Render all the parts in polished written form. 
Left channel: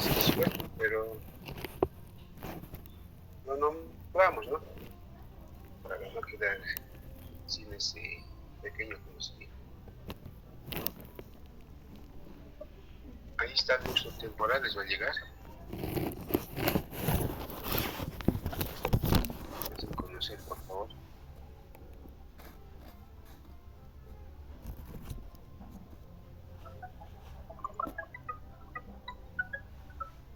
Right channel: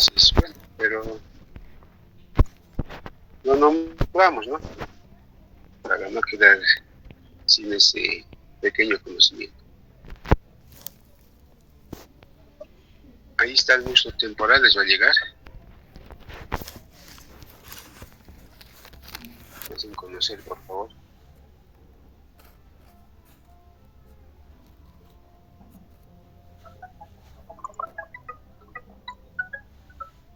suerte, pero lo nombramos, ¿no? Para no quedar sin ese pequeño conocimiento. Ahí está el músculo temporal, les va a llegar. Hacen conocer, por favor.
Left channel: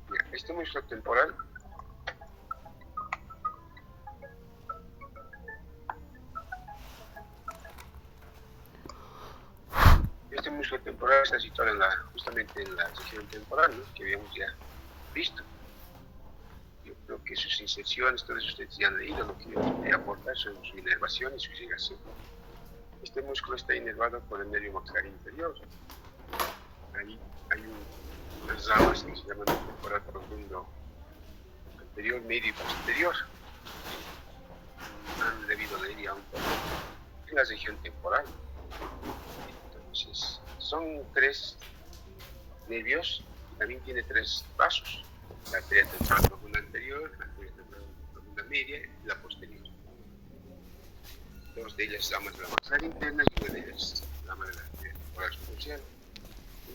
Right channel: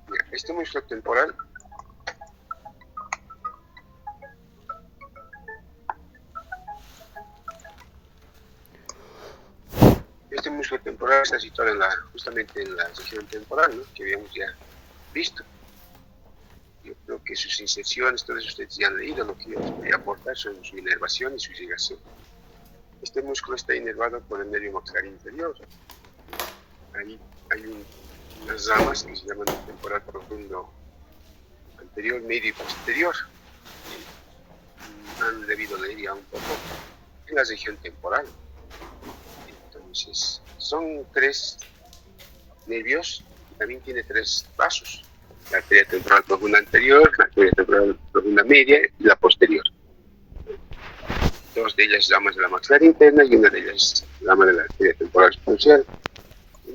Mira, este músculo temporal está situado justamente en la región temporal, ¿no? Que habíamos ya visto. Yo creo que sus inserciones, todos ustedes ya han leído lo que yo les voy a aportar sobre su inervación y su irrigación. Este músculo está inervado por el nervio maxilar inferior. Ahí hay unas ramas que se llaman el temporal profundo anterior, medio y posterior. Han debido leer ya un poco en la región temporal. Entonces, son 3 nervios y también tiene 3 vasos. La arteria temporal profunda anterior, la arteria temporal profunda media y la posterior. 2 de ellas ramas de la maxilar interna y una de ellas rama de la arteria temporal superficial.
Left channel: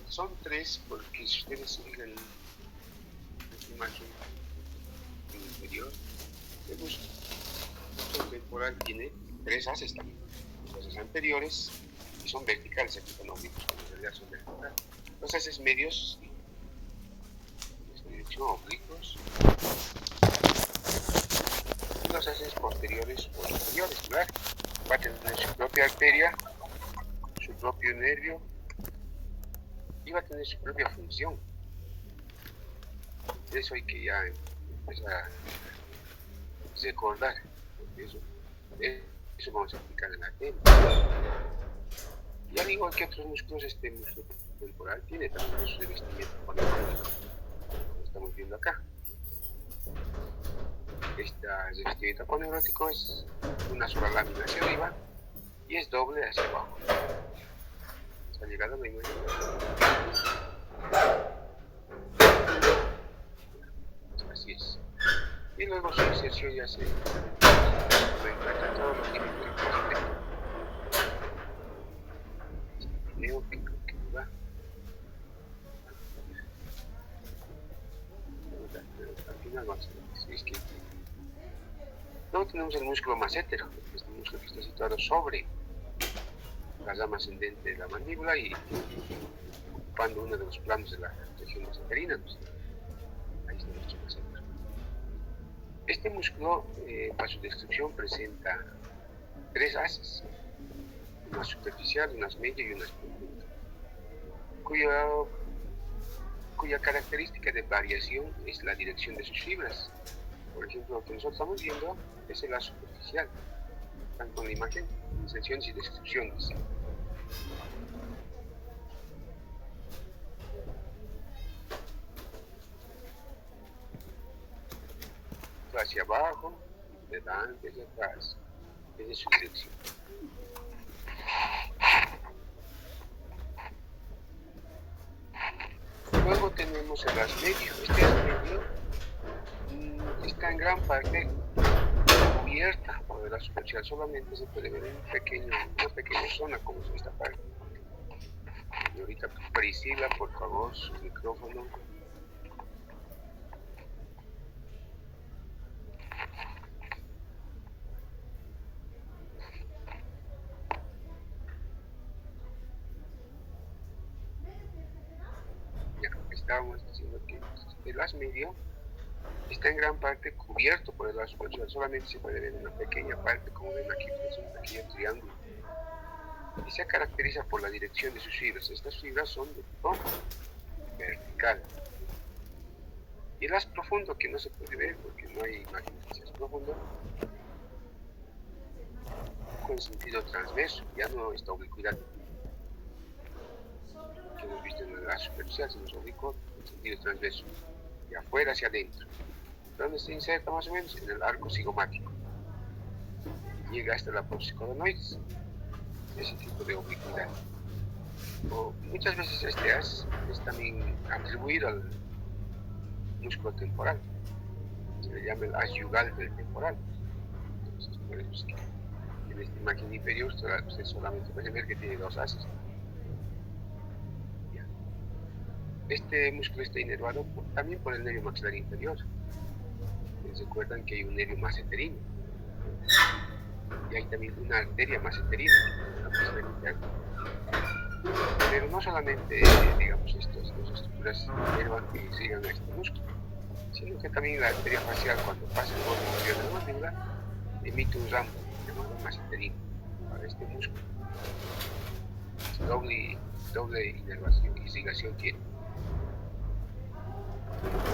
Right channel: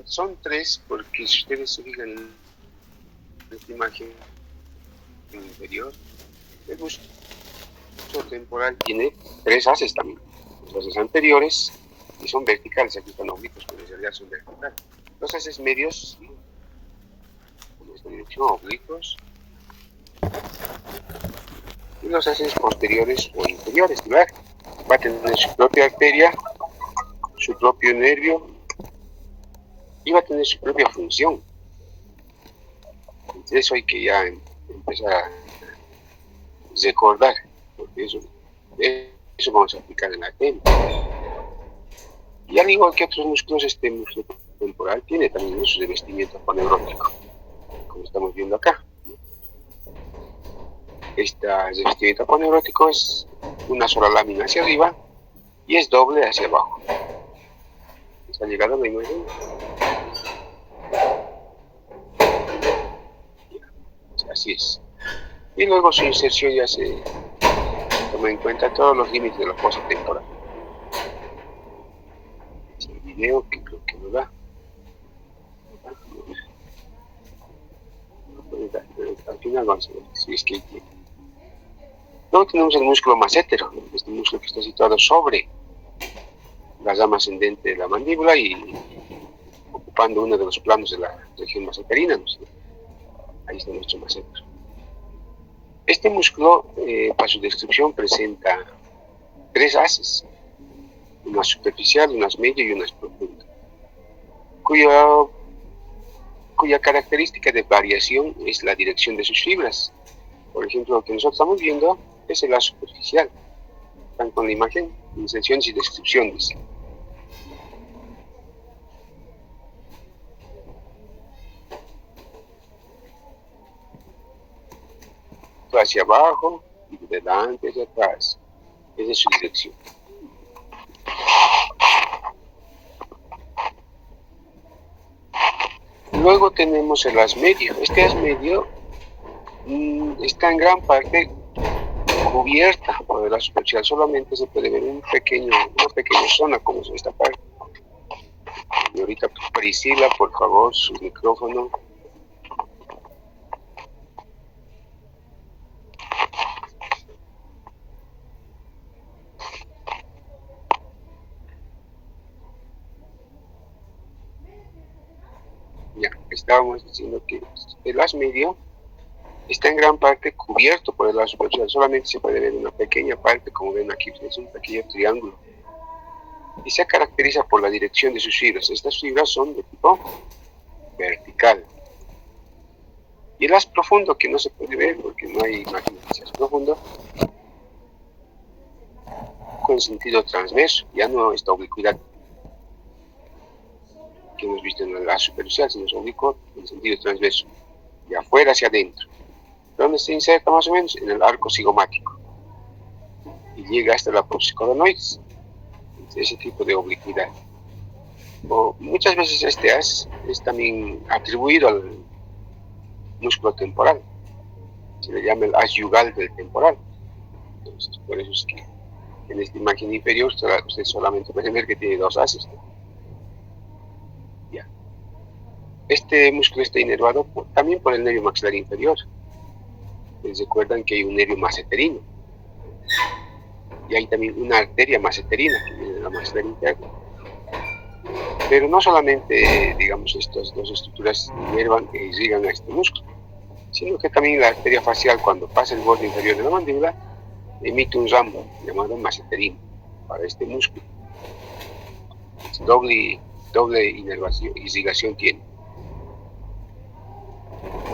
Son 3 porque si ustedes se fijan en esta imagen inferior, el músculo temporal tiene 3 haces también. Los haces anteriores, que son verticales, aquí están oblicuos, pero en realidad son verticales. Los haces medios, en esta dirección, oblicuos, y los haces posteriores o inferiores, ¿verdad? Va a tener su propia arteria, su propio nervio, y va a tener su propia función. Entonces eso hay que ya empezar a recordar, porque eso vamos a aplicar en la técnica. Y al igual que otros músculos, este músculo temporal tiene también su revestimiento aponeurótico, como estamos viendo acá. Este revestimiento aponeurótico es una sola lámina hacia arriba y es doble hacia abajo. ¿Se ha llegado a la imagen? Así es. Y luego su inserción ya se toma en cuenta todos los límites de la fosa temporal. El video que creo que no da. Al final vamos a ver si es que hay tiempo. Luego tenemos el músculo massétero, este músculo que está situado sobre la rama ascendente de la mandíbula y ocupando uno de los planos de la región maseterina, ¿no? Ahí está nuestro massétero. Este músculo, para su descripción, presenta 3 haces, una superficial, unas medio y unas profunda, cuya característica de variación es la dirección de sus fibras. Por ejemplo, lo que nosotros estamos viendo es el lazo superficial. Están con la imagen, inserciones y descripciones. Hacia abajo, y de delante hacia atrás. Esa es su dirección. Luego tenemos el haz medio. Este haz medio está en gran parte cubierta por el lazo superficial. Solamente se puede ver una pequeña zona como es esta parte. Y ahorita Priscila, por favor, su micrófono. Ya, estábamos diciendo que el haz medio está en gran parte cubierto por el lazo superficial. Solamente se puede ver una pequeña parte, como ven aquí, es un pequeño triángulo. Y se caracteriza por la dirección de sus fibras. Estas fibras son de tipo vertical. Y el haz profundo, que no se puede ver porque no hay imagen de haz profundo, con sentido transverso, ya no esta oblicuidad que hemos visto en el haz superficial, sino es oblicuo en sentido transverso, de afuera hacia adentro, donde se inserta más o menos en el arco cigomático y llega hasta la apófisis coronoides, ese tipo de oblicuidad. O muchas veces este haz es también atribuido músculo temporal. Se le llama el as yugal del temporal. Entonces, por eso es que en esta imagen inferior usted solamente puede ver que tiene dos haces. Ya. Este músculo está inervado también por el nervio maxilar inferior. Les recuerdan que hay un nervio maseterino. Y hay también una arteria maseterina en la maxilar interna. Pero no solamente, digamos, estas dos estructuras inervan e irrigan a este músculo, sino que también la arteria facial, cuando pasa el borde inferior de la mandíbula, emite un ramo llamado maseterino para este músculo. Doble inervación, irrigación tiene.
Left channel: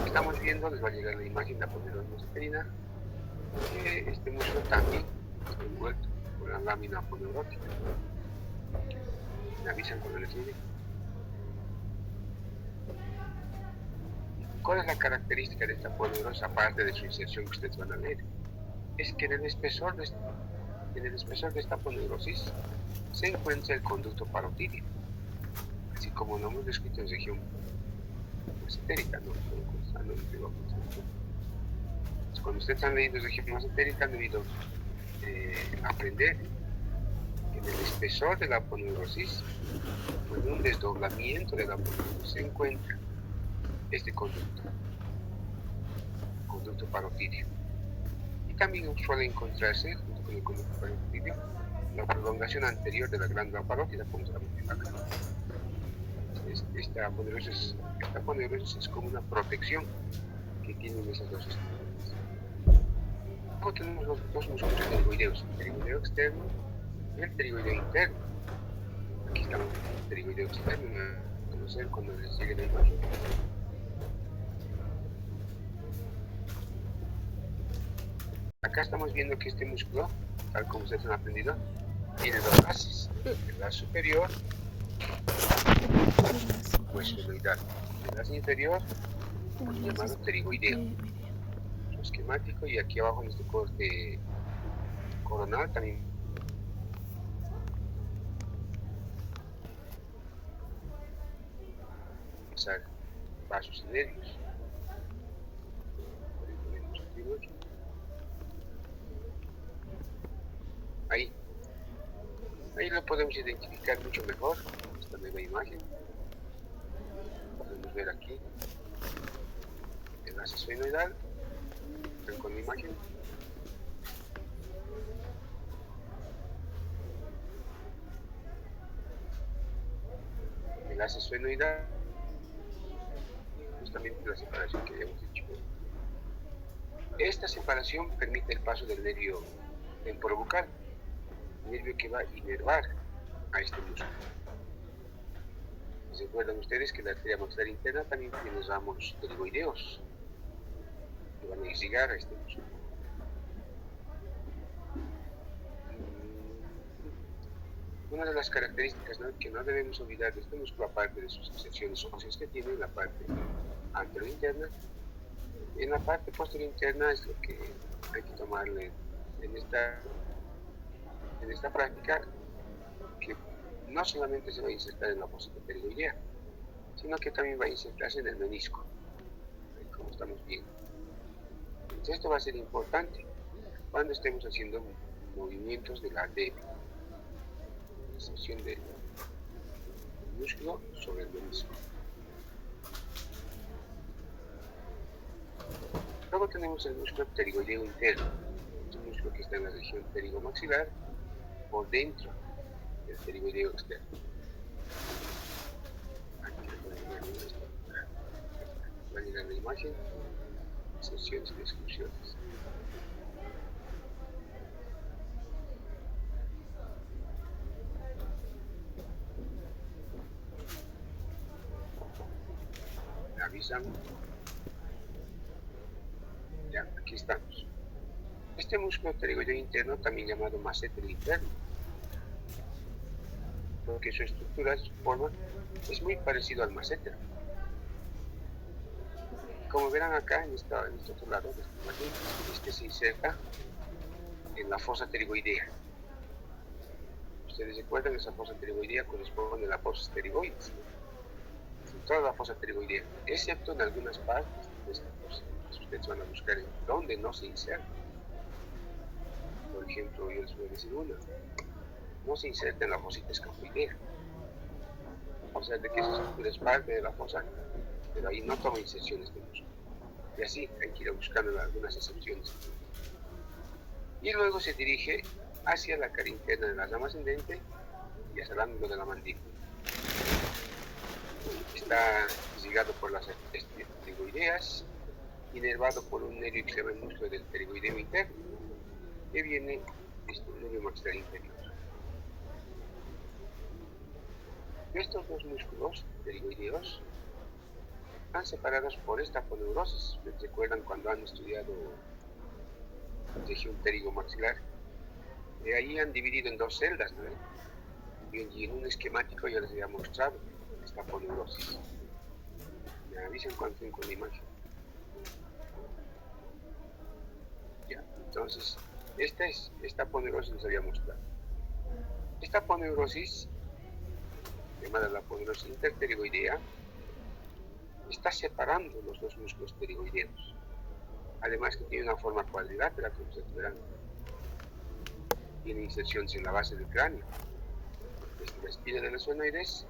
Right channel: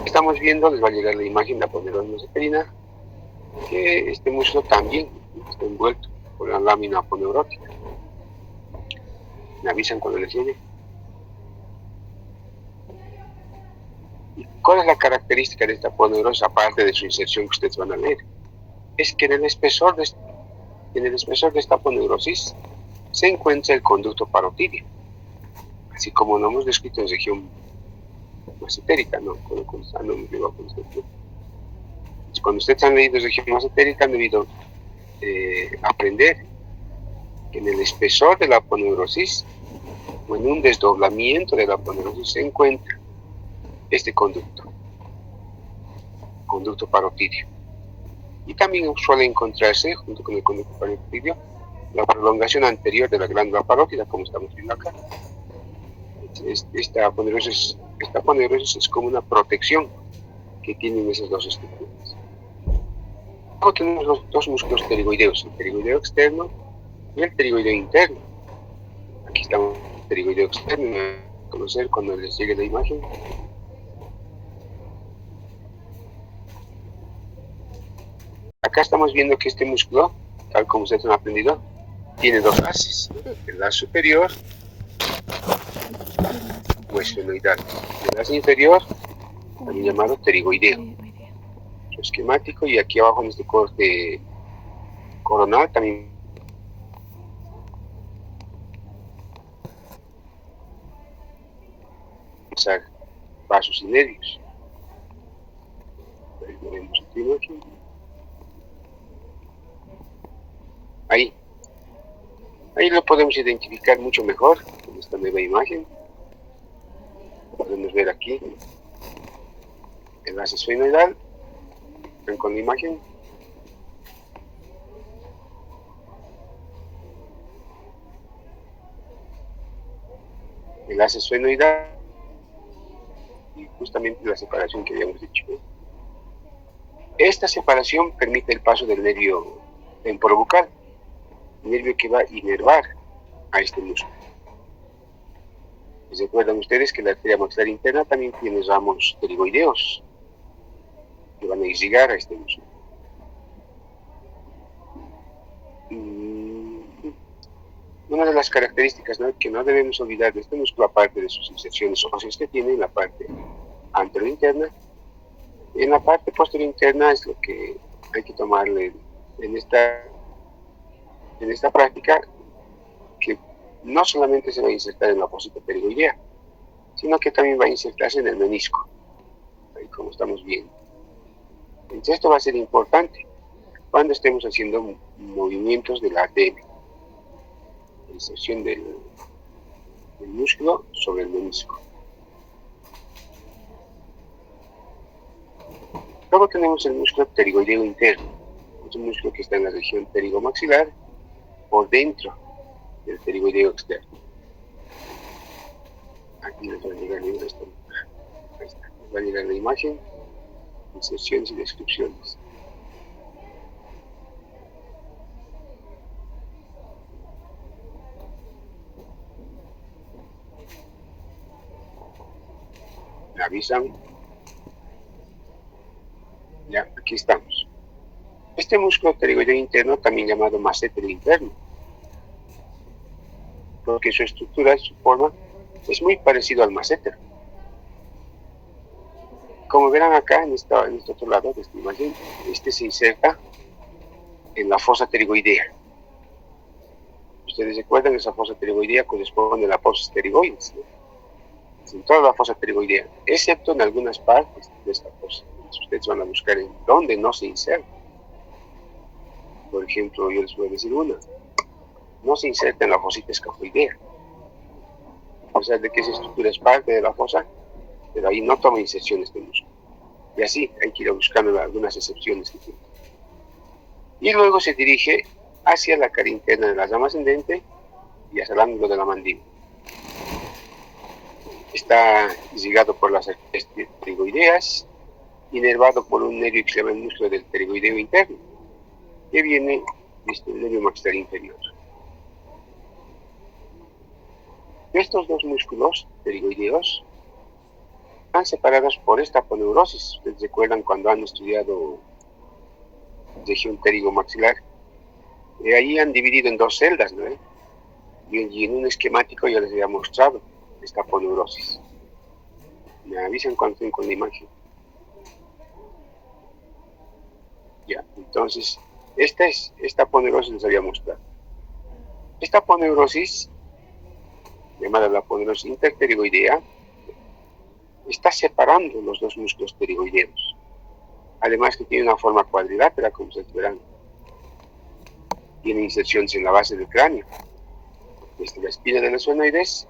Estamos viendo, les va a llegar la imagen de la aponeurona maseterina, que este músculo también está envuelto por la lámina aponeurótica. Me avisan cuando les llegue. ¿Cuál es la característica de esta aponeurosis, aparte de su inserción que ustedes van a leer? Es que en el espesor de esta aponeurosis se encuentra el conducto parotidio, así como lo hemos descrito en región masentérica, ¿no? Cuando ustedes han leído región masentérica han debido aprender que en el espesor de la aponeurosis, o en un desdoblamiento de la aponeurosis, se encuentra este conducto parotidio. Y también suele encontrarse, junto con el conducto parotidio, la prolongación anterior de la glándula parótida, como estamos viendo acá. Esta aponeurosis es como una protección que tienen esas dos estructuras. Luego tenemos los dos músculos pterigoideos, el pterigoideo externo y el pterigoideo interno. Aquí estamos el pterigoideo externo, a conocer cuando les llegue la imagen. Acá estamos viendo que este músculo, tal como ustedes han aprendido, tiene dos haces, el haz superior o esfenoidal, el haz inferior, también llamado pterigoideo. Su esquemático, y aquí abajo en este corte coronal también vasos y nervios. Ahí lo vemos aquí. Ahí lo podemos identificar mucho mejor en esta nueva imagen. Podemos ver aquí el haz esfenoidal. Ven con la imagen. El haz esfenoidal y justamente la separación que habíamos dicho. Esta separación permite el paso del nervio temporobucal, nervio que va a inervar a este músculo. Recuerdan ustedes que la arteria maxilar interna también tiene ramos pterigoideos que van a irrigar a este músculo. Una de las características, ¿no?, que no debemos olvidar de este músculo, aparte de sus inserciones óseas que tiene en la parte anterior interna, en la parte posterior interna es lo que hay que tomarle en esta práctica, que no solamente se va a insertar en la fosita pterigoidea, sino que también va a insertarse en el menisco, ahí como estamos viendo. Entonces esto va a ser importante cuando estemos haciendo movimientos del ATM, inserción del músculo sobre el menisco. Luego tenemos el músculo pterigoideo interno. Es un músculo que está en la región pterigomaxilar por dentro del pterigoideo externo. Aquí les va a llegar la imagen, inserciones y descripciones. Me avisan. Ya, aquí estamos. Este músculo pterigoideo interno, también llamado masseter interno, porque su estructura y su forma es muy parecido al masseter. Como verán acá en este otro lado de esta imagen, este se inserta en la fosa pterigoidea. Ustedes recuerdan, esa fosa pterigoidea corresponde a la fosa pterigoides, ¿no? en toda la fosa pterigoidea, excepto en algunas partes de esta fosa. Ustedes van a buscar en dónde no se inserta. Por ejemplo, yo les voy a decir una. No se inserta en la fosita escafoidea. O sea, de que esa estructura es parte de la fosa, pero ahí no toma inserciones de músculo. Y así hay que ir a buscando algunas excepciones que tiene. Y luego se dirige hacia la cara interna de la rama ascendente y hacia el ángulo de la mandíbula. Está ligado por las arterias pterigoideas, inervado por un nervio que se llama el músculo del pterigoideo interno, que viene desde el nervio maxilar inferior. Estos dos músculos pterigoideos están separados por esta aponeurosis. Ustedes recuerdan cuando han estudiado región pterigomaxilar, ahí han dividido en dos celdas, ¿no? Y en un esquemático ya les había mostrado esta aponeurosis. Me avisan cuando estén con la imagen. Ya, entonces, esta aponeurosis les había mostrado. Esta aponeurosis, llamada la aponeurosis interpterigoidea, está separando los dos músculos pterigoideos. Además que tiene una forma cuadrilátera, como ustedes verán. Tiene inserciones en la base del cráneo, desde la espina de los esfenoides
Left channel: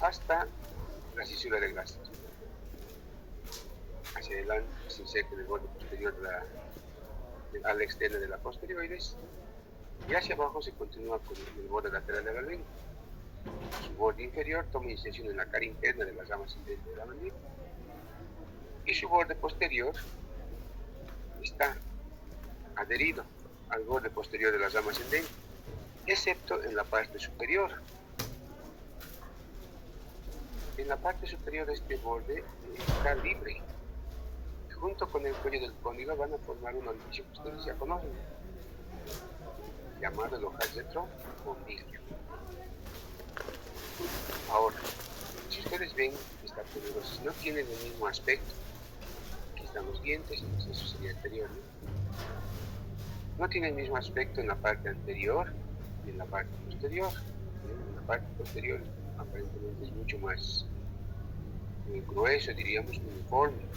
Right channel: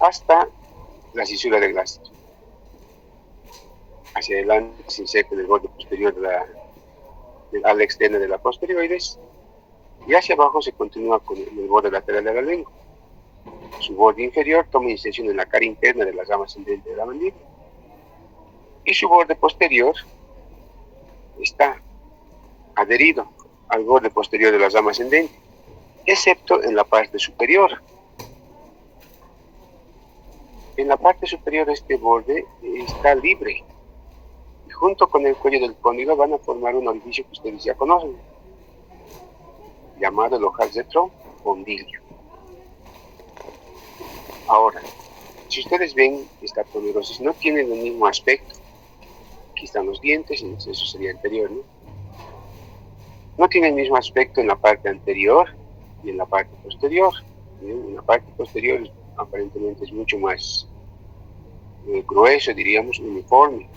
hasta la cisura del gástrico. Hacia adelante se inserta en el borde posterior del ala externa de la posteriores, y hacia abajo se continúa con el borde lateral de la lengua. Su borde inferior toma inserción en la cara interna de la rama ascendente de la mandíbula, y su borde posterior está adherido al borde posterior de la rama ascendente, excepto en la parte superior. En la parte superior este borde está libre, y junto con el cuello del cóndilo van a formar un orificio que ustedes ya conocen, llamado el ojal retrocondilio. Ahora, si ustedes ven, esta aponeurosis no tiene el mismo aspecto. Aquí están los dientes, eso sería anterior, ¿no? No tiene el mismo aspecto en la parte anterior y en la parte posterior. En la parte posterior aparentemente es mucho más grueso, diríamos, uniforme,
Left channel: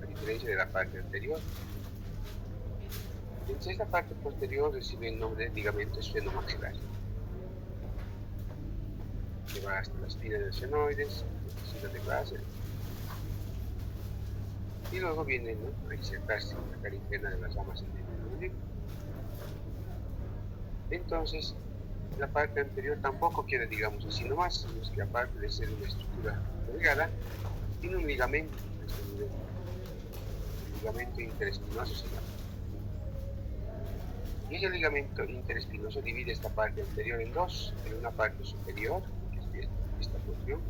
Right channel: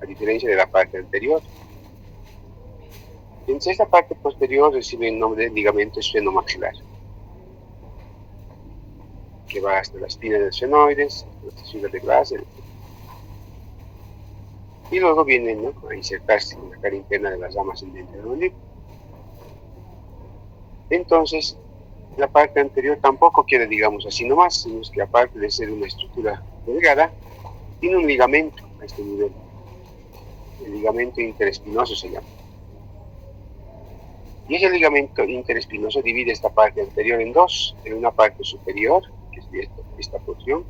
a diferencia de la parte anterior. Entonces esta parte posterior recibe el nombre de ligamento esfenomaxilar, que va hasta la espina de los esfenoides, la cisura de Glaser, y luego viene, ¿no?, a insertarse en la cara interna de las ramas ascendentes del mandíbula. Entonces, la parte anterior tampoco queda, digamos, así nomás, sino que aparte de ser una estructura delgada, tiene un ligamento a este nivel. El ligamento interespinoso se llama. Y ese ligamento interespinoso divide esta parte anterior en dos. En una parte superior, que es esta porción,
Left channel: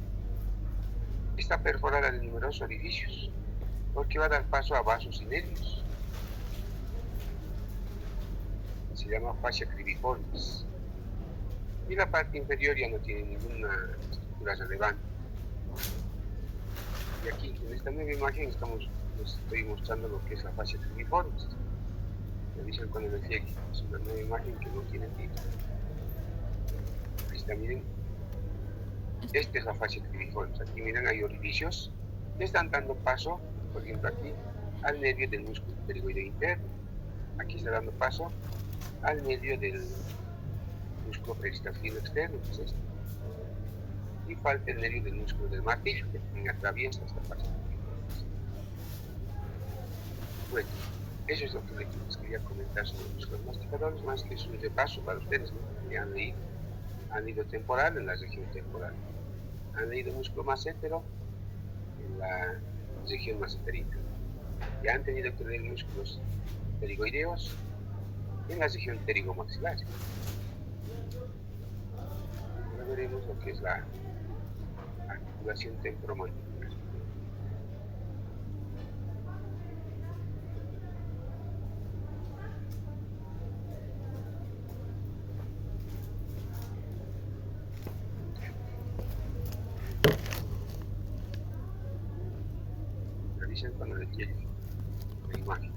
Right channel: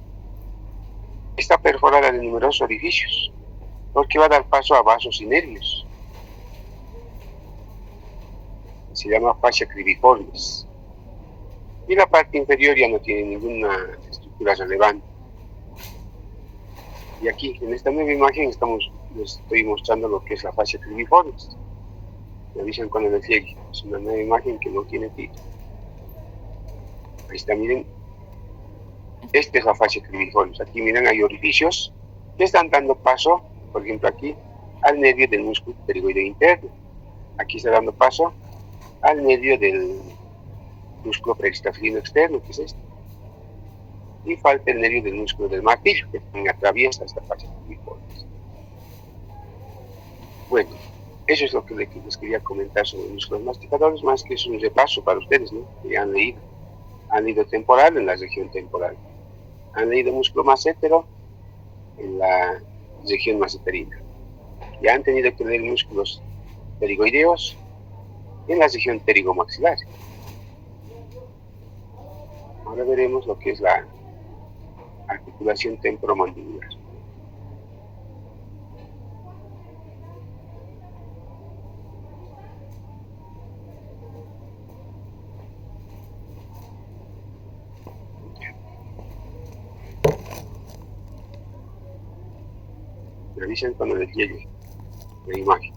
está perforada de numerosos orificios, porque va a dar paso a vasos y nervios. Se llama fascia cribiformis. Y la parte inferior ya no tiene ninguna estructura relevante. Y aquí, en esta nueva imagen, les estoy mostrando lo que es la fascia cribiformis. Me avisan cuando les llegue. Es una nueva imagen que no tiene título. Ahí está, miren. Esta es la fascia cribiformis. Aquí, miren, hay orificios que están dando paso, por ejemplo, aquí, al nervio del músculo pterigoideo interno. Aquí está dando paso al nervio del músculo preextrafilino externo, que es este. Y falta el nervio del músculo del martillo, que también atraviesa esta fascia cribiformis. Bueno, eso es lo que les quería comentar sobre los músculos masticadores, más que es un repaso para ustedes, ¿no?, que ya han leído temporal en la región temporal, han leído músculo massétero en la región masseterina, ya han tenido que leer músculos pterigoideos en la región pterigomaxilar. Ahora veremos lo que es la articulación temporomandibular. Revisen cuando les llegue la imagen.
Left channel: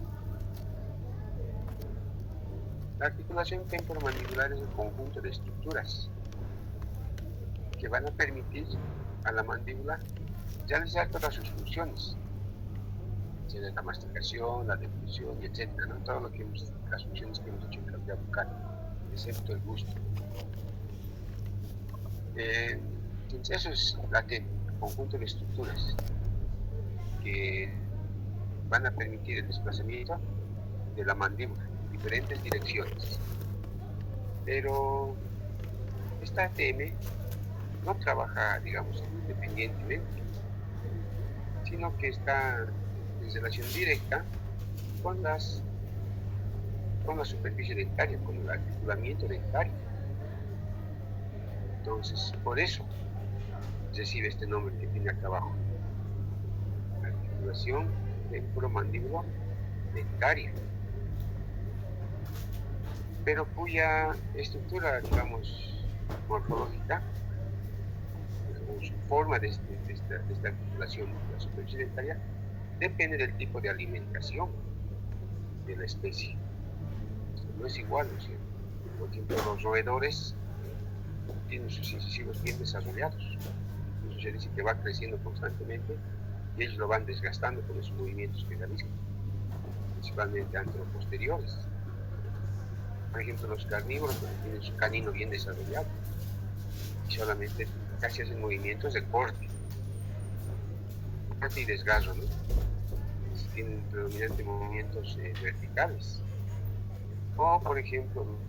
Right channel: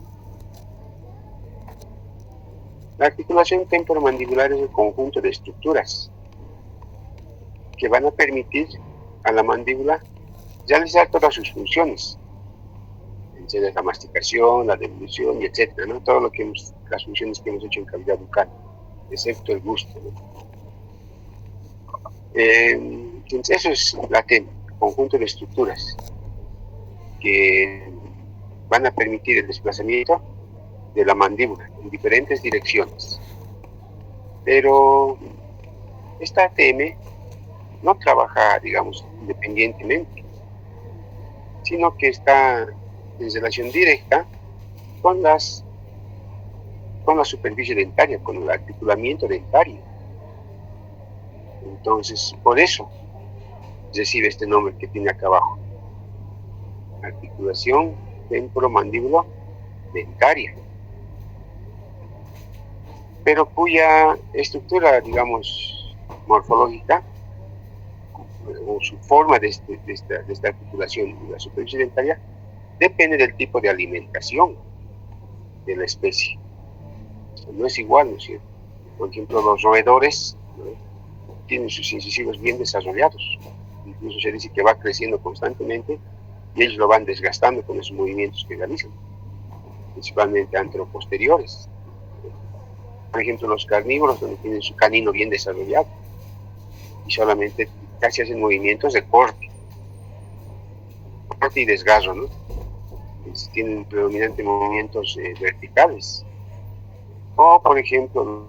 La articulación temporomandibular es el conjunto de estructuras que van a permitir a la mandíbula realizar todas sus funciones, la masticación, la devolución y etcétera, ¿no? Todo lo que las funciones que hemos hecho en cavidad bucal, excepto el gusto, ¿no? Entonces eso es la TEM, conjunto de estructuras que van a permitir el desplazamiento de la mandíbula en diferentes direcciones. Pero esta ATM no trabaja, digamos, independientemente, sino que está en relación directa con la superficie dentaria, con el articulamiento dentario. Entonces, por eso recibe este nombre que tiene acá abajo: articulación temporomandibulo dentaria, pero cuya estructura, digamos, morfológica o su forma de esta articulación de la superficie dentaria depende del tipo de alimentación de la especie. No es igual, ¿no es cierto? Por ejemplo, los roedores, ¿no?, tienen sus incisivos bien desarrollados. Incluso se dice que va creciendo constantemente y ellos lo van desgastando con esos movimientos que realizan, principalmente anteroposteriores. Por ejemplo, los carnívoros, donde tienen su canino bien desarrollado y solamente casi hacen movimientos de corte y desgarro, ¿no? Tienen predominantemente movimientos verticales. O, por ejemplo,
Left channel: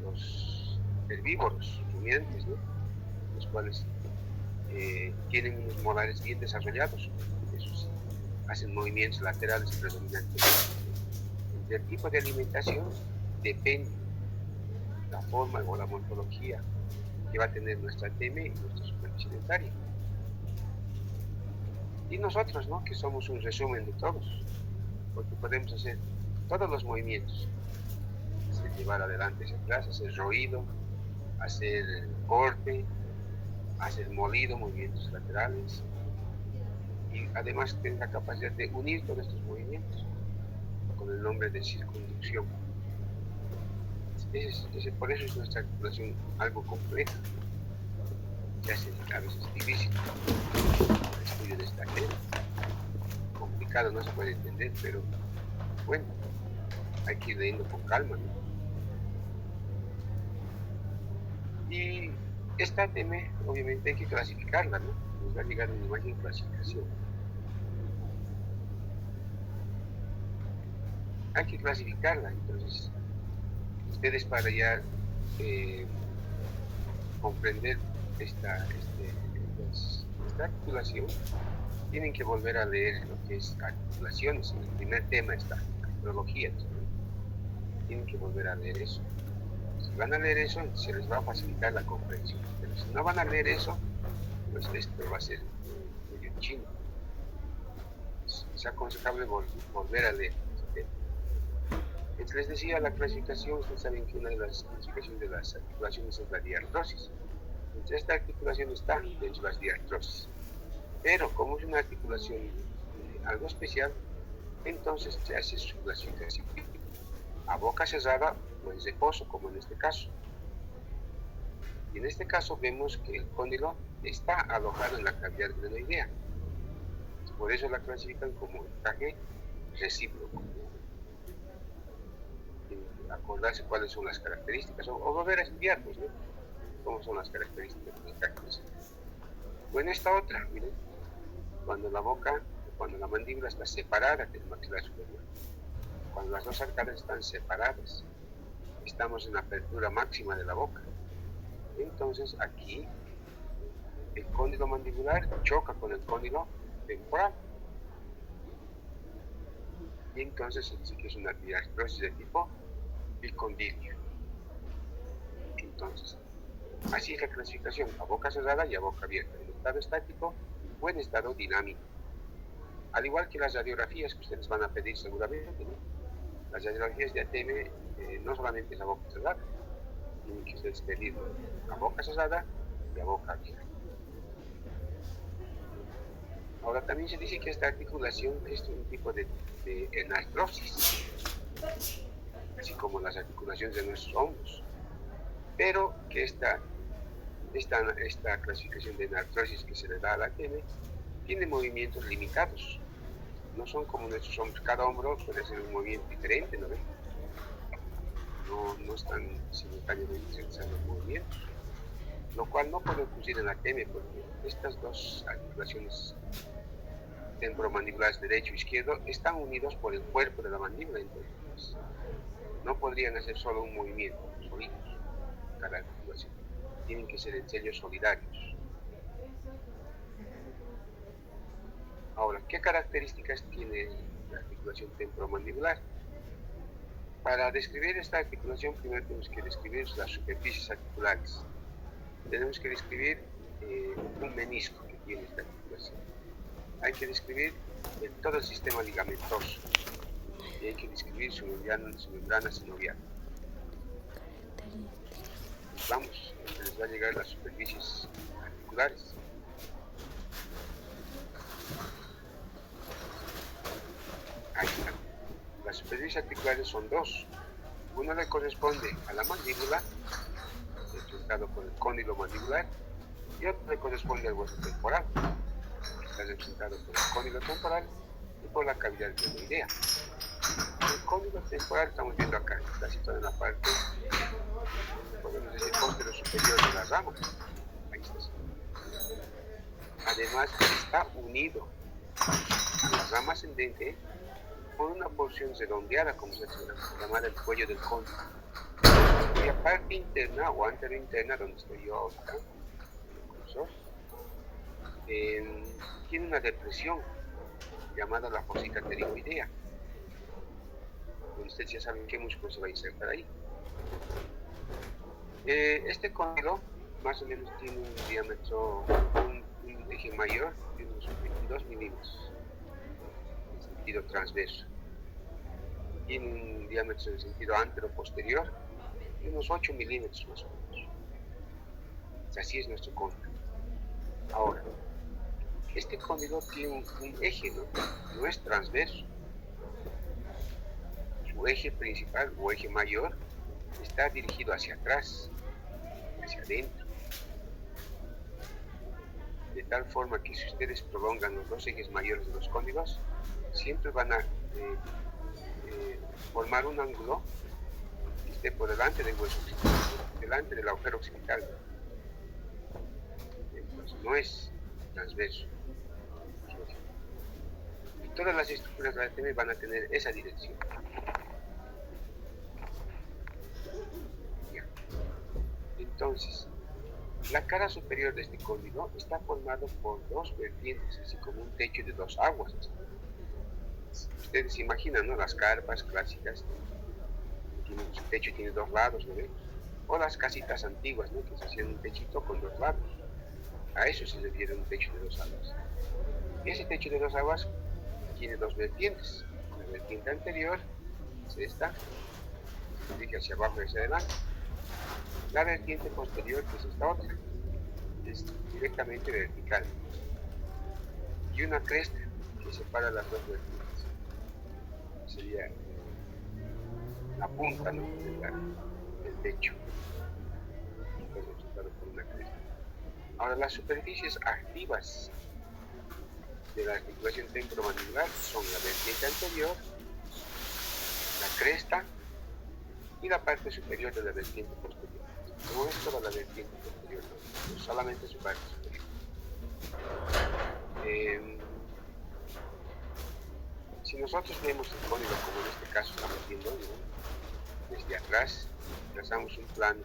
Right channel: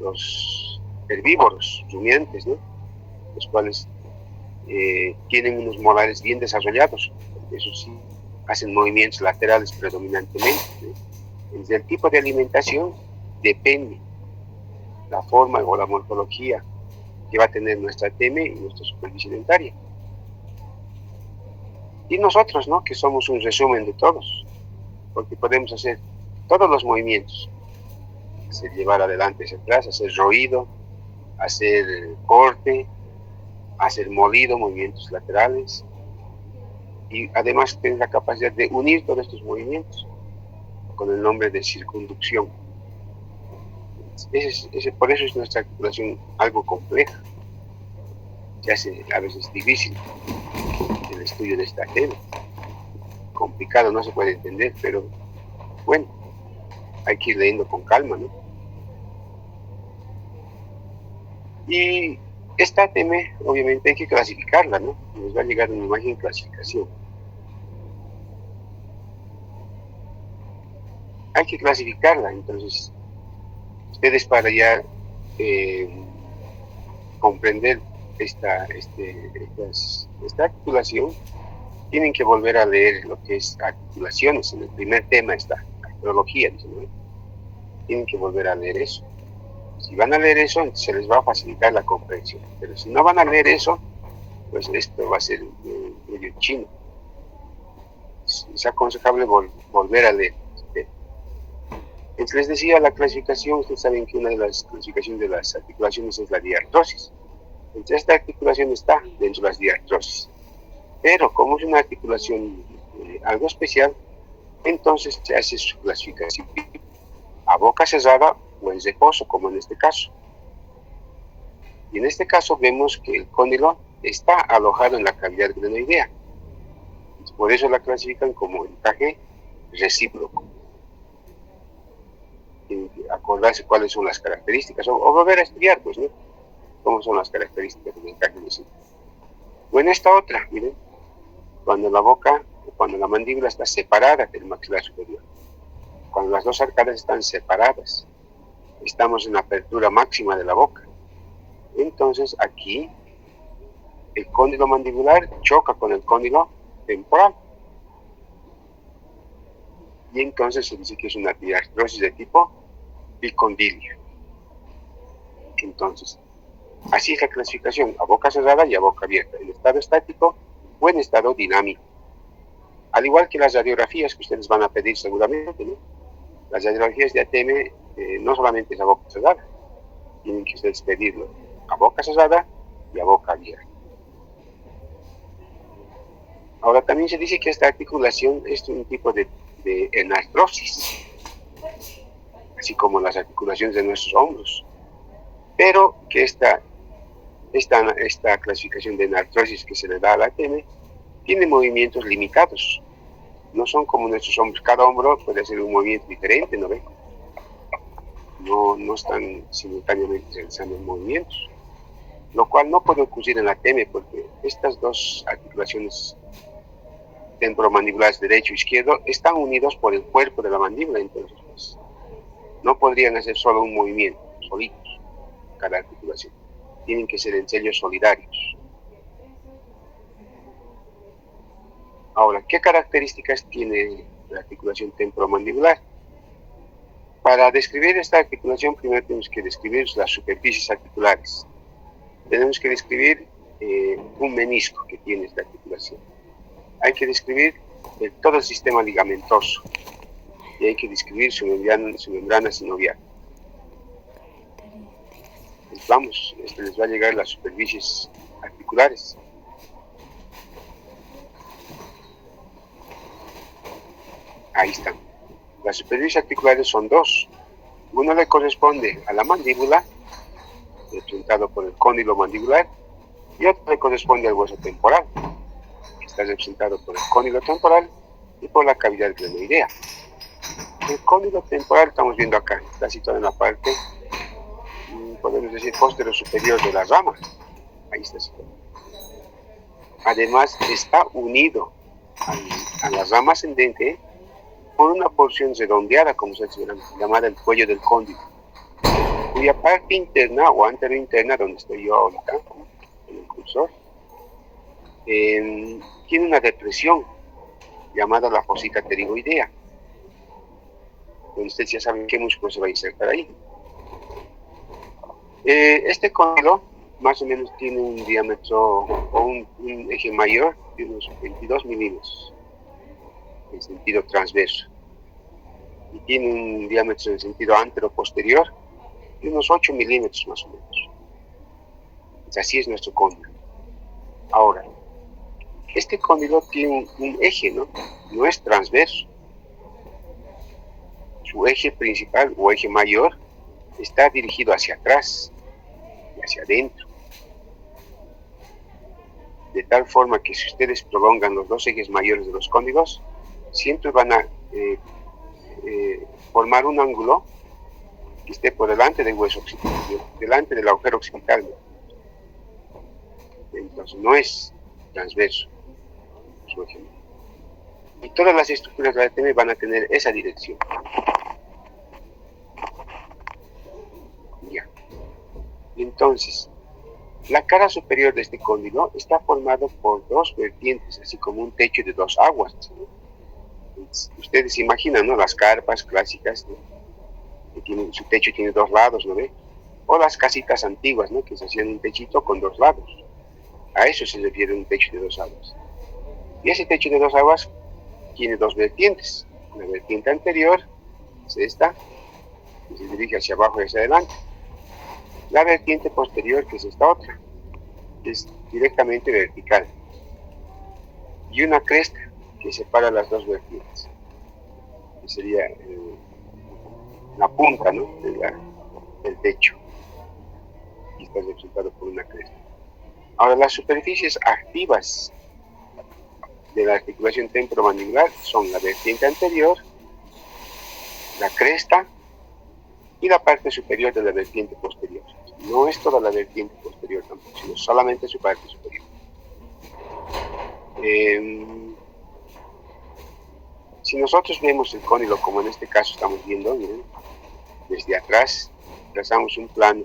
los herbívoros, rumiantes, ¿no?, los cuales tienen unos molares bien desarrollados. Eso sí, hacen movimientos laterales predominantemente, ¿no? Desde el tipo de alimentación depende la forma o la morfología que va a tener nuestra TM y nuestra superficie dentaria. Y nosotros, ¿no?, que somos un resumen de todos, porque podemos hacer todos los movimientos: hacer llevar adelante hacia atrás, hacer roído, hacer corte, hacer molido, movimientos laterales, y además tener la capacidad de unir todos estos movimientos con el nombre de circunducción. Por eso es nuestra articulación algo compleja. Se hace a veces difícil el estudio de esta tema. Complicado, no se puede entender, pero bueno, hay que ir leyendo con calma, ¿no? Y esta tema, obviamente, hay que clasificarla, ¿no? Nos va a llegar una imagen clasificación. Hay que clasificarla, entonces, ustedes, para ya comprender esta articulación, tienen que volver a leer lo que es articulaciones. En el primer tema está arqueología, ¿no? Tienen que volver a leer eso. Si van a leer eso, se les va a facilitar la comprensión. Pero si no van a leer eso, pues esto va a ser medio chino. Es aconsejable volver a leer. Entonces, les decía, la clasificación. Ustedes saben que una de las clasificaciones de las articulaciones es la diartrosis. Entonces, esta articulación está dentro de las diartrosis. Pero como es una articulación algo especial, entonces se hace su clasificación a boca cerrada o en reposo, como en este caso. Y en este caso vemos que el cóndilo está alojado en la cavidad glenoidea. Por eso la clasifican como encaje recíproco. Tienen que acordarse cuáles son las características, o volver a estudiar, pues, ¿no?, cómo son las características del encaje recíproco. O en esta otra, miren, cuando la mandíbula está separada del maxilar superior, cuando las dos arcadas están separadas, estamos en la apertura máxima de la boca. Entonces aquí el cóndilo mandibular choca con el cóndilo temporal. Y entonces se dice que es una diartrosis de tipo bicondilio. Entonces, así es la clasificación: a boca cerrada y a boca abierta, en estado estático o en estado dinámico. Al igual que las radiografías que ustedes van a pedir seguramente, ¿no? Las radiografías de ATM no solamente es a boca cerrada, tienen que ustedes pedirlo a boca cerrada y a boca abierta. Ahora, también se dice que esta articulación es un tipo de enartrosis, así como las articulaciones de nuestros hombros, pero que esta Esta clasificación de artrosis que se le da a la ATM tiene movimientos limitados. No son como nuestros hombros. Cada hombro puede hacer un movimiento diferente, ¿no ve? No están simultáneamente realizando movimientos, lo cual no puede ocurrir en la ATM porque estas dos articulaciones temporomandibulares derecho e izquierdo están unidos por el cuerpo de la mandíbula, entonces pues, no podrían hacer solo un movimiento, solitos, cada articulación. Tienen que ser ensayos solidarios. Ahora, ¿qué características tiene la articulación temporomandibular? Para describir esta articulación, primero tenemos que describir las superficies articulares. Tenemos que describir un menisco que tiene esta articulación. Hay que describir todo el sistema ligamentoso y hay que describir su membrana sinovial. Pues vamos, les va a llegar las superficies articulares. Ahí están. Las superficies articulares son dos. Uno le corresponde a la mandíbula, representado por el cóndilo mandibular, y otro le corresponde al hueso temporal, que está representado por el cóndilo temporal y por la cavidad glenoidea. El cóndilo temporal estamos viendo acá, está situado en la parte, podemos decir, posterior superior de la rama. Ahí está situado. Además, está unido a la rama ascendente por una porción redondeada, como se llama, llamada el cuello del cóndilo, cuya parte interna o anterointerna, donde estoy yo ahorita, en el cursor, tiene una depresión llamada la fosita pterigoidea, donde ustedes ya saben qué músculo se va a insertar ahí. Este cóndilo más o menos tiene un diámetro o un eje mayor de unos 22 milímetros en sentido transverso y tiene un diámetro en sentido antero-posterior de unos 8 milímetros más o menos. Así es nuestro cóndilo. Ahora, este cóndilo tiene un eje, ¿no? No es transverso. Su eje principal o eje mayor está dirigido hacia atrás y hacia adentro. De tal forma que si ustedes prolongan los dos ejes mayores de los cóndilos, siempre van a formar un ángulo que esté por delante del hueso occipital, delante del agujero occipital. Entonces no es transverso su eje. Y todas las estructuras de la ATM van a tener esa dirección. Ya. Entonces, la cara superior de este cóndilo está formado por dos vertientes, así como un techo de dos aguas. Ustedes se imaginan, ¿no? Las carpas clásicas, ¿no? Su techo tiene dos lados, ¿no ve? O las casitas antiguas, ¿no? Que se hacían un techito con dos lados. A eso se refiere un techo de dos aguas. Y ese techo de dos aguas tiene dos vertientes. La vertiente anterior es esta, que se dirige hacia abajo y hacia adelante. La vertiente posterior, que es esta otra, es directamente vertical. Y una cresta que separa las dos vertientes, que sería la punta, ¿no? del techo, y está representado por una cresta. Ahora, las superficies activas de la articulación temporomandibular son la vertiente anterior, la cresta y la parte superior de la vertiente posterior. No es toda la vertiente posterior tampoco, sino solamente su parte superior. Si nosotros vemos el cóndilo, como en este caso estamos viendo, miren, desde atrás, trazamos un plano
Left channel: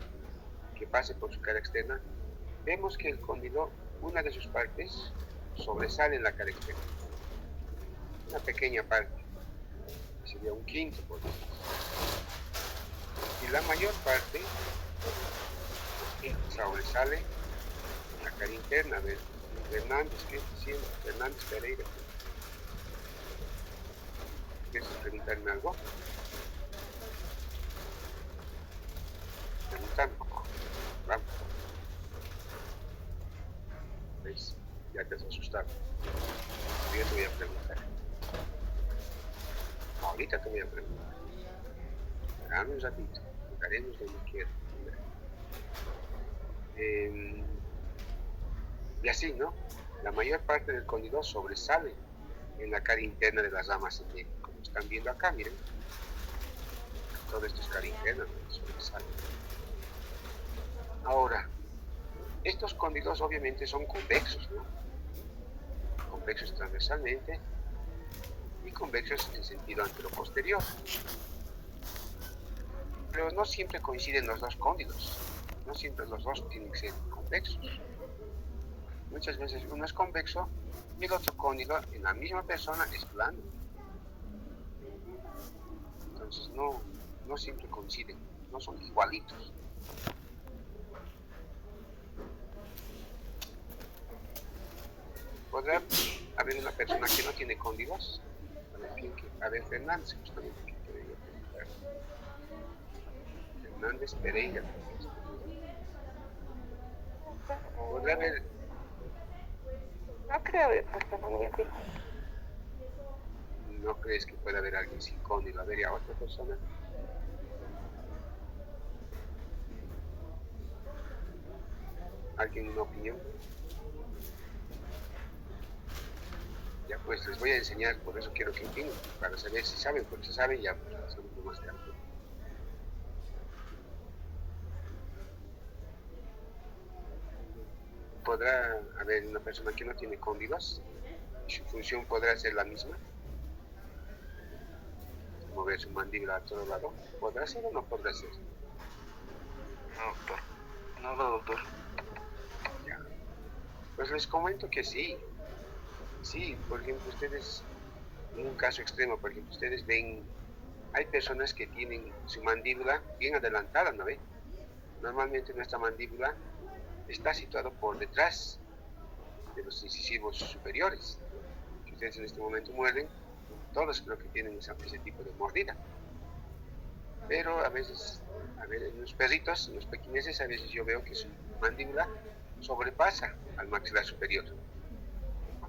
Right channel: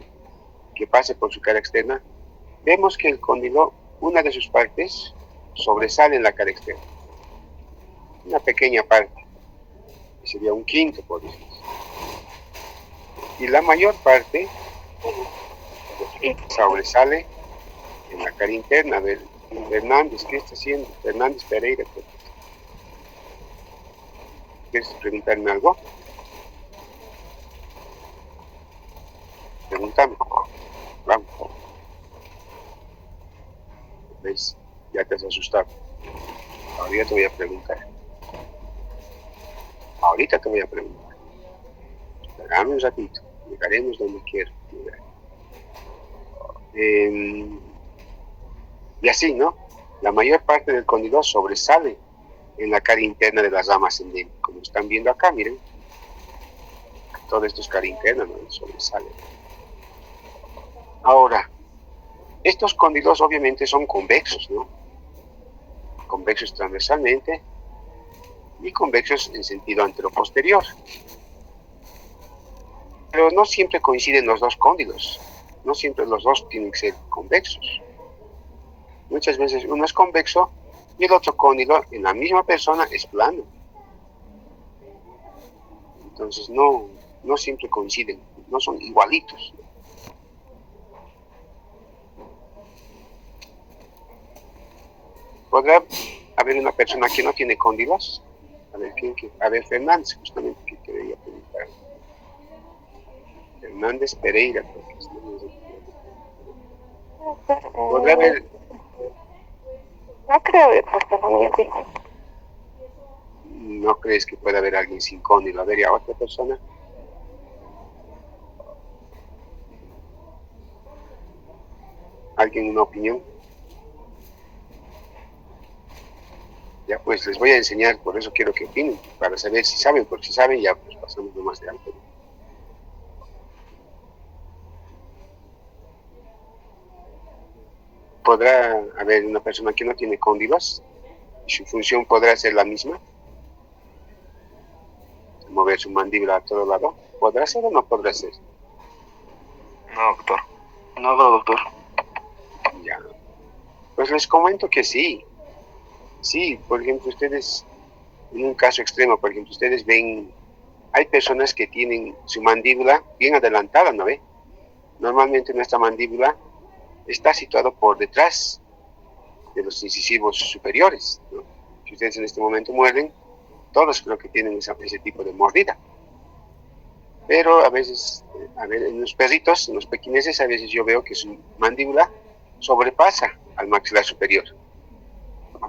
que pase por su cara externa, vemos que el cóndilo, una de sus partes, sobresale en la cara externa. Una pequeña parte, que sería un quinto, por decir. Y la mayor parte sobresale en la cara interna. A ver, Fernández, ¿qué está haciendo? Fernández Pereira. ¿Quieres preguntarme algo? Pregúntame. Vamos. ¿Ves? Ya te has asustado. Ahorita te voy a preguntar. Ahorita te voy a preguntar. Esperame un ratito. Llegaremos donde quiero llegar. Y así, ¿no? La mayor parte del cóndilo sobresale en la cara interna de la rama ascendente. Como están viendo acá, miren. Todo esto es cara interna, ¿no? Sobresale. Ahora, estos cóndilos obviamente son convexos, ¿no? Convexos transversalmente y convexos en sentido anteroposterior. Pero no siempre coinciden los dos cóndilos. No siempre los dos tienen que ser convexos. Muchas veces uno es convexo y el otro cóndilo en la misma persona es plano. Entonces no siempre coinciden, no son igualitos. ¿Podrá haber una persona que no tiene cóndilos? A ver, Fernández, justamente, que quería preguntar. Fernández Pereira, creo que es. ¿Podrá haber? No creo haber puesto muy así. ¿No crees que pueda haber alguien sin cóndilo? A ver, ¿y a otra persona? ¿Alguien una opinión? Ya pues les voy a enseñar, por eso quiero que opinen, para saber si saben, porque si saben ya pues pasamos nomás de alto. ¿Podrá haber una persona que no tiene cóndilos? ¿Su función podrá ser la misma? ¿Mover su mandíbula a todo lado? ¿Podrá ser o no podrá ser? No, doctor. No, doctor. Ya. Pues les comento que sí. Sí, por ejemplo, ustedes, en un caso extremo, por ejemplo, ustedes ven, hay personas que tienen su mandíbula bien adelantada, ¿no ve? Normalmente nuestra mandíbula está situada por detrás de los incisivos superiores, ¿no? Si ustedes en este momento muerden, todos creo que tienen ese tipo de mordida. Pero a veces, en los perritos, en los pequineses, a veces yo veo que su mandíbula sobrepasa al maxilar superior.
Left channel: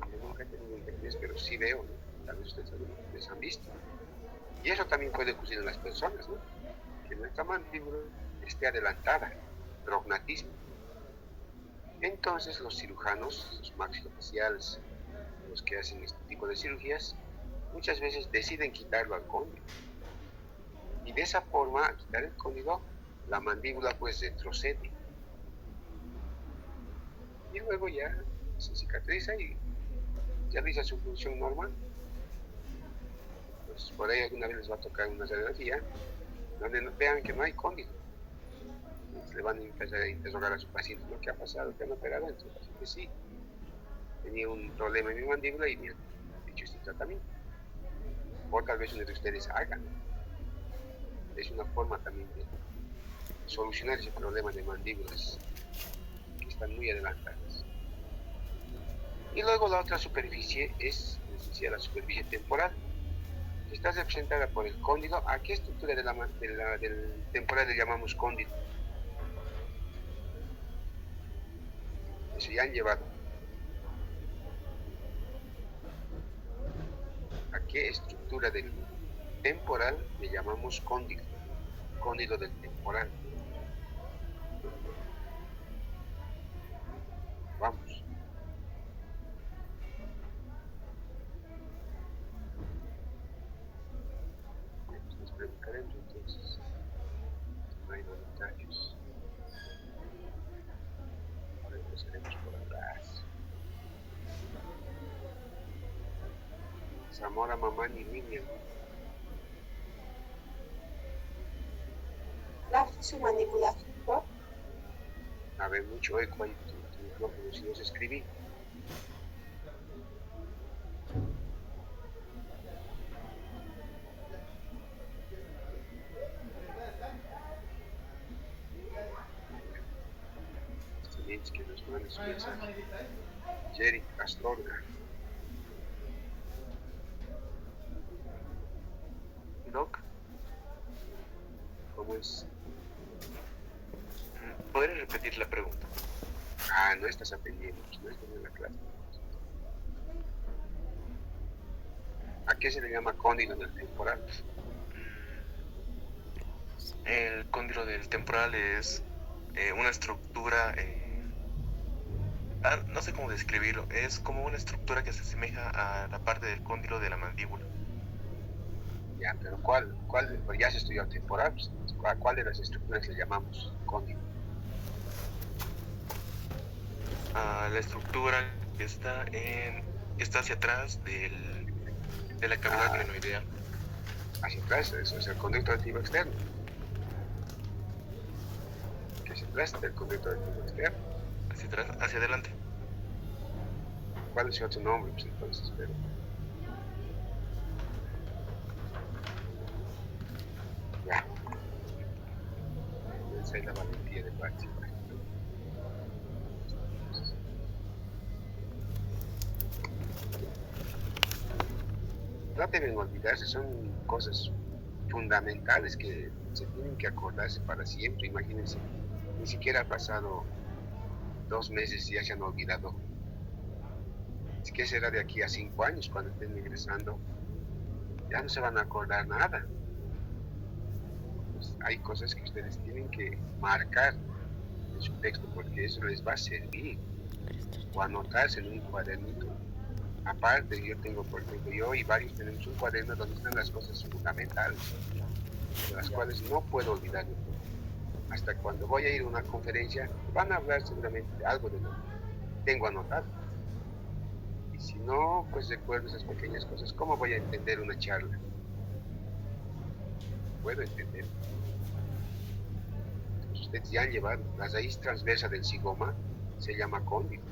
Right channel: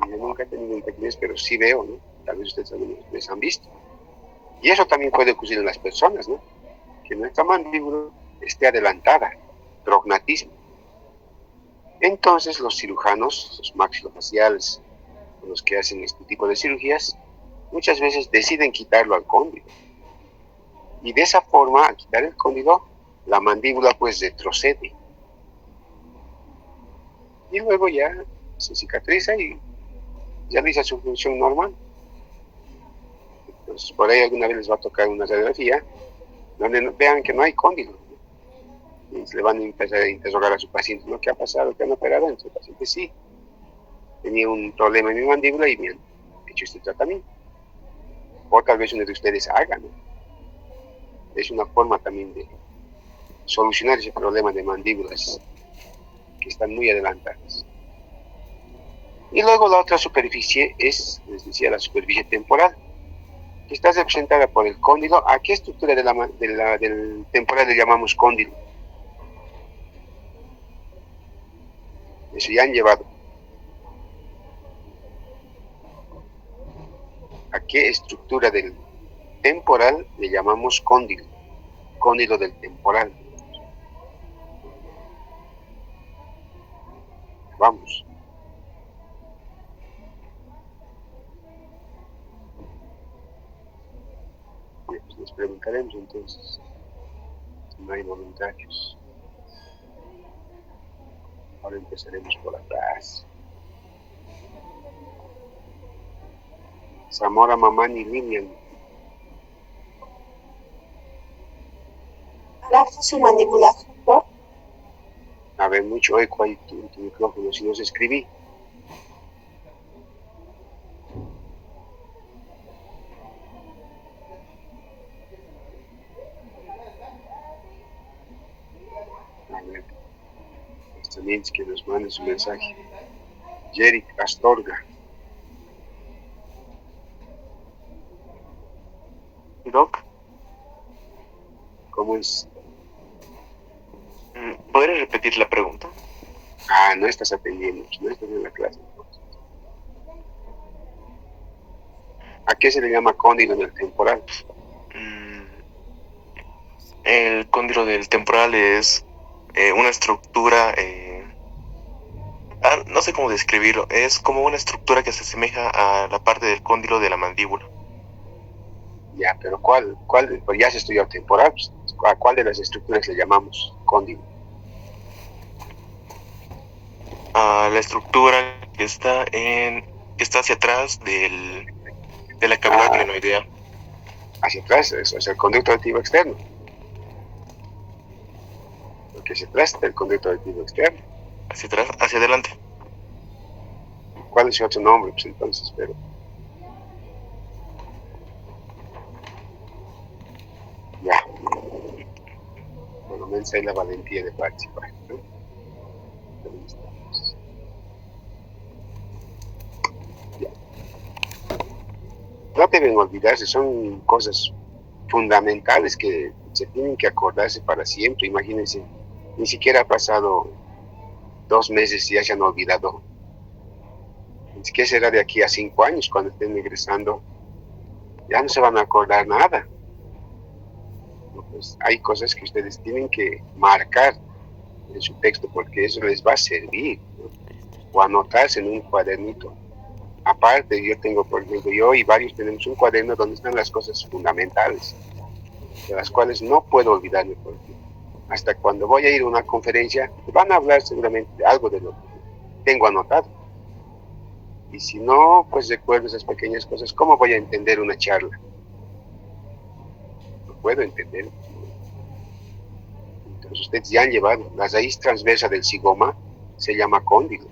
Yo nunca he tenido un pequinés, pero sí veo, ¿no? Tal vez ustedes también les han visto. Y eso también puede ocurrir en las personas, ¿no? Que nuestra mandíbula esté adelantada, prognatismo. Entonces los cirujanos, los maxilofaciales, los que hacen este tipo de cirugías, muchas veces deciden quitarlo al cóndilo. Y de esa forma, al quitar el cóndilo, la mandíbula pues retrocede. Y luego ya se cicatriza y realiza su función normal. Entonces por ahí alguna vez les va a tocar una radiografía donde vean que no hay cóndilo. Y le van a empezar a interrogar a su paciente, ¿no? ¿Qué ha pasado? ¿Qué han operado? Entonces el paciente sí, tenía un problema en mi mandíbula y me han hecho este tratamiento. O tal vez uno de ustedes haga, ¿no? Es una forma también de solucionar ese problema de mandíbulas que están muy adelantadas. Y luego la otra superficie es, les decía, la superficie temporal, que está representada por el cóndilo. ¿A qué estructura del temporal le llamamos cóndilo? Eso ya han llevado. ¿A qué estructura del temporal le llamamos cóndilo? Cóndilo del temporal. Vamos. Pues les preguntaremos entonces. No hay voluntarios. Ahora empezaremos por atrás. Zamora, Mamani, Lilian. La función mandibular, ¿no? A ver, mucho eco ahí tu micrófono, si no se escribí. A ver, también que nos mande su mensaje. Jerry Astorga. Doc, ¿Cómo es? ¿podrías repetir la pregunta? Ah, no estás atendiendo, no estás en la clase. ¿A qué se le llama cóndilo en el temporal? El cóndilo del temporal es una estructura, no sé cómo describirlo, es como una estructura que se asemeja a la parte del cóndilo de la mandíbula. Ya, pero pues ya se estudió temporal, pues, ¿a cuál de las estructuras le llamamos cóndilo? A la estructura que está hacia atrás de la cavidad glenoidea. Hacia atrás, eso es el conducto auditivo externo. El que se atrás del conducto auditivo externo. Hacia atrás, hacia adelante. ¿Cuál es su otro nombre? Pues entonces, pero... Ya. Por lo menos hay la valentía de participar, ¿no? Ya. No deben olvidarse, son cosas fundamentales que se tienen que acordarse para siempre. Imagínense, ni siquiera ha pasado 2 meses y ya se han olvidado. ¿Qué será de aquí a 5 años cuando estén egresando? Ya no se van a acordar nada. Pues hay cosas que ustedes tienen que marcar en su texto porque eso les va a servir, ¿no? O anotarse en un cuadernito. Aparte, yo tengo, por ejemplo, yo y varios tenemos un cuaderno donde están las cosas fundamentales, de las cuales no puedo olvidarme. Por ejemplo. Hasta cuando voy a ir a una conferencia, van a hablar seguramente de algo de lo que tengo anotado. Y si no, pues recuerdo esas pequeñas cosas. ¿Cómo voy a entender una charla? No puedo entender. Entonces ustedes ya han llevado. La raíz transversa del zigoma se llama cóndilo.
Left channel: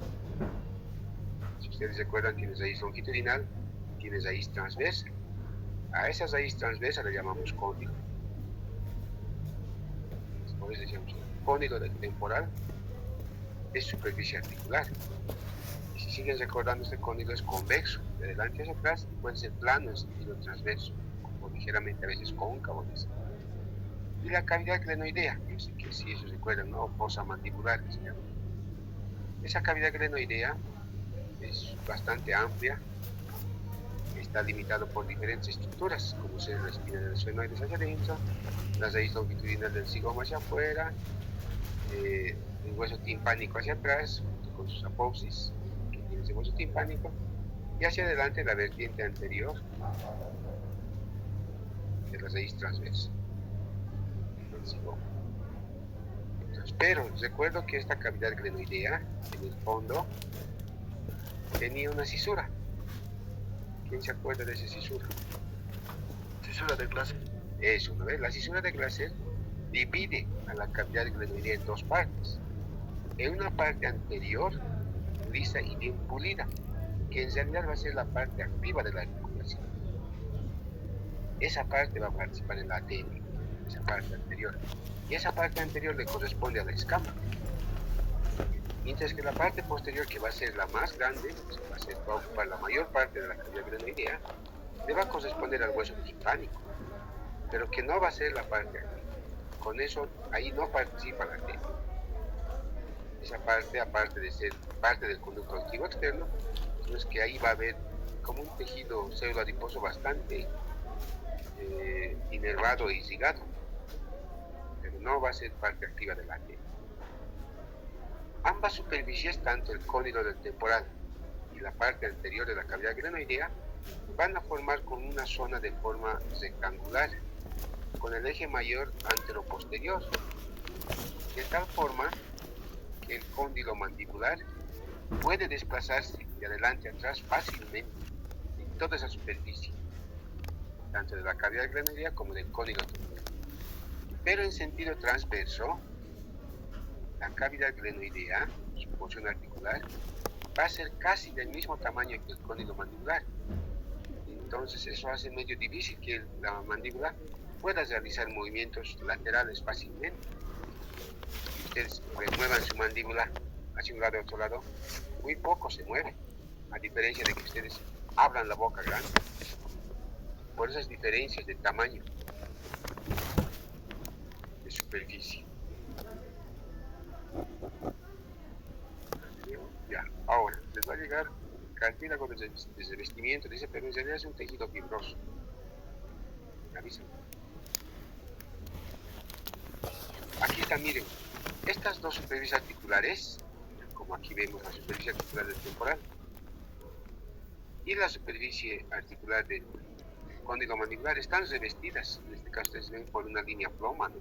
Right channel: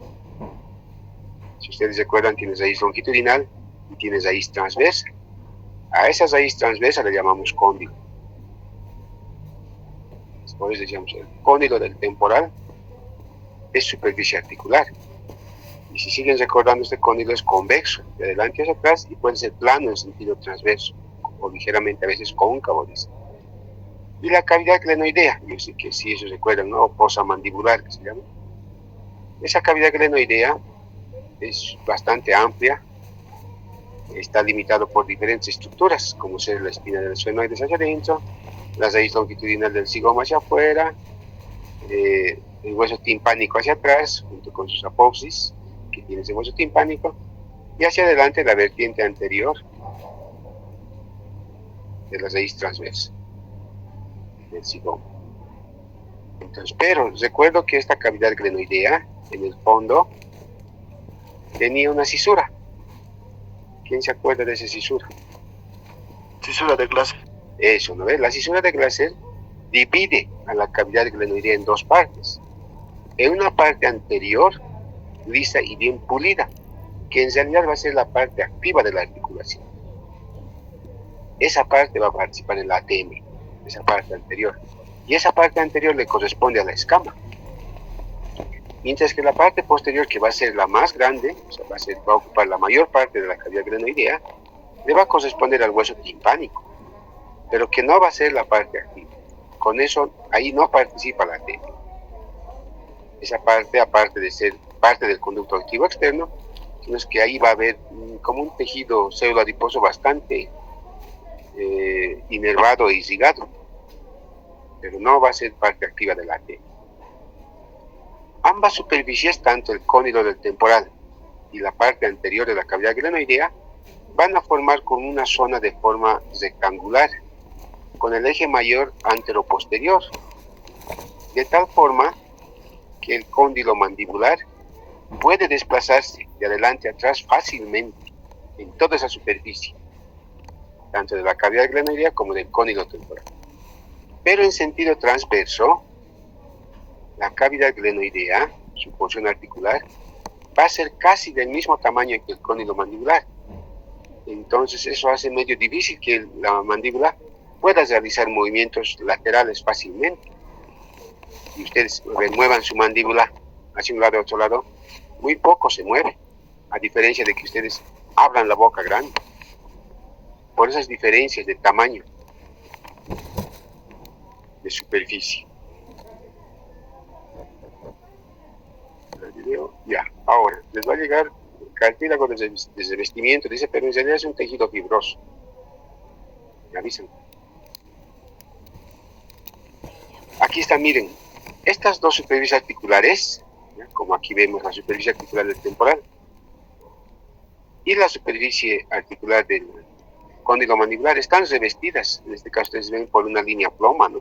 Si ustedes recuerdan, tiene raíz longitudinal y tiene raíz transversa. A esa raíz transversa le llamamos cóndilo. Por eso decíamos, el cóndilo del temporal es superficie articular. Y si siguen recordando, este cóndilo es convexo, de adelante hacia atrás, y puede ser plano en sentido transverso, o ligeramente a veces cóncavo, dice. Y la cavidad glenoidea, yo sé que si eso recuerdan, ¿no? O fosa mandibular, que se llama. Esa cavidad glenoidea es bastante amplia, está limitado por diferentes estructuras, como ser la espina del esfenoides hacia adentro, la raíz longitudinal del zigoma hacia afuera, el hueso timpánico hacia atrás, junto con sus apófisis, que tiene ese hueso timpánico, y hacia adelante la vertiente anterior de la raíz transversa del zigoma. Entonces, pero recuerdo que esta cavidad glenoidea, en el fondo, tenía una cisura. ¿Quién se acuerda de esa cisura? Cisura de Glaser. Eso, ¿no ves? La cisura de Glaser divide a la cavidad glenoidea en dos partes. En una parte anterior, lisa y bien pulida, que en realidad va a ser la parte activa de la articulación. Esa parte va a participar en la ATM, esa parte anterior. Y esa parte anterior le corresponde a la escama. Mientras que la parte posterior, que va a ser la más grande, o sea, va a ocupar la mayor parte de la cavidad glenoidea, le va a corresponder al hueso timpánico, pero que no va a ser la parte activa. Con eso, ahí no participa la ATM. Esa parte, aparte de ser parte del conducto auditivo externo, sino es que ahí va a haber como un tejido pseudoadiposo bastante inervado e irrigado, pero no va a ser parte activa de la ATM. Ambas superficies, tanto el cóndilo del temporal y la parte anterior de la cavidad glenoidea, van a formar con una zona de forma rectangular, con el eje mayor anteroposterior, de tal forma que el cóndilo mandibular puede desplazarse de adelante a atrás fácilmente en toda esa superficie, tanto de la cavidad glenoidea como del cóndilo temporal. Pero en sentido transverso, la cavidad glenoidea, su porción articular, va a ser casi del mismo tamaño que el cóndilo mandibular. Entonces eso hace medio difícil que la mandíbula pueda realizar movimientos laterales fácilmente. Y ustedes remuevan su mandíbula hacia un lado a otro lado, muy poco se mueve, a diferencia de que ustedes abran la boca grande. Por esas diferencias de tamaño, de superficie. Ya, ahora les va a llegar cartílago de revestimiento, dice, pero en realidad es un tejido fibroso. Me avisan. Aquí está, miren, Estas dos superficies articulares, ¿ya? Como aquí vemos la superficie articular del temporal y la superficie articular del cóndilo mandibular, están revestidas, en este caso ustedes ven, por una línea ploma, ¿no?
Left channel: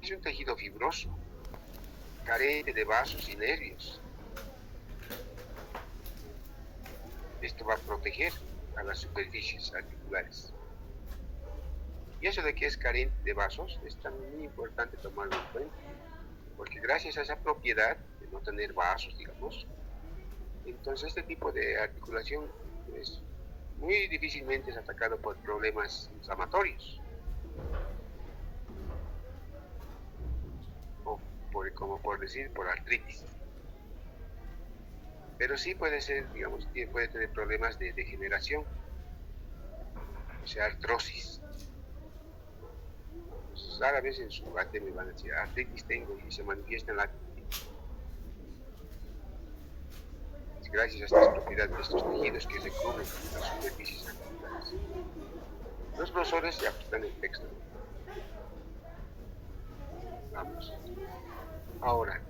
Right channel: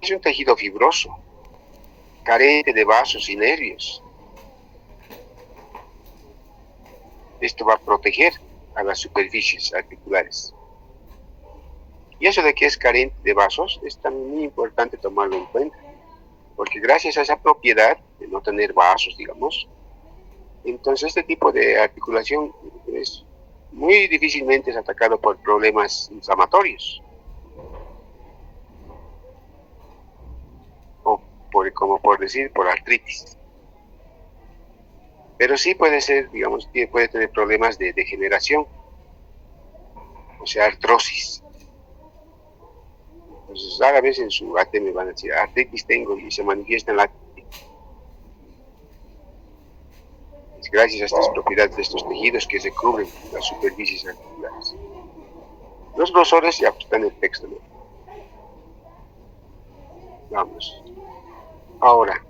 Es un tejido fibroso, carente de vasos y nervios. Esto va a proteger a las superficies articulares. Y eso de que es carente de vasos es también muy importante tomarlo en cuenta, porque gracias a esa propiedad de no tener vasos, digamos, entonces este tipo de articulación es muy difícilmente es atacado por problemas inflamatorios, o como por decir, por artritis. Pero sí puede ser, digamos, puede tener problemas de degeneración, o sea, artrosis. Entonces, a veces en su AT me van a decir, artritis tengo, y se manifiesta en la artritis. Gracias a estas propiedades de estos tejidos que recubren las superficies articulares. Los grosores ya están en el texto, ¿no? Vamos. Ahora,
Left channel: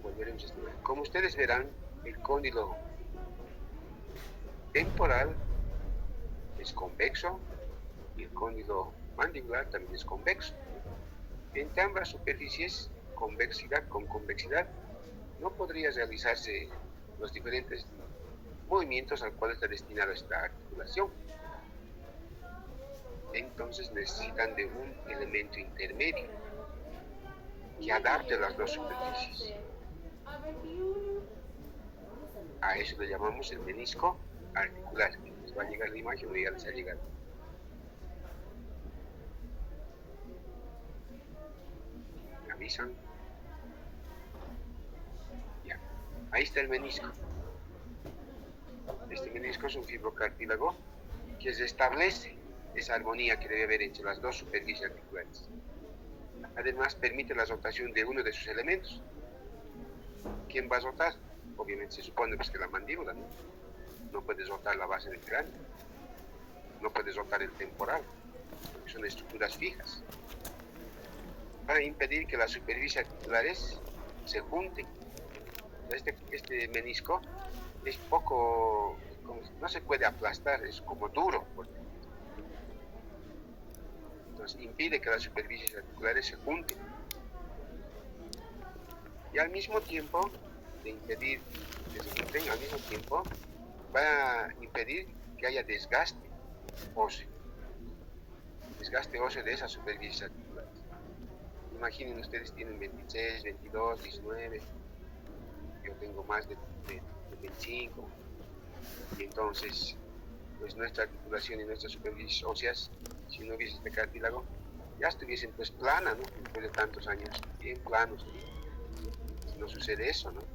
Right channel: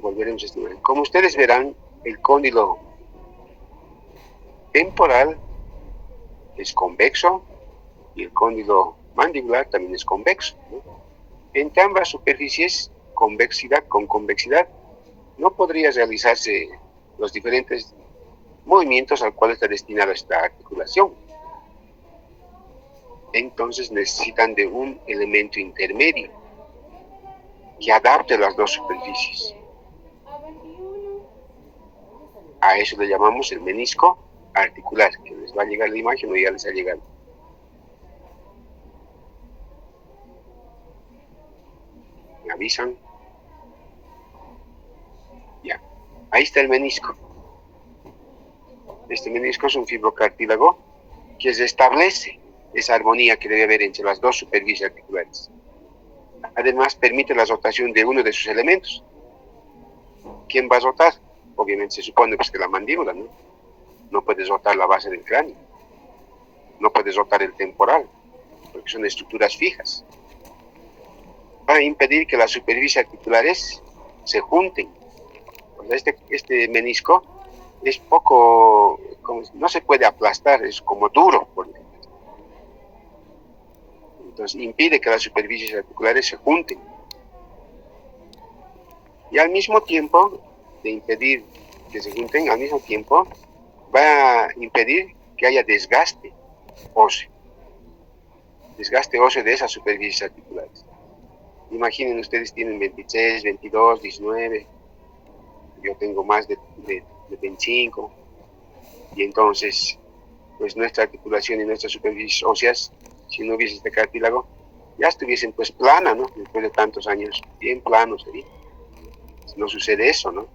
volveremos a estudiar. Como ustedes verán, el cóndilo temporal es convexo y el cóndilo mandibular también es convexo, ¿no? Entre ambas superficies, convexidad con convexidad, no podría realizarse los diferentes movimientos al cual está destinada esta articulación. Entonces necesitan de un elemento intermedio que adapte las dos superficies. A eso le llamamos el menisco articular, que les va a llegar la imagen o ya les ha llegado. ¿Me avisan? Ya. Ahí está el menisco. Este menisco es un fibrocartílago que establece esa armonía que debe haber entre las dos superficies articulares. Además, permite la rotación de uno de sus elementos. ¿Quién va a rotar? Obviamente se supone pues, que la mandíbula, ¿no? No puedes rotar la base del cráneo. No puedes rotar el temporal, porque son estructuras fijas. Para impedir que las superficies articulares se junten. Este menisco es poco, no se puede aplastar, es como duro. Entonces impide que las superficies articulares se junten. Y al mismo tiempo de impedir que se junten, al mismo tiempo va a impedir que haya desgaste óseo. Desgaste óseo de esas superficies articulares. Imaginen, ustedes tienen 26, 22, 19, yo tengo más de 25, y entonces, pues nuestra articulación y nuestras superficies óseas, si no hubiese este cartílago, ya estuviesen pues plana, ¿no? Después de tantos años, bien planos sería. No sucede eso, ¿no?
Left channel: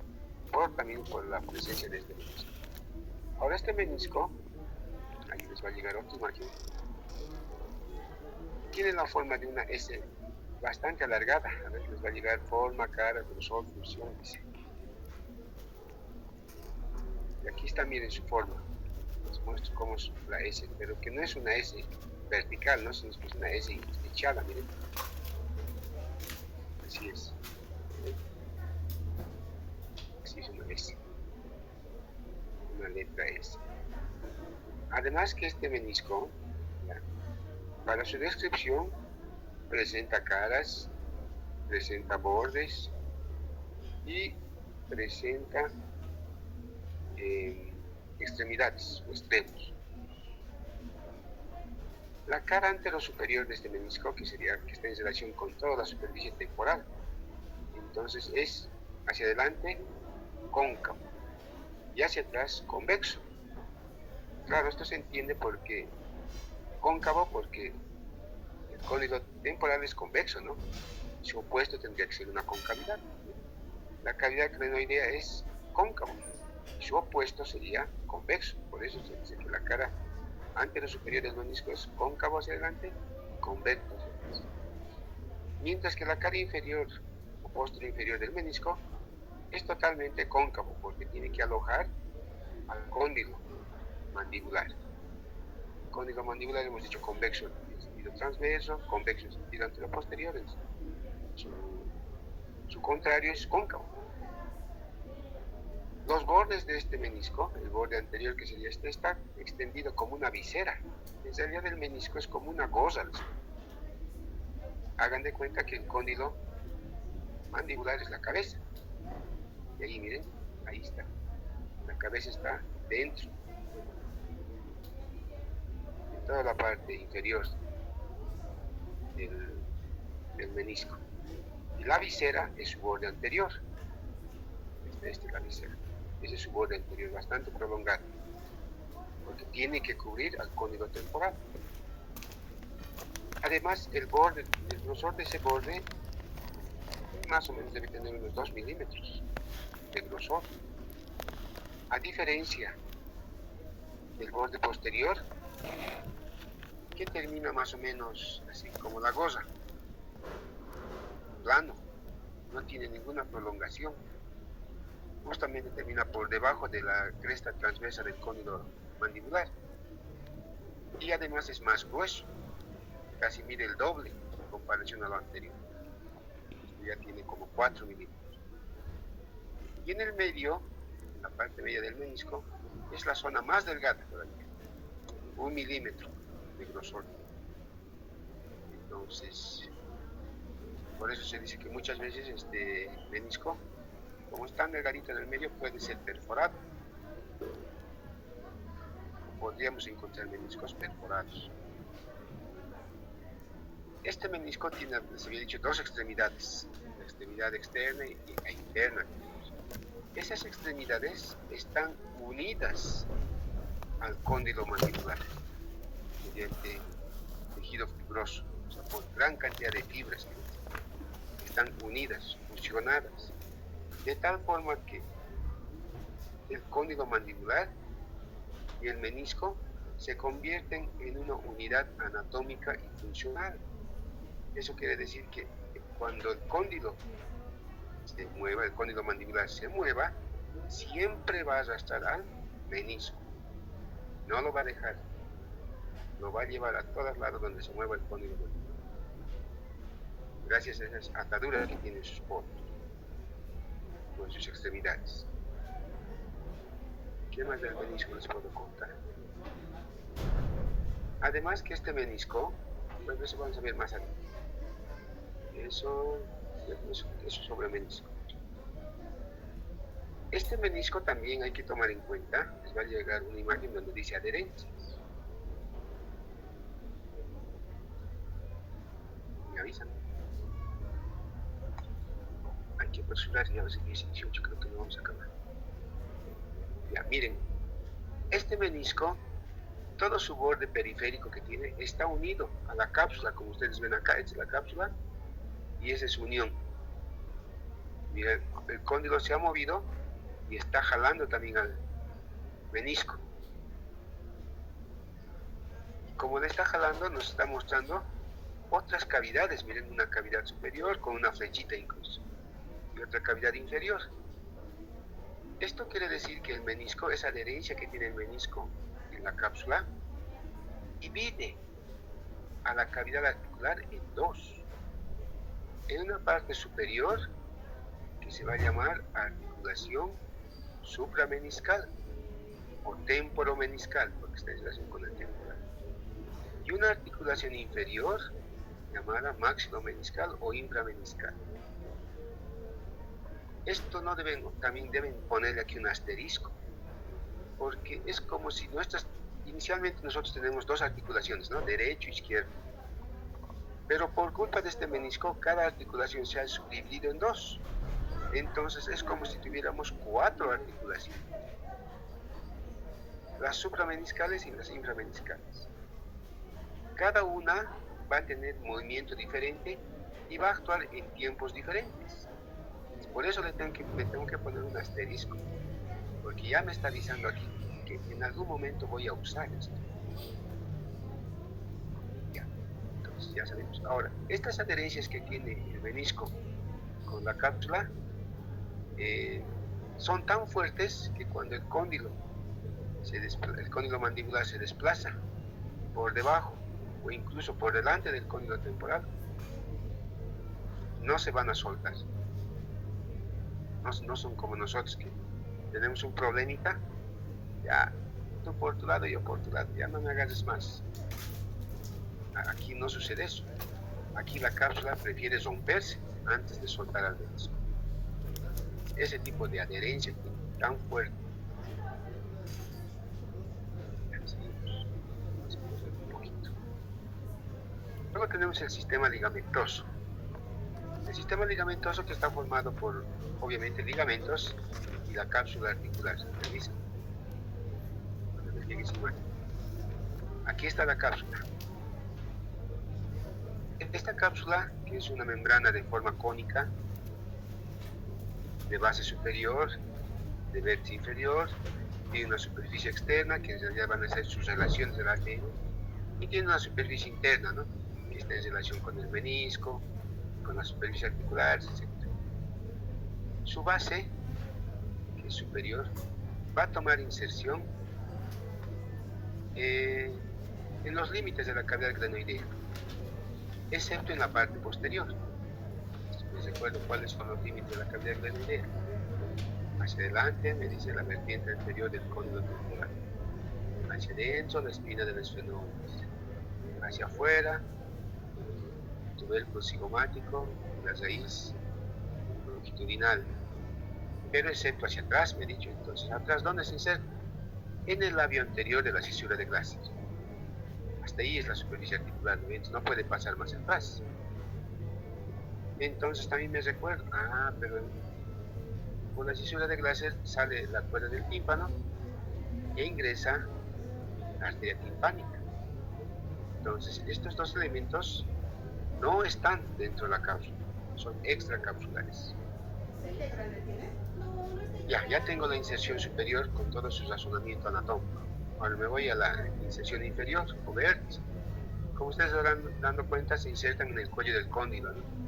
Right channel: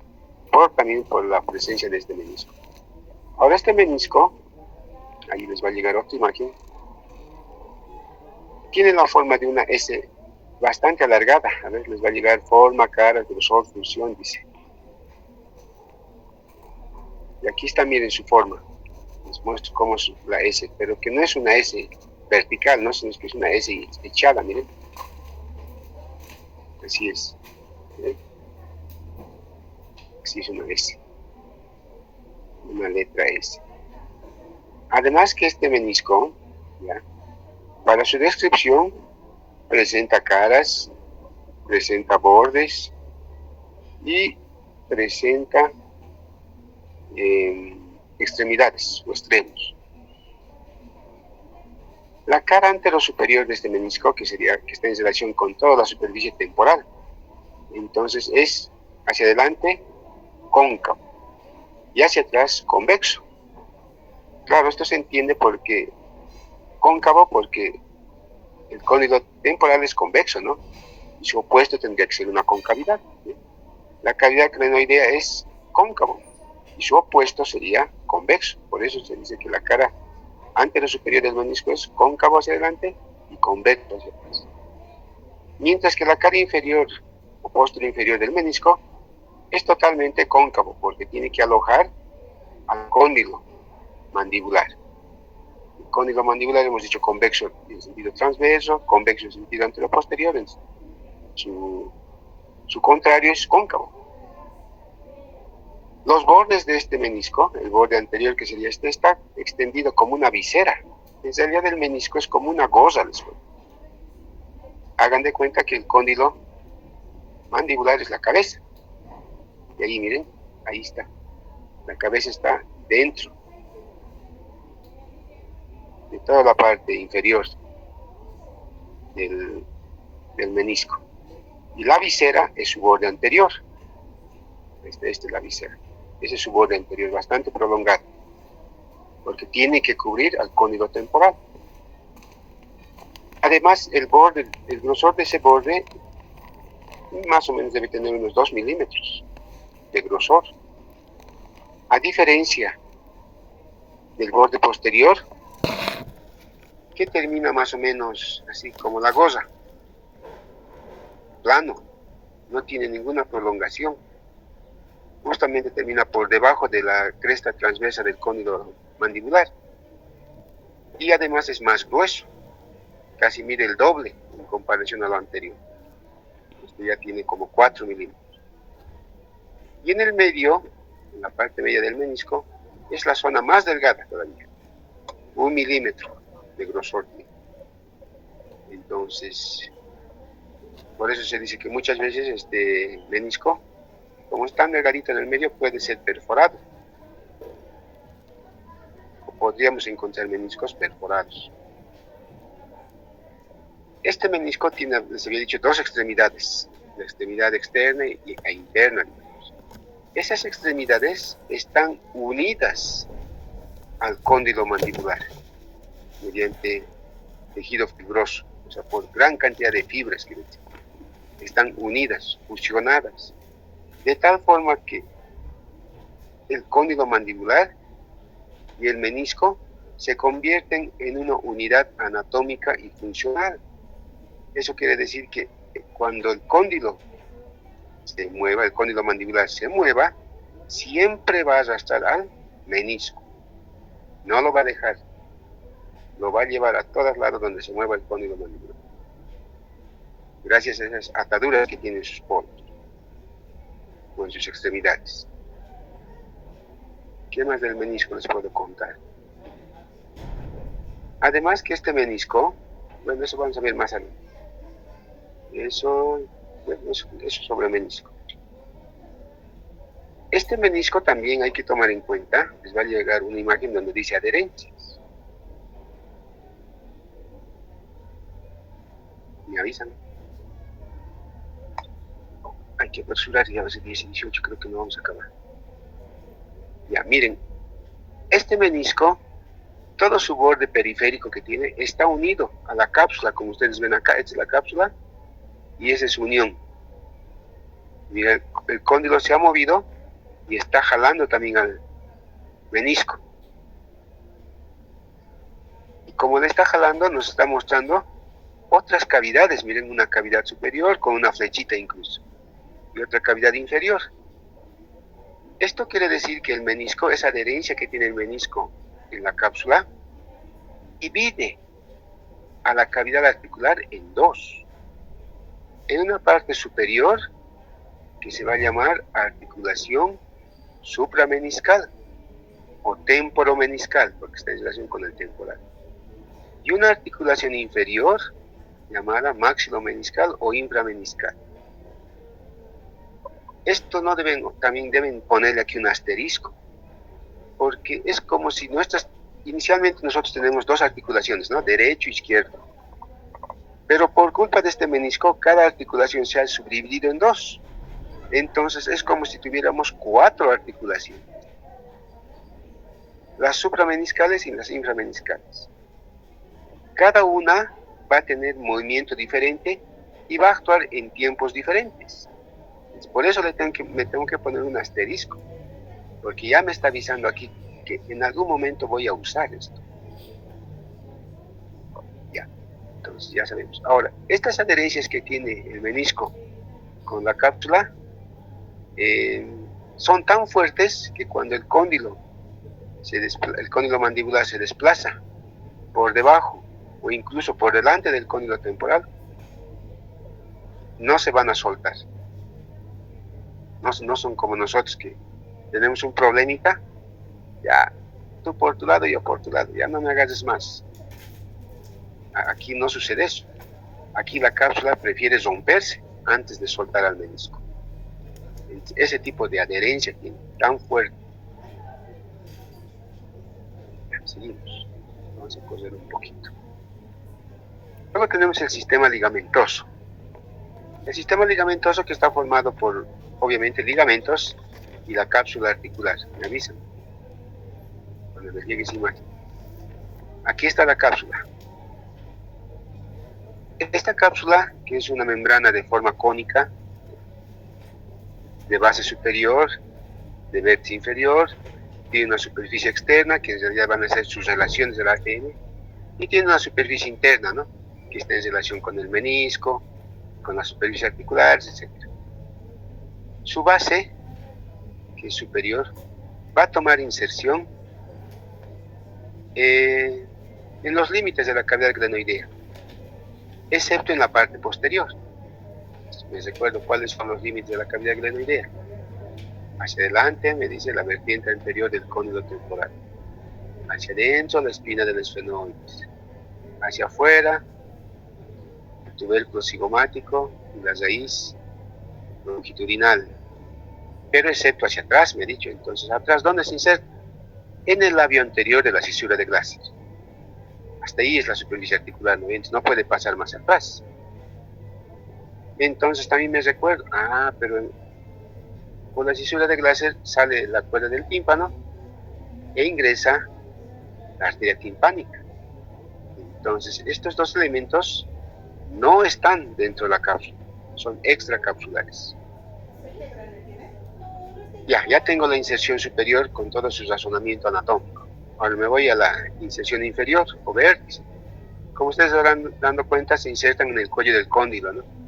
También por la presencia de este menisco. Ahora este menisco, ahí les va a llegar otra imagen, tiene la forma de una S bastante alargada. A ver, les va a llegar forma, cara, grosor, función, dice. Y aquí está, miren su forma. Les muestro cómo es la S, pero que no es una S vertical, ¿no? Sino que es una S echada, miren. Así es. ¿Eh? Así es una S. Una letra S. Además que este menisco, ¿ya? Para su descripción, presenta caras, presenta bordes y presenta extremidades o extremos. La cara anterosuperior de este menisco, que está en relación con toda la superficie temporal, entonces es hacia adelante cóncavo y hacia atrás convexo. Claro, esto se entiende porque cóncavo, porque el cóndilo temporal es convexo, ¿no? Y su opuesto tendría que ser una concavidad, ¿sí? La cavidad crenoidea es cóncavo y su opuesto sería convexo. Por eso se dice que la cara anterosuperior del menisco es cóncavo hacia adelante y convexo hacia atrás. Mientras que la cara inferior o posterior inferior del menisco es totalmente cóncavo porque tiene que alojar al cóndilo mandibular. El cóndilo mandibular hemos dicho convexo en sentido transverso, convexo en sentido anteroposterior. su contrario es cóncavo. Los bordes de este menisco, el borde anterior que sería este, está extendido como una visera. En realidad el menisco es como una goza. Hagan de cuenta que el cóndilo mandibular es la cabeza. Y ahí miren, ahí está. La cabeza está dentro de toda la parte inferior del menisco. Y la visera es su borde anterior. Esta es la visera. Ese es su borde anterior, bastante prolongado, porque tiene que cubrir al cóndilo temporal. Además, el grosor de ese borde más o menos debe tener unos 2 milímetros de grosor. A diferencia del borde posterior, que termina más o menos así como la goza, plano, no tiene ninguna prolongación. Justamente termina por debajo de la cresta transversa del cóndilo mandibular. Y además es más grueso, casi mide el doble en comparación a lo anterior. Esto ya tiene como 4 milímetros. Y en el medio, en la parte media del menisco, es la zona más delgada todavía, 1 milímetro de grosor. Entonces, por eso se dice que muchas veces este menisco, como es tan delgadito en el medio, puede ser perforado. O podríamos encontrar meniscos perforados. Este menisco tiene, les había dicho, dos extremidades, la extremidad externa e interna. Esas extremidades están unidas al cóndilo mandibular mediante tejido fibroso, o sea, por gran cantidad de fibras que están unidas, fusionadas, de tal forma que el cóndilo mandibular y el menisco se convierten en una unidad anatómica y funcional. Eso quiere decir que cuando el cóndilo se mueva, el cóndilo mandibular se mueva, siempre va a arrastrar al menisco. No lo va a dejar. Lo va a llevar a todos lados donde se mueva el cóndilo mandibular. Gracias a esas ataduras que tienen sus polos o en sus extremidades. ¿Qué más del menisco les puedo contar? Además que este menisco, bueno, eso vamos a ver más adelante. Eso sobre el menisco. Este menisco también hay que tomar en cuenta, les va a llegar una imagen donde dice adherencias. Me avisan. Hay que apresurar, ya a veces 10 y 18 creo que no vamos a acabar. Ya, miren, este menisco, todo su borde periférico que tiene, está unido a la cápsula, como ustedes ven acá, esta es la cápsula, y esa es su unión. Mira, el cóndilo se ha movido y está jalando también al menisco. Y como le está jalando, nos está mostrando otras cavidades. Miren, una cavidad superior con una flechita incluso, y otra cavidad inferior. Esto quiere decir que el menisco, esa adherencia que tiene el menisco en la cápsula, divide a la cavidad articular en dos. En una parte superior, que se va a llamar articulación suprameniscal o temporomeniscal, porque está en relación con el temporal. Y una articulación inferior, llamada maxilomeniscal o inframeniscal. Esto no también deben ponerle aquí un asterisco, porque es como si inicialmente nosotros tenemos dos articulaciones, ¿no? Derecho e izquierdo. Pero por culpa de este menisco, cada articulación se ha subdividido en dos. Entonces es como si tuviéramos 4 articulaciones. Las suprameniscales y las inframeniscales. Cada una va a tener movimiento diferente y va a actuar en tiempos diferentes. Por eso me tengo que poner un asterisco, porque ya me está avisando aquí que en algún momento voy a usar esto. Ya, entonces ya sabemos. Ahora, estas adherencias que tiene el menisco con la cápsula son tan fuertes que cuando el cóndilo mandibular se desplaza por debajo o incluso por delante del cóndilo temporal, no se van a soltar. No son como nosotros que tenemos un problemita, ya, tú por tu lado, yo por tu lado, ya no me agarres más. Aquí no sucede eso. Aquí la cápsula prefiere romperse antes de soltar al menisco. Ese tipo de adherencia tiene tan fuerte. Seguimos. Vamos a correr un poquito. Luego tenemos el sistema ligamentoso. El sistema ligamentoso que está formado por, obviamente, ligamentos y la cápsula articular. ¿Me avisan? Cuando les llegue esa imagen. Aquí está la cápsula. Esta cápsula, que es una membrana de forma cónica, de base superior, de vértice inferior, tiene una superficie externa, que en realidad van a ser sus relaciones del ADN, y tiene una superficie interna, ¿no?, que está en relación con el menisco, con la superficie articular, etc. Su base, que es superior, va a tomar inserción en los límites de la cavidad glenoidea, excepto en la parte posterior. Les recuerdo cuáles son los límites de la cavidad glenoidea. Hacia adelante me dice la vertiente anterior del cóndilo temporal. Hacia adentro la espina del esfenoides. Hacia afuera el tubérculo cigomático y la raíz longitudinal. Pero excepto hacia atrás, me he dicho. Entonces, ¿atrás dónde se inserta? En el labio anterior de la cisura de Glaser. Hasta ahí es la superficie articular, ¿no? Entonces, no puede pasar más atrás. Entonces también me recuerdo, pero por la cisura de Glaser sale la cuerda del tímpano e ingresa la arteria timpánica. Entonces, estos dos elementos no están dentro de la cápsula, son extracapsulares. Ya tengo la inserción superior con todo su razonamiento anatómico. Ahora me voy a la inserción inferior o vértice. Como ustedes estarán dando cuenta, se insertan en el cuello del cóndilo, ¿no?,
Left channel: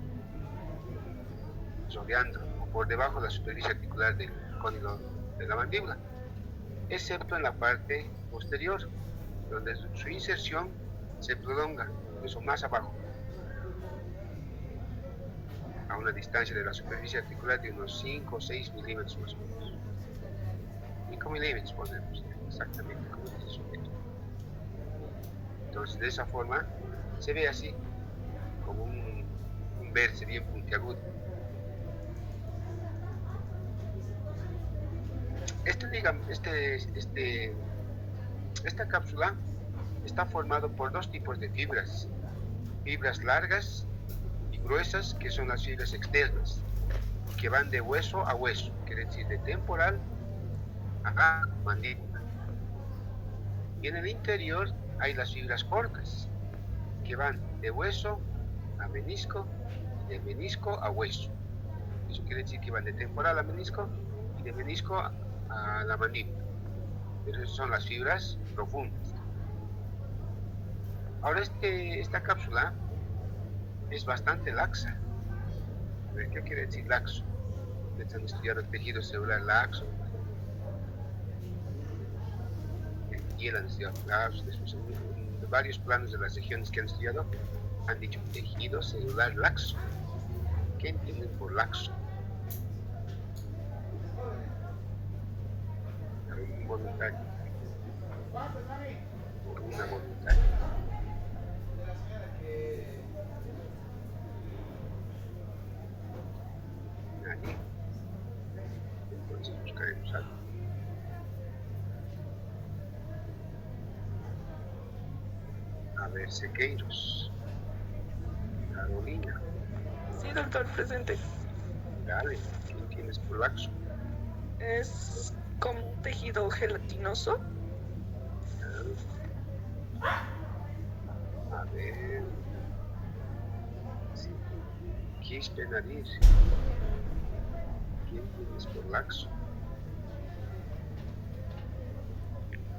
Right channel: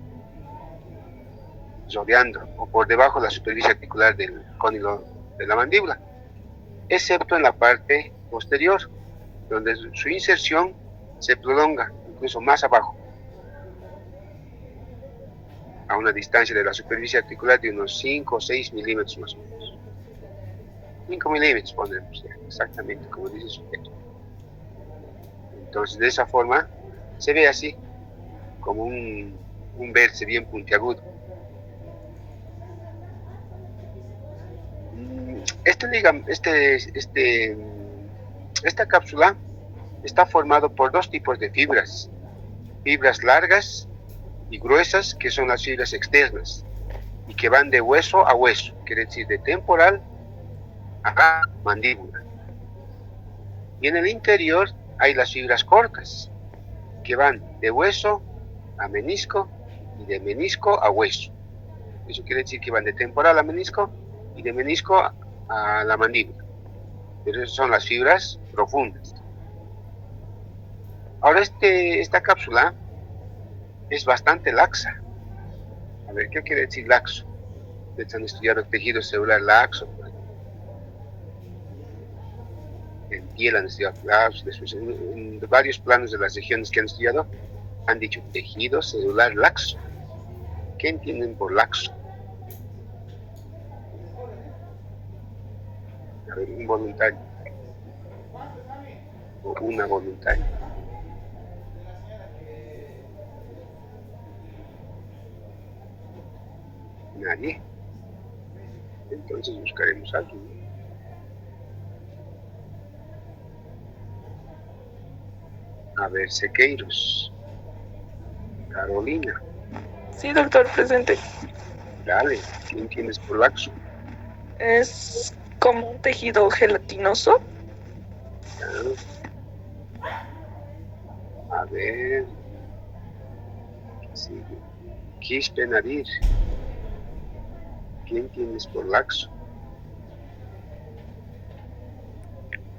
rodeando o por debajo de la superficie articular del cóndilo de la mandíbula, excepto en la parte posterior, donde su inserción se prolonga incluso más abajo, a una distancia de la superficie articular de unos 5 o 6 milímetros más o menos. 5 milímetros ponemos, exactamente como dice su texto. Entonces, de esa forma, se ve así, como un vértice bien puntiagudo. Esta cápsula está formado por dos tipos de fibras largas y gruesas, que son las fibras externas y que van de hueso a hueso, quiere decir de temporal a mandíbula. Y en el interior hay las fibras cortas, que van de hueso a menisco y de menisco a hueso. Eso quiere decir que van de temporal a menisco y de menisco a la mandíbula. Pero esas son las fibras profundas. Ahora esta cápsula es bastante laxa. A ver, ¿qué quiere decir laxo? Ustedes han estudiado el tejido celular laxo. En piel han estudiado laxo. Después en varios planos de las regiones que han estudiado han dicho tejido celular laxo. ¿Qué entienden por laxo? A ver, un voluntario o una voluntaria. Nadie. Entonces buscaremos algo. A ver, Sequeiros. Carolina. Sí, doctor, presente. Dale, ¿qué entiendes por laxo? Es como un tejido gelatinoso. A ver. Sí. Quispe Nadir. ¿Qué entiendes por laxo?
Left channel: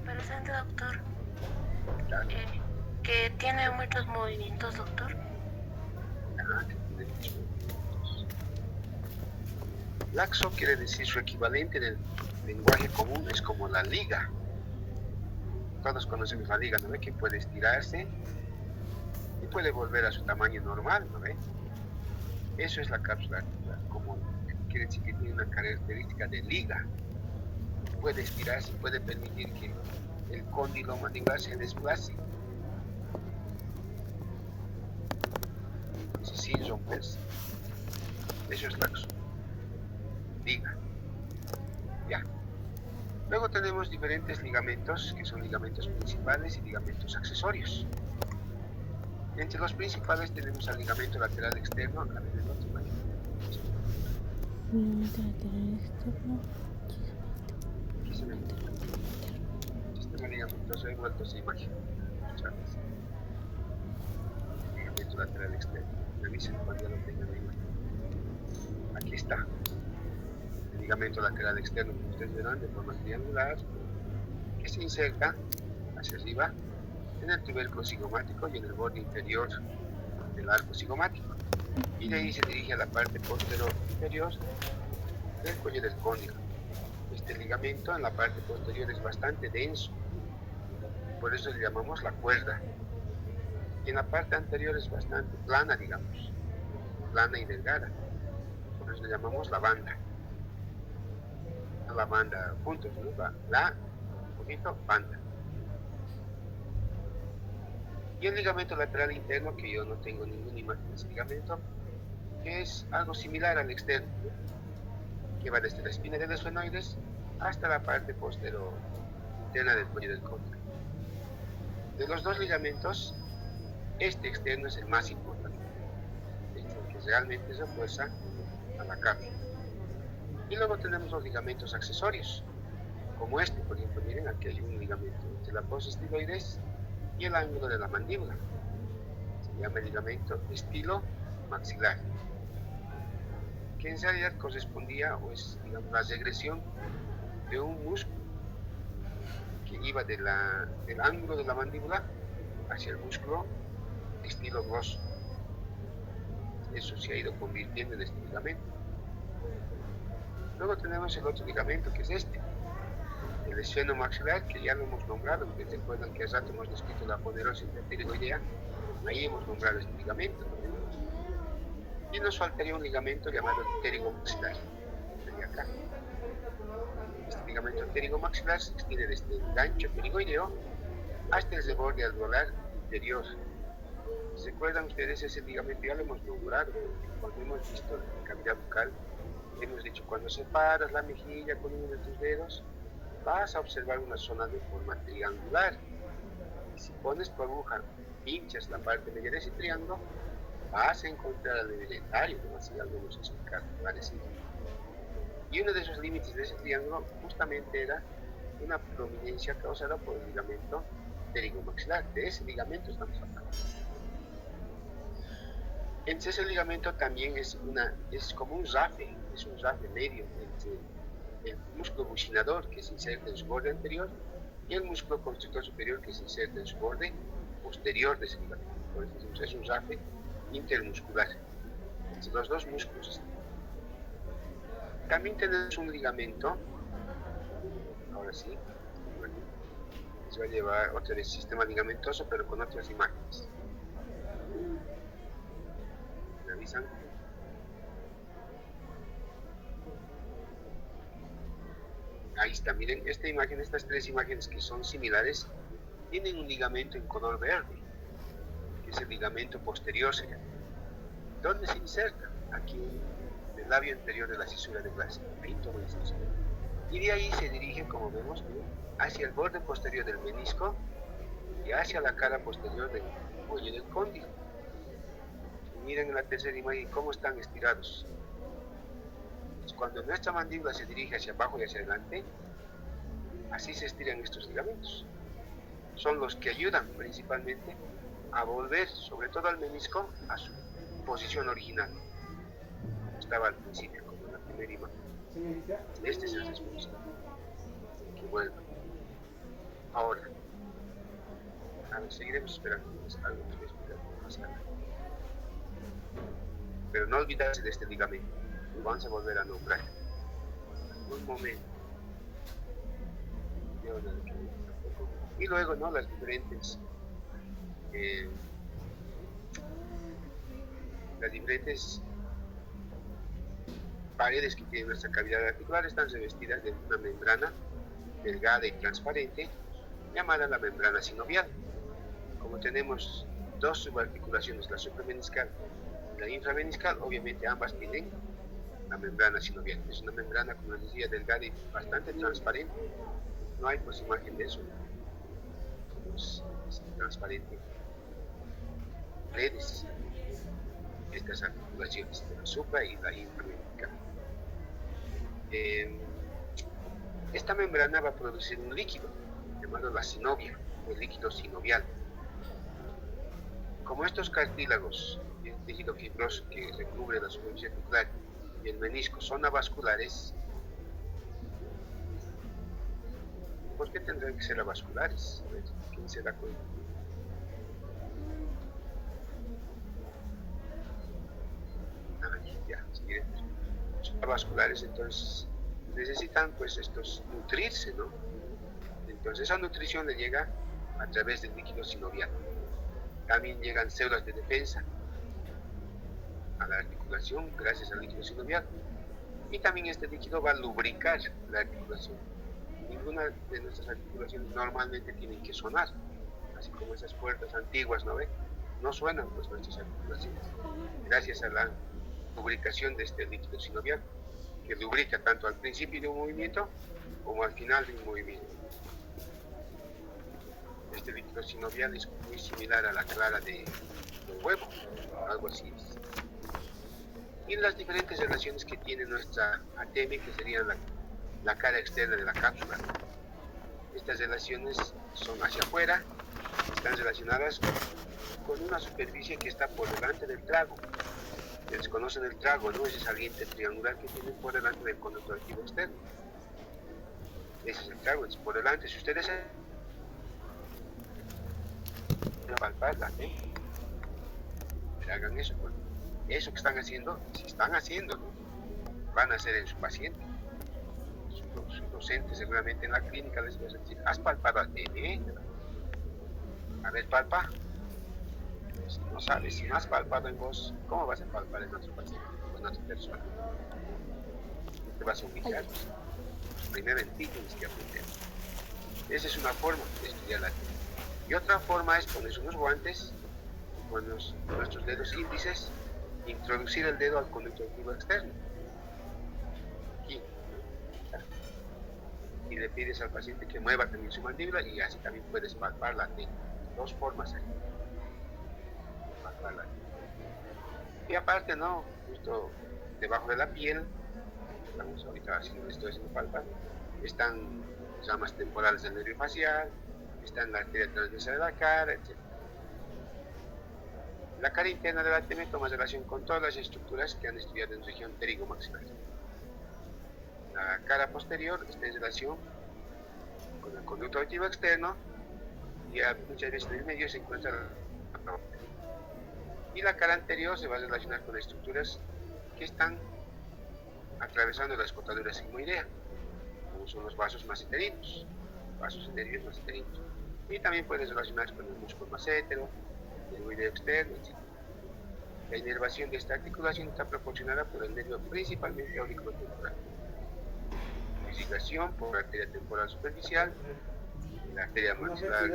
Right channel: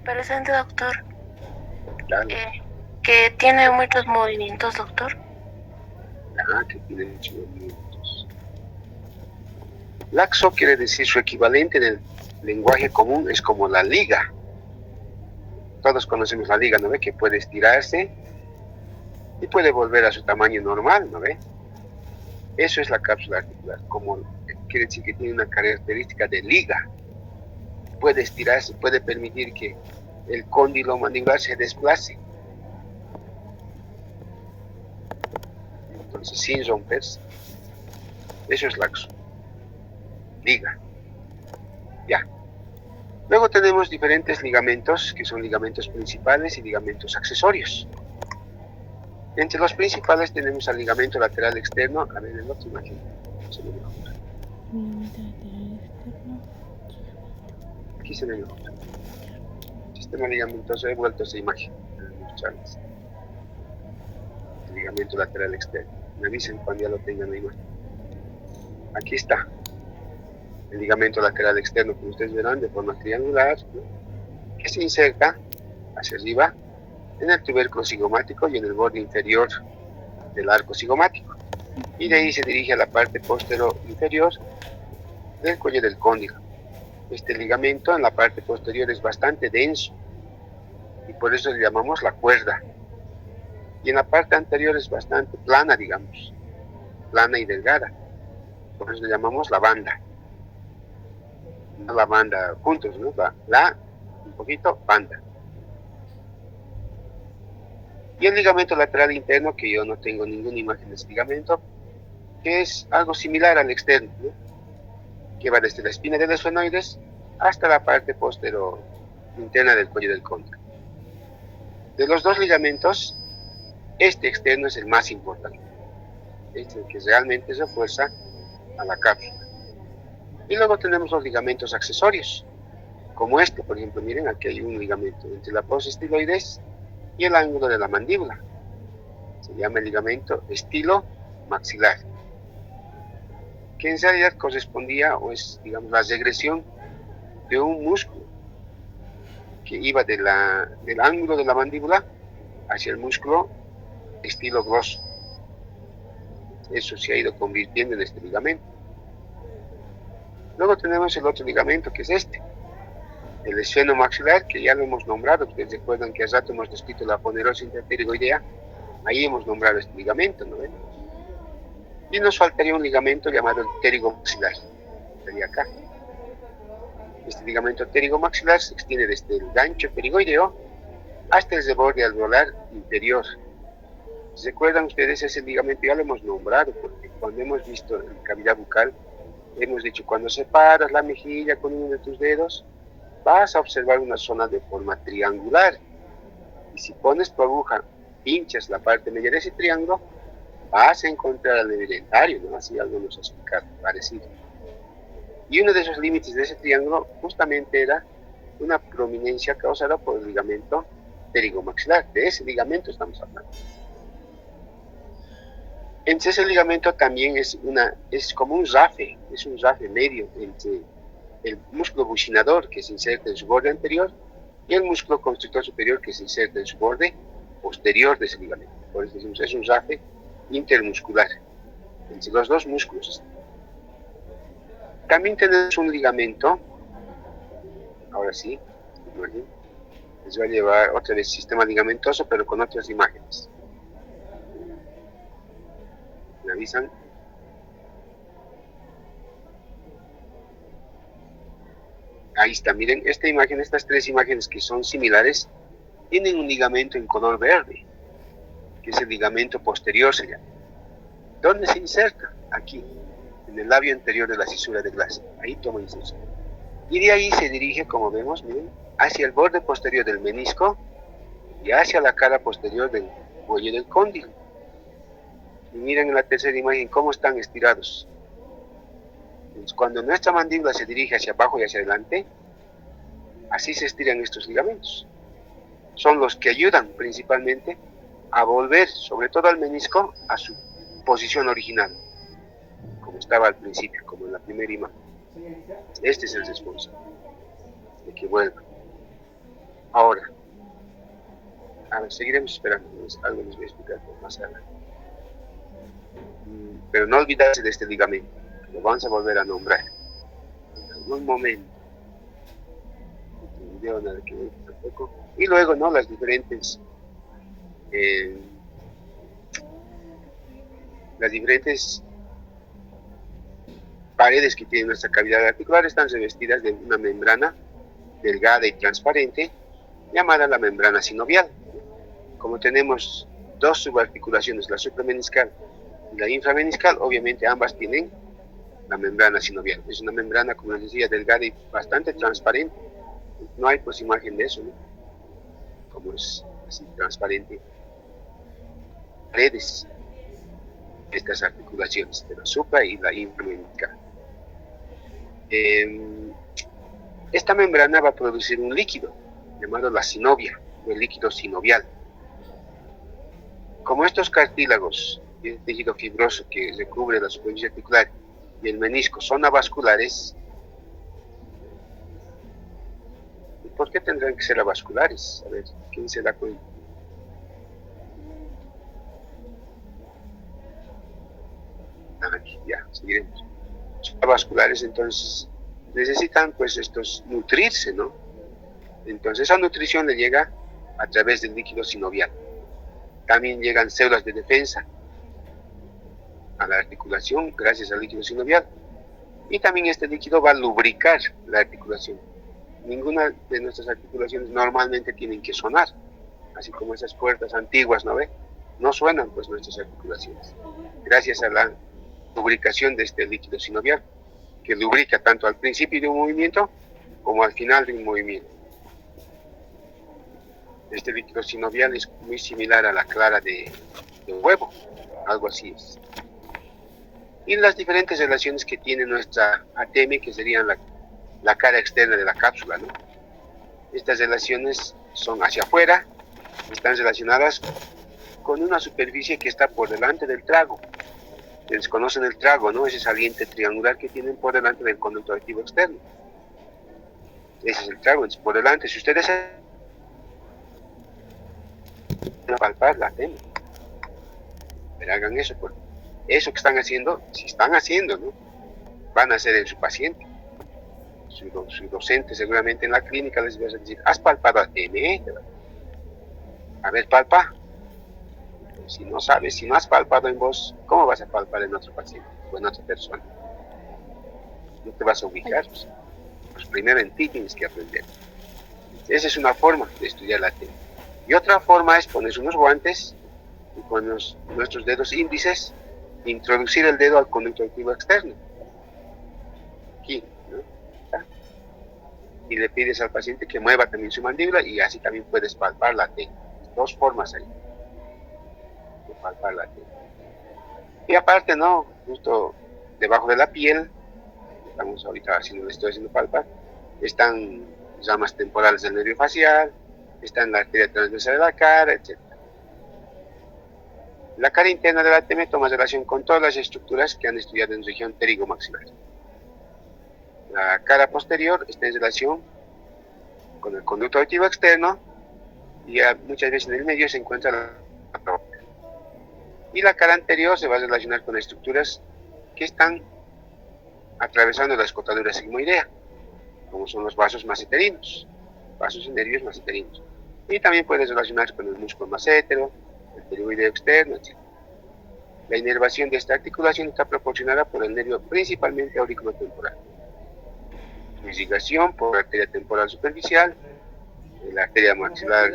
Presente, doctor. Dale. Que tiene muchos movimientos, doctor. Que tiene muchos movimientos. Laxo quiere decir, su equivalente en el lenguaje común es como la liga. Todos conocemos la liga, ¿no ve? Que puede estirarse y puede volver a su tamaño normal, ¿no ve? Eso es la cápsula articular, como quiere decir que tiene una característica de liga. Puede estirarse, puede permitir que el cóndilo mandibular se desplace. Entonces, sin romperse. Eso es laxo. Liga. Ya. Luego tenemos diferentes ligamentos, que son ligamentos principales y ligamentos accesorios. Entre los principales tenemos al ligamento lateral externo. A ver, en la otra imagen. Aquí se ve mejor. Sistema ligamentoso, he vuelto a esa imagen. Mostrarles. El ligamento lateral externo. Me avisen cuando ya lo tengan la imagen. Aquí está. El ligamento lateral externo, como ustedes verán, de forma triangular, ¿no? Que se inserta hacia arriba en el tubérculo cigomático y en el borde inferior del arco cigomático. Y de ahí se dirige a la parte posterior inferior del cuello del cóndilo. Este ligamento en la parte posterior es bastante denso y por eso le llamamos la cuerda. Y en la parte anterior es bastante plana, digamos, plana y delgada. Por eso le llamamos la banda. La banda juntos, ¿no? La un poquito, banda. Y el ligamento lateral interno, que yo no tengo ninguna imagen de ese ligamento, que es algo similar al externo, ¿no? Que va desde la espina de los esfenoides hasta la parte posterior interna del cuello del cóndilo. De los dos ligamentos, este externo es el más importante. Este es el que realmente refuerza a la cápsula. Y luego tenemos los ligamentos accesorios, como este, por ejemplo, miren, aquí hay un ligamento entre la fosa estiloides y el ángulo de la mandíbula. Se llama el ligamento estilo-maxilar, que en realidad correspondía, o es, digamos, la regresión de un músculo que iba del ángulo de la mandíbula hacia el músculo estilo gloso. Eso se ha ido convirtiendo en este ligamento. Luego tenemos el otro ligamento, que es este, el esfenomaxilar, que ya lo hemos nombrado. Ustedes recuerdan que hace rato hemos descrito la ponerosa interpterigoidea. Ahí hemos nombrado este ligamento, ¿no ven? Y nos faltaría un ligamento llamado el pterigomaxilar. Estaría acá. Este ligamento pterigomaxilar se extiende desde el gancho pterigoideo hasta el reborde alveolar inferior. ¿Se recuerdan ustedes ese ligamento? Ya lo hemos nombrado, porque cuando hemos visto la cavidad bucal, hemos dicho, cuando separas la mejilla con uno de tus dedos, vas a observar una zona de forma triangular. Y si pones tu aguja, pinchas la parte media de ese triángulo, vas a encontrar el nervio dentario, ¿no? Así algo nos ha explicado, parecido. Y uno de esos límites de ese triángulo justamente era una prominencia causada por el ligamento pterigomaxilar. De ese ligamento estamos hablando. Entonces ese ligamento también es como un rafe, es un rafe medio entre el músculo buccinador que se inserta en su borde anterior y el músculo constrictor superior que se inserta en su borde posterior de ese ligamento. Por eso decimos, es un rafe intermuscular entre los dos músculos. También tenemos un ligamento, ahora sí, les voy a llevar otra vez sistema ligamentoso, pero con otras imágenes. ¿Me avisan? Ahí está, miren, esta imagen, estas tres imágenes que son similares, tienen un ligamento en color verde, que es el ligamento posterior, se llama. ¿Dónde se inserta? Aquí, en el labio anterior de la cisura de Glass. Ahí toma inserción. Y de ahí se dirige, como vemos, miren, hacia el borde posterior del menisco y hacia la cara posterior del cuello del cóndilo. Y miren en la tercera imagen cómo están estirados. Entonces, cuando nuestra mandíbula se dirige hacia abajo y hacia adelante, así se estiran estos ligamentos. Son los que ayudan principalmente a volver, sobre todo al menisco, a su posición original, como estaba al principio, como en la primera imagen. Este es el responsable de que vuelva. Ahora, seguiremos esperando, algo les voy a explicar más adelante. Pero no olvidarse de este ligamento, lo vamos a volver a nombrar. En un momento. Video, nada que ver tampoco. Y luego, ¿no? Las diferentes paredes que tiene nuestra cavidad articular están revestidas de una membrana delgada y transparente llamada la membrana sinovial. Como tenemos dos subarticulaciones, la suprameniscal y la inframeniscal, obviamente ambas tienen la membrana sinovial. Es una membrana, como les decía, delgada y bastante transparente. No hay pues imagen de eso, ¿no? Como es así transparente. Paredes, estas articulaciones de la supra y la inframeniscal. Esta membrana va a producir un líquido llamado la sinovia, o el líquido sinovial. Como estos cartílagos y el tejido fibroso que recubre la superficie articular y el menisco son avasculares, ¿y por qué tendrán que ser avasculares? A ver, ¿quién se da cuenta? Ya, seguiremos. Son avasculares, entonces necesitan pues estos nutrirse, ¿no? Entonces esa nutrición le llega a través del líquido sinovial. También llegan células de defensa a la articulación gracias al líquido sinovial. Y también este líquido va a lubricar la articulación. Ninguna de nuestras articulaciones normalmente tienen que sonar, así como esas puertas antiguas, ¿no ve? No suenan pues nuestras articulaciones, gracias a la lubricación de este líquido sinovial, que lubrica tanto al principio de un movimiento como al final de un movimiento. Este líquido sinovial es muy similar a la clara de huevo, algo así es. Y las diferentes relaciones que tiene nuestra ATM, que serían la cara externa de la cápsula, ¿no? Estas relaciones son hacia afuera, están relacionadas con una superficie que está por delante del trago. Ustedes conocen el trago, ¿no? Ese saliente triangular que tienen por delante del conducto activo externo. Ese es el trago, es por delante. Si ustedes palpar la ATM, pero hagan eso, porque eso que están haciendo, si están haciendo, ¿no? Van a hacer en su paciente. Su docente seguramente en la clínica les va a decir, ¿has palpado ATM? A ver, palpa. Si no sabes, si no has palpado en vos, ¿cómo vas a palpar en otro paciente o en otra persona? No te vas a ubicar. Pues primero en ti tienes que aprender. Esa es una forma de estudiar la ATM. Y otra forma es ponerse unos guantes y con nuestros dedos índices introducir el dedo al conducto activo externo. Aquí, ¿no? Y le pides al paciente que mueva también su mandíbula y así también puedes palpar la ATM. Dos formas ahí de palpar la ATM. Y aparte, ¿no? Justo debajo de la piel, estamos ahorita haciendo, estoy haciendo palpar, están ramas temporales del nervio facial, están la arteria transversal de la cara, etc. La cara interna de la ATM toma relación con todas las estructuras que han estudiado en región pterigomaxilar. La cara posterior está en relación con el conducto auditivo externo y muchas veces en el medio se encuentra la próstata. Y la cara anterior se va a relacionar con estructuras que están atravesando la escotadura sigmoidea, como son los vasos masseterinos, vasos y nervios masseterinos. Y también puede relacionarse con el músculo massetero, el pterigoideo externo, etc. La inervación de esta articulación está proporcionada por el nervio principalmente auriculotemporal. Irrigación por la arteria temporal superficial, la arteria maxilar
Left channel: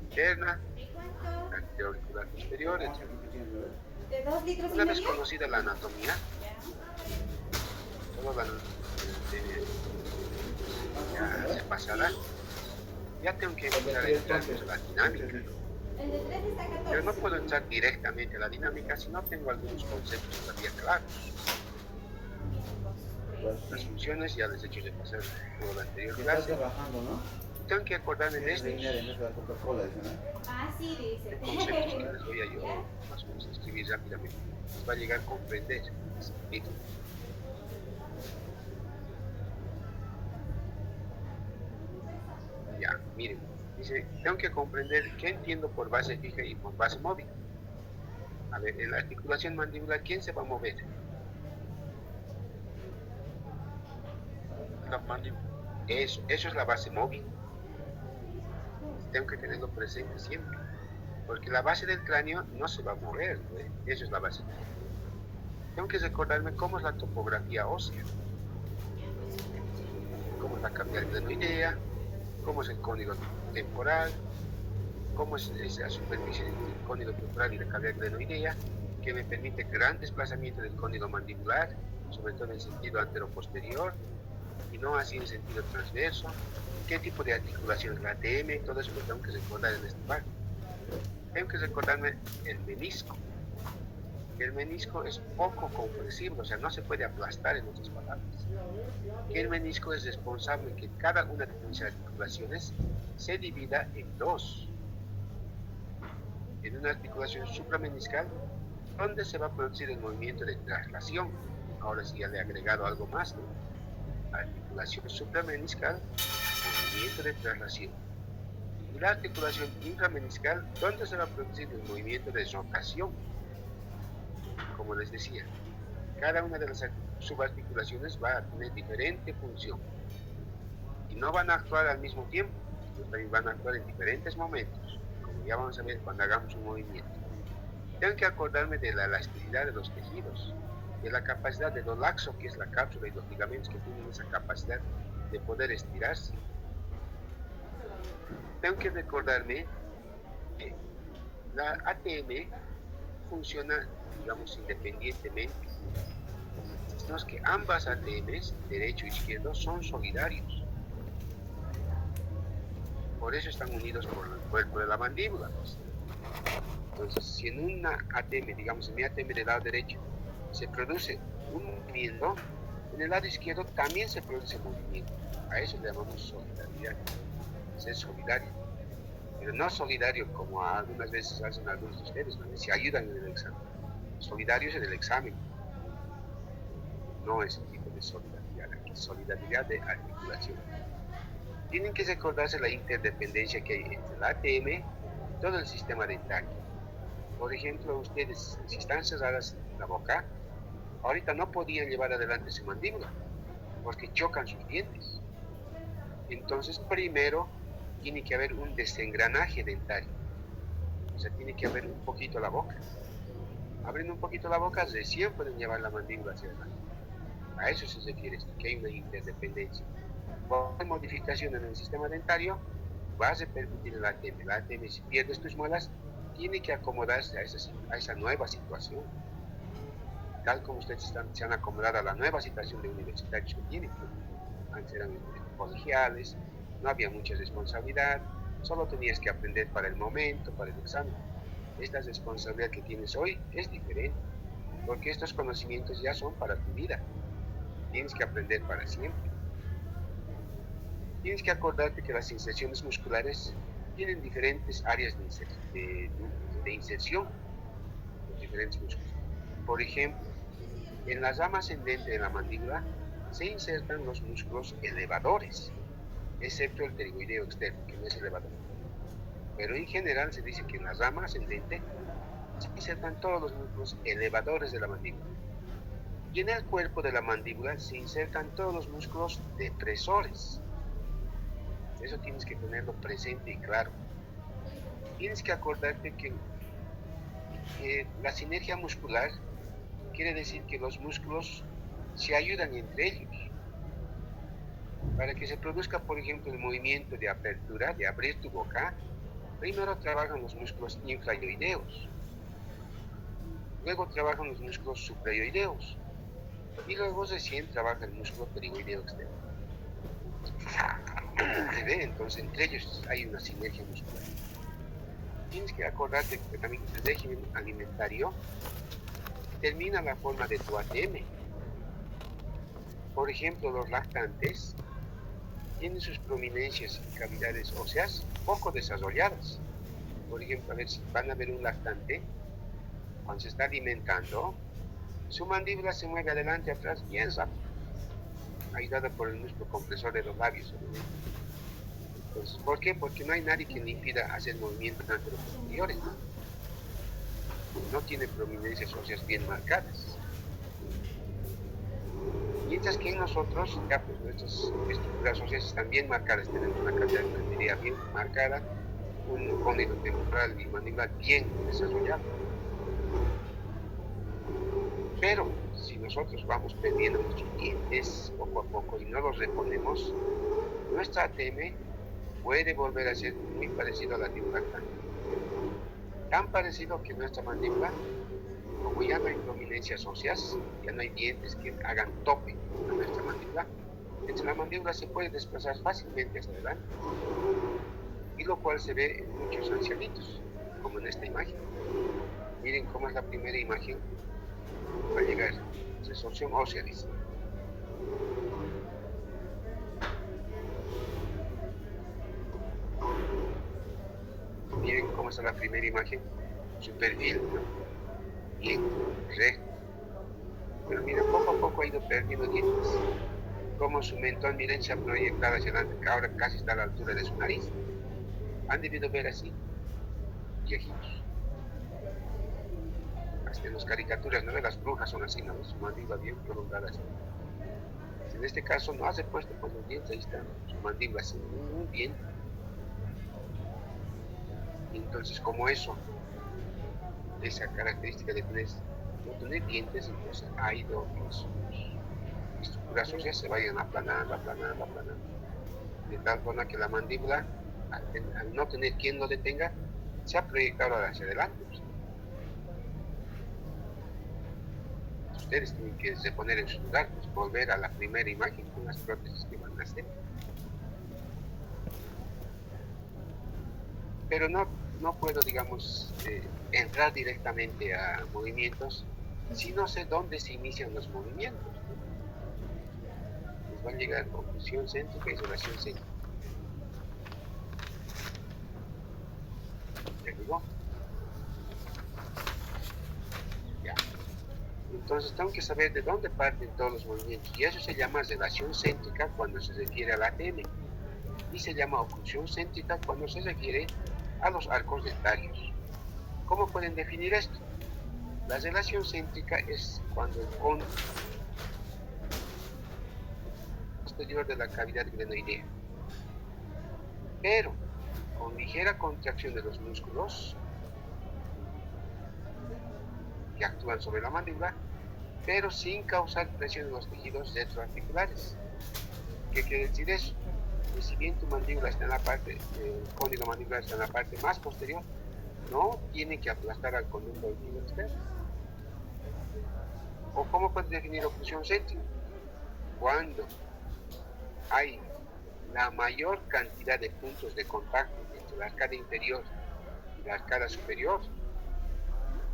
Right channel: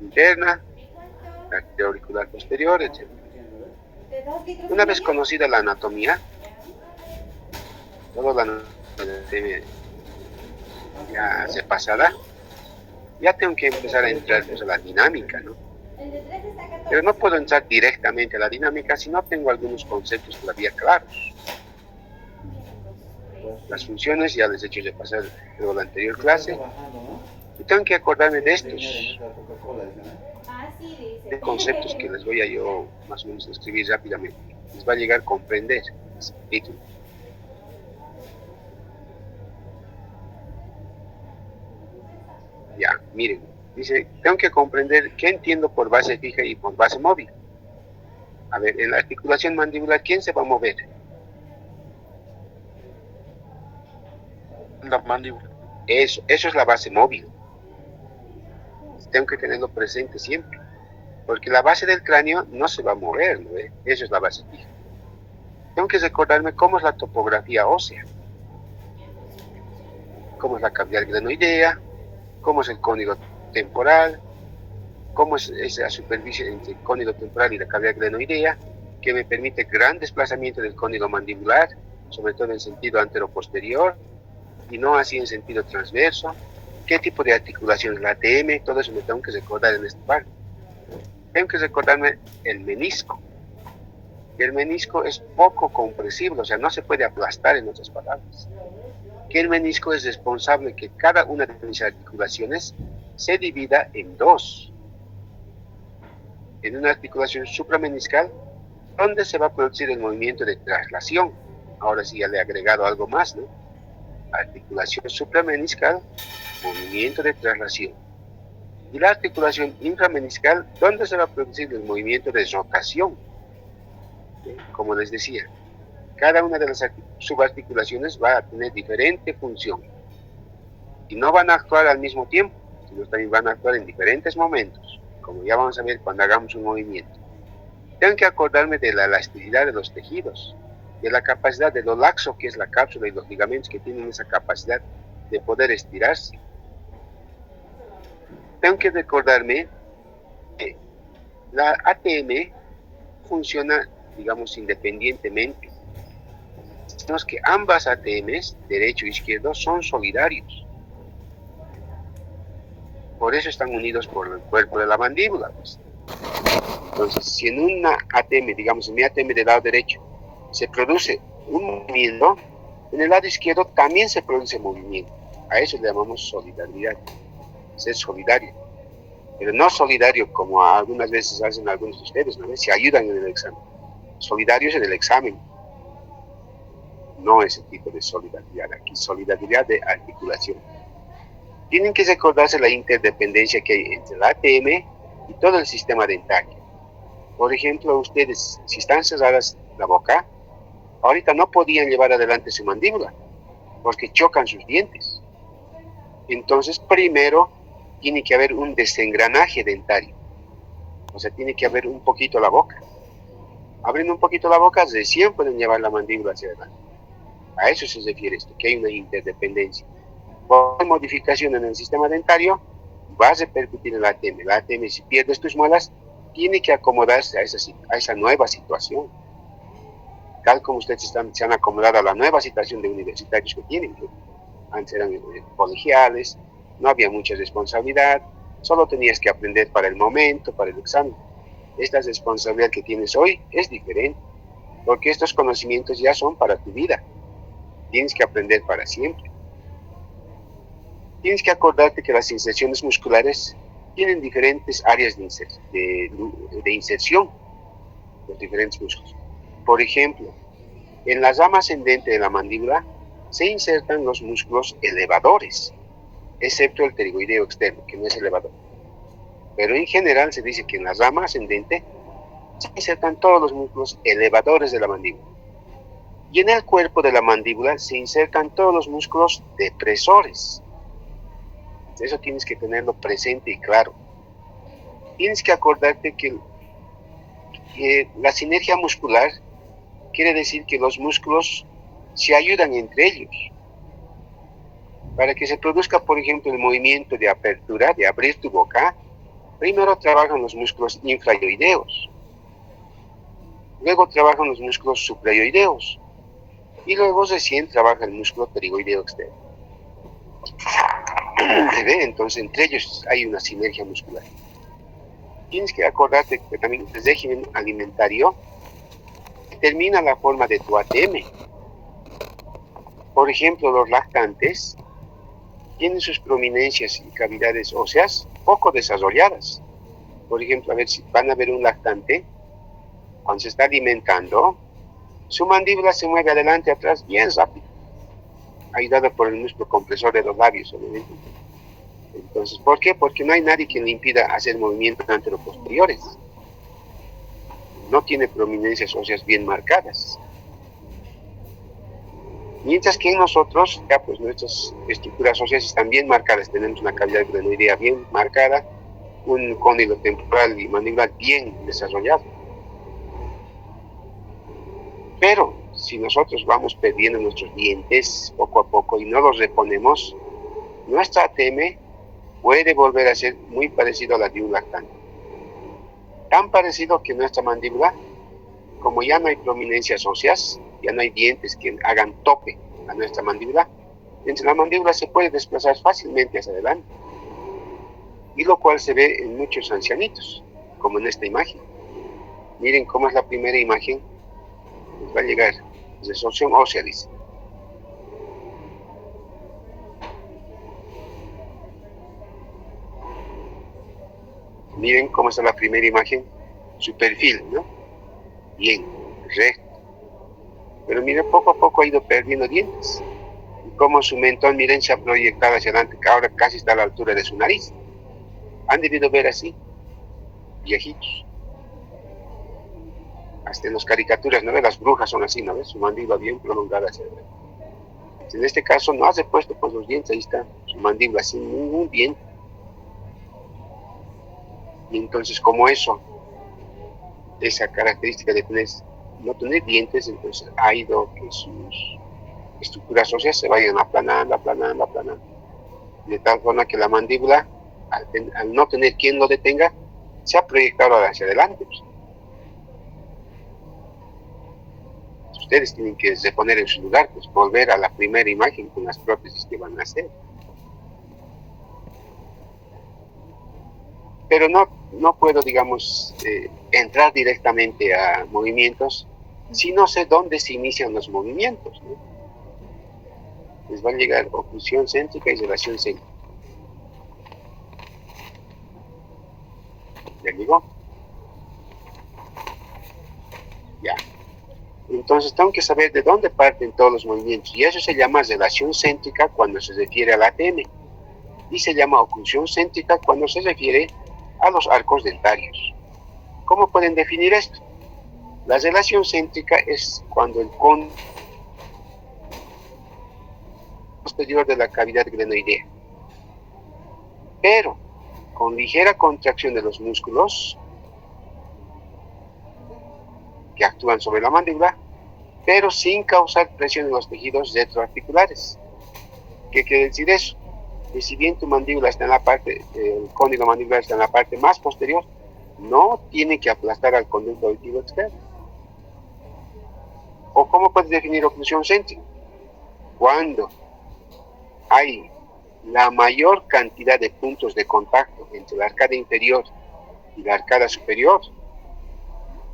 interna, la arteria auricular posterior, etc. Una vez conocida la anatomía, toda la anatomía ya sepasada, ya tengo que empezar a entrar pues, a la dinámica, ¿no? Pero no puedo entrar directamente a la dinámica si no tengo algunos conceptos todavía claros. Las funciones ya les he hecho repasar en la anterior clase y tengo que acordarme de estos de conceptos que les voy a yo más o menos escribir rápidamente. Les va a llegar a comprender ese título. Ya, miren, dice, tengo que comprender qué entiendo por base fija y por base móvil. A ver, en la articulación mandibular, ¿quién se va a mover? La mandíbula. Eso es la base móvil. Tengo que tenerlo presente siempre. Porque la base del cráneo no se va a mover, ¿no? Eso es la base fija. tengo que recordarme cómo es la topografía ósea, cómo es la cavidad glenoidea, cómo es el cónigo temporal, cómo es esa superficie entre el cónigo temporal y la cavidad glenoidea, que me permite gran desplazamiento del cónigo mandibular, sobre todo en sentido anteroposterior, y no así en sentido transverso. ¿Qué tipo de articulación es la ATM? Todo eso me tengo que recordar en esta parte. Tengo que recordarme el menisco. Y el menisco es poco compresible, o sea, no se puede aplastar, en otras palabras. Que el menisco es responsable que cada una de mis articulaciones se divida en dos. En una articulación suprameniscal, donde se va a producir el movimiento de traslación. Ahora sí ya le he agregado algo más, ¿no? Articulación suprameniscal, movimiento de traslación. Y la articulación inframeniscal, donde se va a producir el movimiento de rotación. Como les decía, cada una de las subarticulaciones va a tener diferente función. Y no van a actuar al mismo tiempo, sino también van a actuar en diferentes momentos, como ya vamos a ver cuando hagamos un movimiento. Tengo que acordarme de la elasticidad de los tejidos, de la capacidad de lo laxo que es la cápsula y los ligamentos que tienen esa capacidad de poder estirarse. Tengo que recordarme que la ATM funciona, digamos, independientemente. Sabemos que ambas ATMs, derecho e izquierdo, son solidarios. Por eso están unidos por el cuerpo de la mandíbula. Pues. Entonces, si en una ATM, digamos, en mi ATM del lado derecho, se produce un movimiento, en el lado izquierdo también se produce movimiento. A eso le llamamos solidaridad, ser solidario. Pero no solidario como algunas veces hacen algunos de ustedes, ¿no? Se ayudan en el examen. Solidarios en el examen. No ese tipo de solidaridad aquí, solidaridad de articulación. Tienen que recordarse la interdependencia que hay entre la ATM y todo el sistema dentario. Por ejemplo, ustedes, si están cerradas la boca, ahorita no podían llevar adelante su mandíbula, porque chocan sus dientes. Entonces, primero, tiene que haber un desengranaje dentario. O sea, tiene que abrir un poquito la boca. Abriendo un poquito la boca, recién pueden llevar la mandíbula hacia adelante. A eso se refiere esto, que hay una interdependencia. Por modificación en el sistema dentario, va a repercutir en la ATM. La ATM, si pierdes tus muelas, tiene que acomodarse a esa nueva situación. Tal como ustedes se han acomodado a la nueva situación de universitarios que tienen, que antes eran colegiales, no había mucha responsabilidad, solo tenías que aprender para el momento, para el examen. Esta responsabilidad que tienes hoy es diferente, porque estos conocimientos ya son para tu vida. Tienes que aprender para siempre. Tienes que acordarte que las inserciones musculares tienen diferentes áreas de inserción, los diferentes músculos. Por ejemplo, en la rama ascendente de la mandíbula se insertan los músculos elevadores, excepto el pterigoideo externo, que no es elevador. Pero en general se dice que en la rama ascendente se insertan todos los músculos elevadores de la mandíbula. Y en el cuerpo de la mandíbula se insertan todos los músculos depresores. Eso tienes que tenerlo presente y claro. Tienes que acordarte que la sinergia muscular quiere decir que los músculos se ayudan entre ellos. Para que se produzca, por ejemplo, el movimiento de apertura, de abrir tu boca, primero trabajan los músculos infrayoideos. Luego trabajan los músculos suprayoideos. Y luego recién trabaja el músculo pterigoideo externo. Entonces, entre ellos hay una sinergia muscular. Tienes que acordarte que también el régimen alimentario determina la forma de tu ATM. Por ejemplo, los lactantes tienen sus prominencias y cavidades óseas poco desarrolladas. Por ejemplo, a ver si van a ver un lactante, cuando se está alimentando, su mandíbula se mueve adelante y atrás bien rápido, ayudada por el músculo compresor de los labios, obviamente. Entonces, ¿por qué? Porque no hay nadie que le impida hacer movimientos anteroposteriores. No tiene prominencias óseas bien marcadas. Mientras que en nosotros, ya pues nuestras estructuras óseas están bien marcadas. Tenemos una cavidad glenoidea bien marcada, un cónigo temporal y mandibular bien desarrollado. Pero si nosotros vamos perdiendo nuestros dientes poco a poco y no los reponemos, nuestra ATM puede volver a ser muy parecido a la de un lactante. Tan parecido que nuestra mandíbula, como ya no hay prominencias óseas, ya no hay dientes que hagan tope a nuestra mandíbula, entre la mandíbula se puede desplazar fácilmente hacia adelante. Y lo cual se ve en muchos ancianitos, como en esta imagen. Miren cómo es la primera imagen. Va a llegar resorción ósea, dice. Miren cómo está la primera imagen, su perfil, ¿no? Bien, recto. Pero miren, poco a poco ha ido perdiendo dientes. Y como su mentón, miren, se ha proyectado hacia adelante, que ahora casi está a la altura de su nariz. Han debido ver así, viejitos. Hasta en las caricaturas, ¿no ves? Las brujas son así, ¿no ves? Su mandíbula bien prolongada hacia adelante. En este caso no hace puesto con los dientes, ahí está su mandíbula sin ningún diente. Y entonces, como eso, esa característica de no tener dientes, entonces ha ido que sus estructuras óseas se vayan aplanando. De tal forma que la mandíbula, al no tener quien lo detenga, se ha proyectado hacia adelante. Pues. Ustedes tienen que reponer en su lugar, pues volver a la primera imagen con las prótesis que van a hacer. Pero no puedo, digamos, entrar directamente a movimientos si no sé dónde se inician los movimientos, ¿no? Les va a llegar oclusión céntrica y relación céntrica. ¿Ya llegó? Ya. Entonces tengo que saber de dónde parten todos los movimientos. Y eso se llama relación céntrica cuando se refiere al ATM. Y se llama oclusión céntrica cuando se refiere a los arcos dentarios. ¿Cómo pueden definir esto? La relación céntrica es cuando el cono posterior de la cavidad glenoidea, pero con ligera contracción de los músculos que actúan sobre la mandíbula, pero sin causar presión en los tejidos retroarticulares. ¿Qué quiere decir eso? Que si bien tu mandíbula está en la parte, el cóndilo mandibular está en la parte más posterior, no tiene que aplastar al conducto auditivo externo. ¿O cómo puedes definir oclusión céntrica? Cuando hay la mayor cantidad de puntos de contacto entre la arcada inferior y la arcada superior,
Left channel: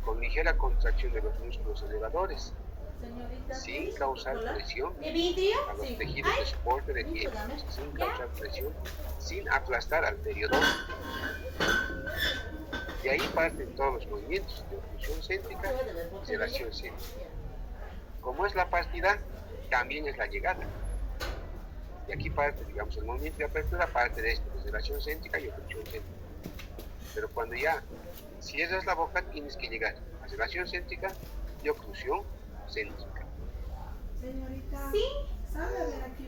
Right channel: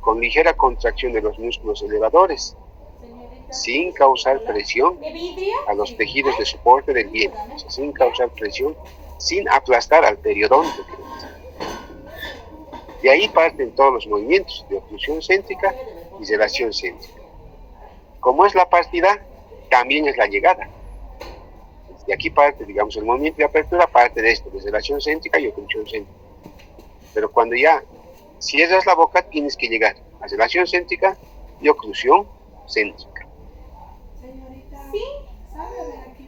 con ligera contracción de los músculos elevadores, sin causar presión a los tejidos de soporte del vientre, sin causar presión, sin aplastar al periodonto. De ahí parten todos los movimientos de oclusión céntrica y relación céntrica. Como es la partida, también es la llegada. De aquí parte, digamos, el movimiento de apertura parte de esto, de relación céntrica y oclusión céntrica. Pero cuando ya cierras la boca, tienes que llegar a relación céntrica y oclusión céntrica.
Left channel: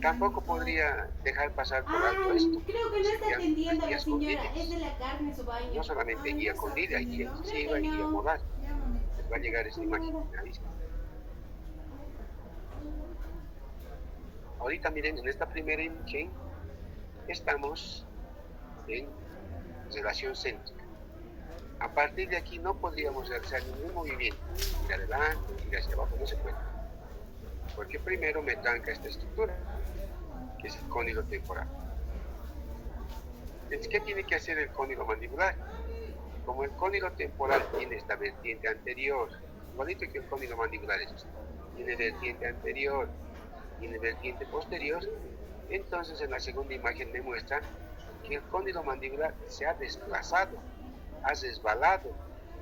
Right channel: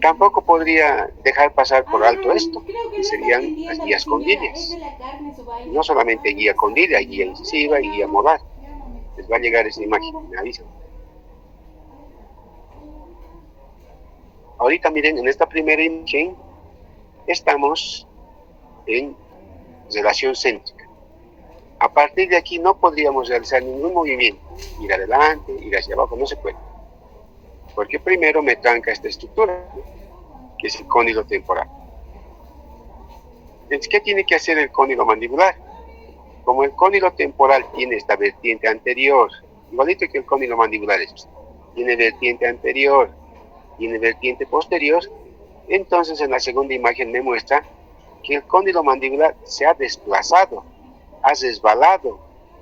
Tampoco podría dejar pasar por alto esto, que serían las guías condilias. No solamente guía condilia, hay guía incisiva y guía molar. Les va a llegar esa imagen, me avisan. Ahorita miren, en esta primera imagen estamos en relación céntrica. A partir de aquí no podríamos realizar ningún movimiento, ir adelante, ir hacia abajo, no se puede. Porque primero me tranca esta estructura, que es el cóndilo temporal. Entonces, ¿qué tiene que hacer el cóndilo mandibular? Como el cóndilo temporal tiene esta vertiente anterior, igualito que el cóndilo mandibular, tiene vertiente anterior, tiene vertiente posterior, entonces en la segunda imagen me muestra que el cóndilo mandibular se ha desplazado, ha resbalado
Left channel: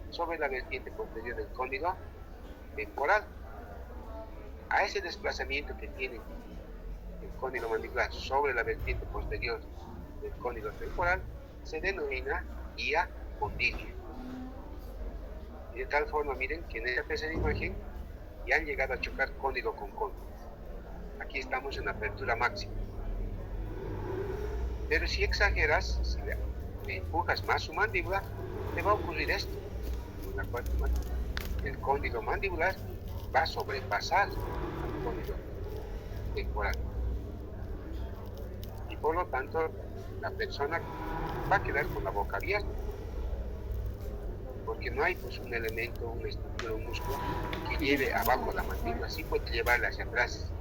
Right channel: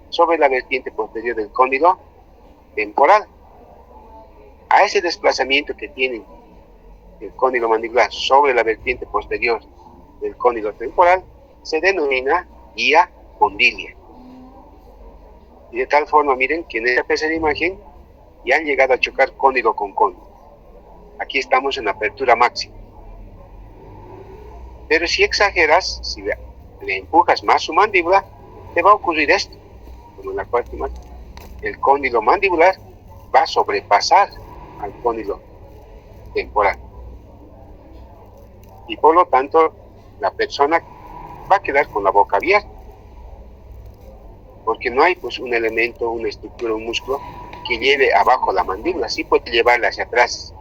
sobre la vertiente posterior del cóndilo temporal. A ese desplazamiento que tiene el cóndilo mandibular sobre la vertiente posterior del cóndilo temporal se denomina guía condilia. Y de tal forma, miren que en esta tercera imagen ya han llegado a chocar cóndilo con cóndilo. Aquí estamos en apertura máxima. Pero si exageras, si le empujas más su mandíbula, te va a ocurrir esto, como en la cuarta imagen. El cóndilo mandibular va a sobrepasar al cóndilo temporal. Y por lo tanto, la persona va a quedar con la boca abierta, porque no hay pues un elemento, una estructura, un músculo que lleve abajo la mandíbula. Sí puede llevarla hacia atrás.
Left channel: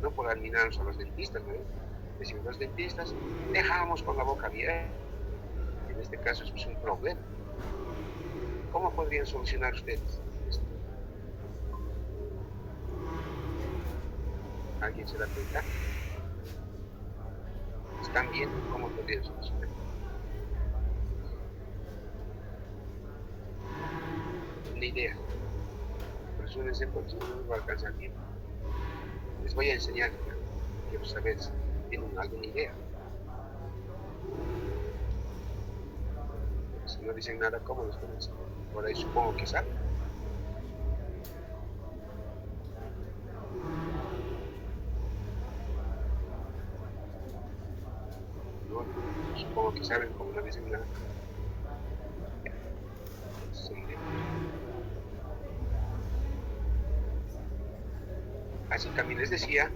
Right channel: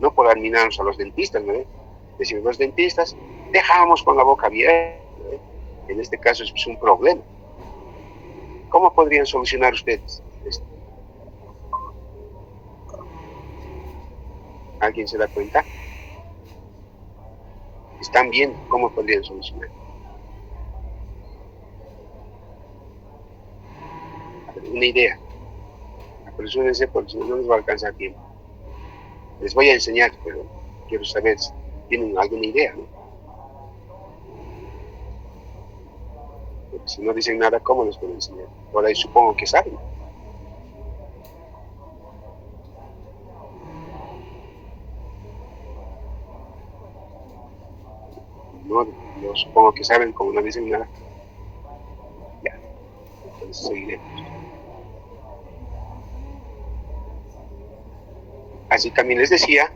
No por admirarnos a los dentistas, ¿no? Decimos, los dentistas dejamos con la boca abierta. En este caso es un problema. ¿Cómo podrían solucionar ustedes esto? ¿Alguien se da cuenta? ¿Están viendo cómo podrían solucionar? Una idea. Apresúrense porque si no, no les va a alcanzar tiempo. Les voy a enseñar, pero quiero saber si tienen alguna idea, ¿no? Porque si no dicen nada, ¿cómo les puedo enseñar? Por ahí supongo que saben. No, yo supongo que saben, como no dicen nada. Ya, entonces seguiremos. Así también les decía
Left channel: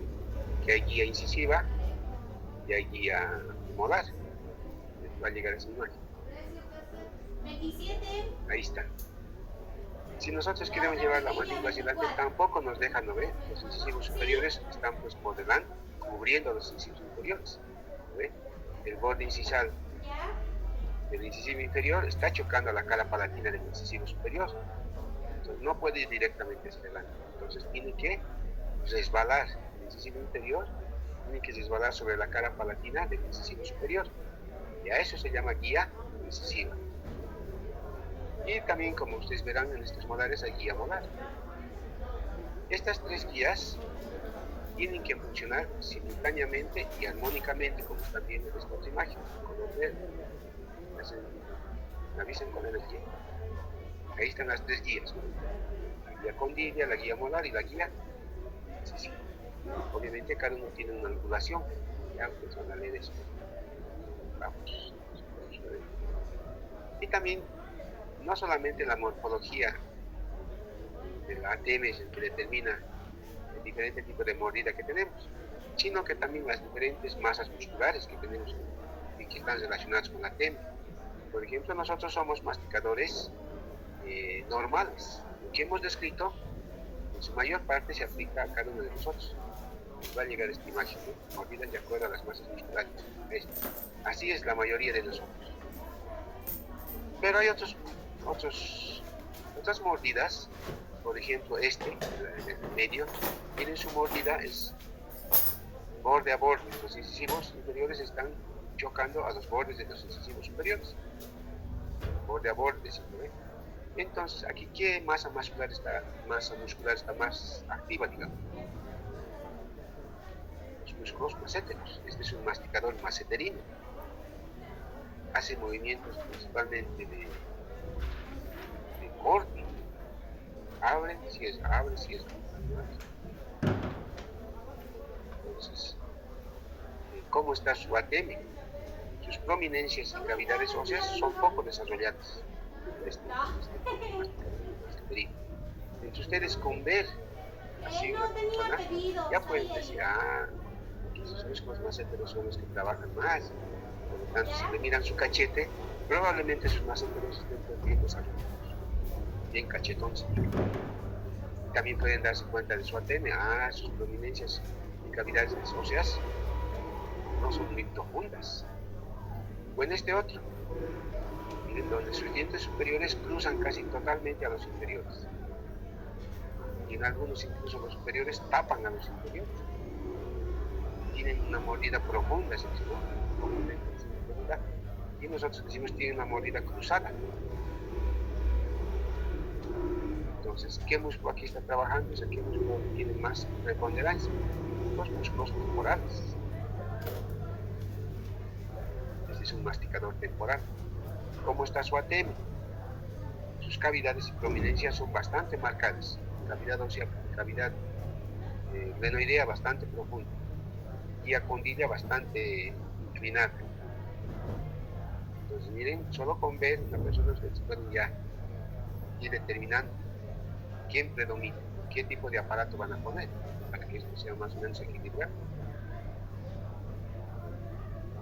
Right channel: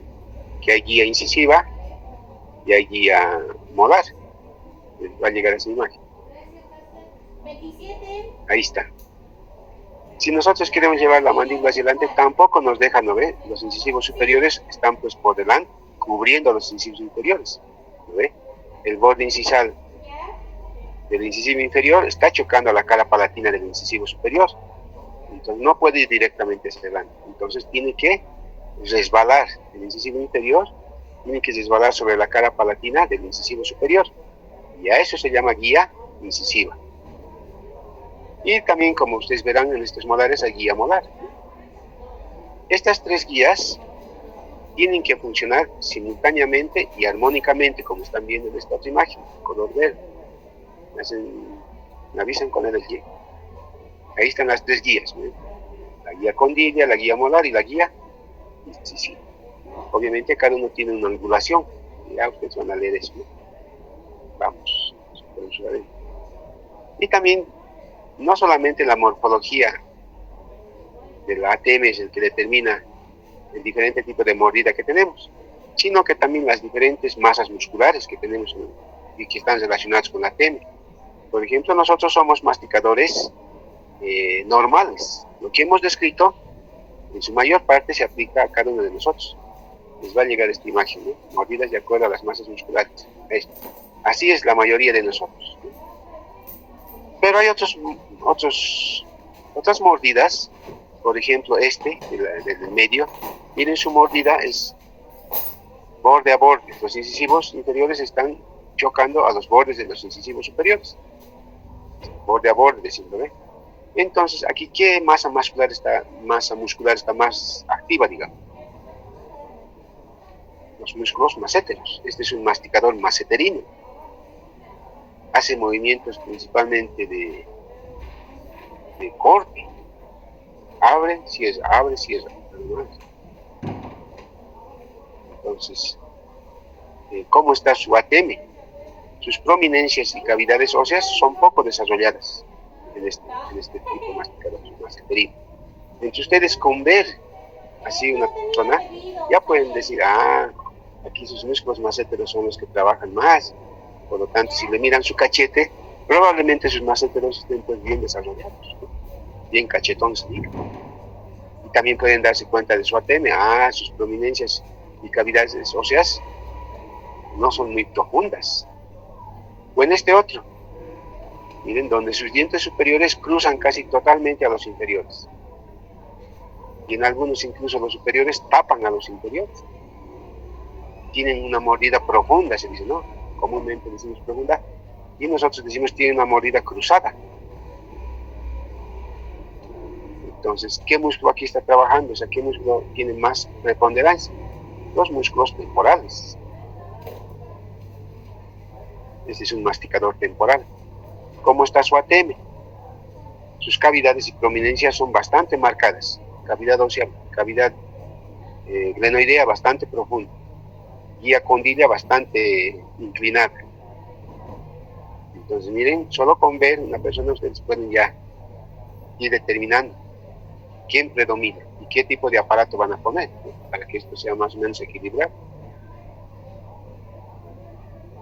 que hay guía incisiva y hay guía molar. Va a llegar a esa imagen. Ahí está. Si nosotros queremos llevar la mandíbula hacia adelante, tampoco nos dejan, ¿no ve? Los incisivos superiores están pues por delante, cubriendo los incisivos inferiores, ¿no ve? El borde incisal del incisivo inferior está chocando a la cara palatina del incisivo superior. Entonces no puede ir directamente hacia adelante. Entonces tiene que resbalar el incisivo inferior, tiene que resbalar sobre la cara palatina del incisivo superior. Y a eso se llama guía incisiva. Y también, como ustedes verán en estos molares, hay guía molar. Estas tres guías tienen que funcionar simultáneamente y armónicamente, como están viendo en esta otra imagen, color verde. Me avisan con el guía. Ahí están las tres guías, ¿no? La guía condilla, la guía molar y la guía incisiva. Obviamente cada uno tiene una angulación. Ya ustedes van a leer eso, ¿no? Vamos a ver. Y también, no solamente la morfología de la ATM es el que determina el diferente tipo de mordida que tenemos, sino que también las diferentes masas musculares que tenemos, ¿no? Y que están relacionadas con la ATM. Por ejemplo, nosotros somos masticadores normales. Lo que hemos descrito, en su mayor parte, se aplica a cada uno de nosotros. Les va a llegar esta imagen, ¿no? Mordidas de acuerdo a las masas musculares. Así es la mayoría de nosotros. Pero hay otras mordidas, por ejemplo del medio. Miren, su mordida es borde a borde. Los incisivos inferiores están chocando a los bordes de los incisivos superiores. Borde a borde, decimos, ¿ve? Entonces, aquí, ¿qué masa muscular está más activa, digamos? Los músculos maséteros. Este es un masticador maseterino. Hace movimientos principalmente de corte. Abre, cierra. Entonces, ¿cómo está su ATM? Sus prominencias y cavidades óseas son poco desarrolladas en este tipo de masticador maseterino. Entonces, ustedes con ver así una persona, ya pueden decir, aquí sus músculos maseteros son los que trabajan más. Por lo tanto, si le miran su cachete, probablemente sus maseteros estén pues bien desarrollados, ¿no? Bien cachetones. Y también pueden darse cuenta de su ATM. Sus prominencias y cavidades óseas no son muy profundas. O en este otro, miren, donde sus dientes superiores cruzan casi totalmente a los inferiores. Y en algunos incluso los superiores tapan a los inferiores. Tienen una mordida profunda, se dice, ¿no? Comúnmente decimos profunda, y nosotros decimos tiene una mordida cruzada. Entonces, ¿qué músculo aquí está trabajando? O sea, ¿qué músculo tiene más preponderancia? Los músculos temporales. Este es un masticador temporal. ¿Cómo está su ATM? Sus cavidades y prominencias son bastante marcadas. Cavidad ósea, cavidad glenoidea bastante profunda. Guía condilla bastante inclinada. Entonces, miren, solo con ver una persona ustedes pueden ya ir determinando quién predomina y qué tipo de aparato van a poner, ¿no? Para que esto sea más o menos equilibrado.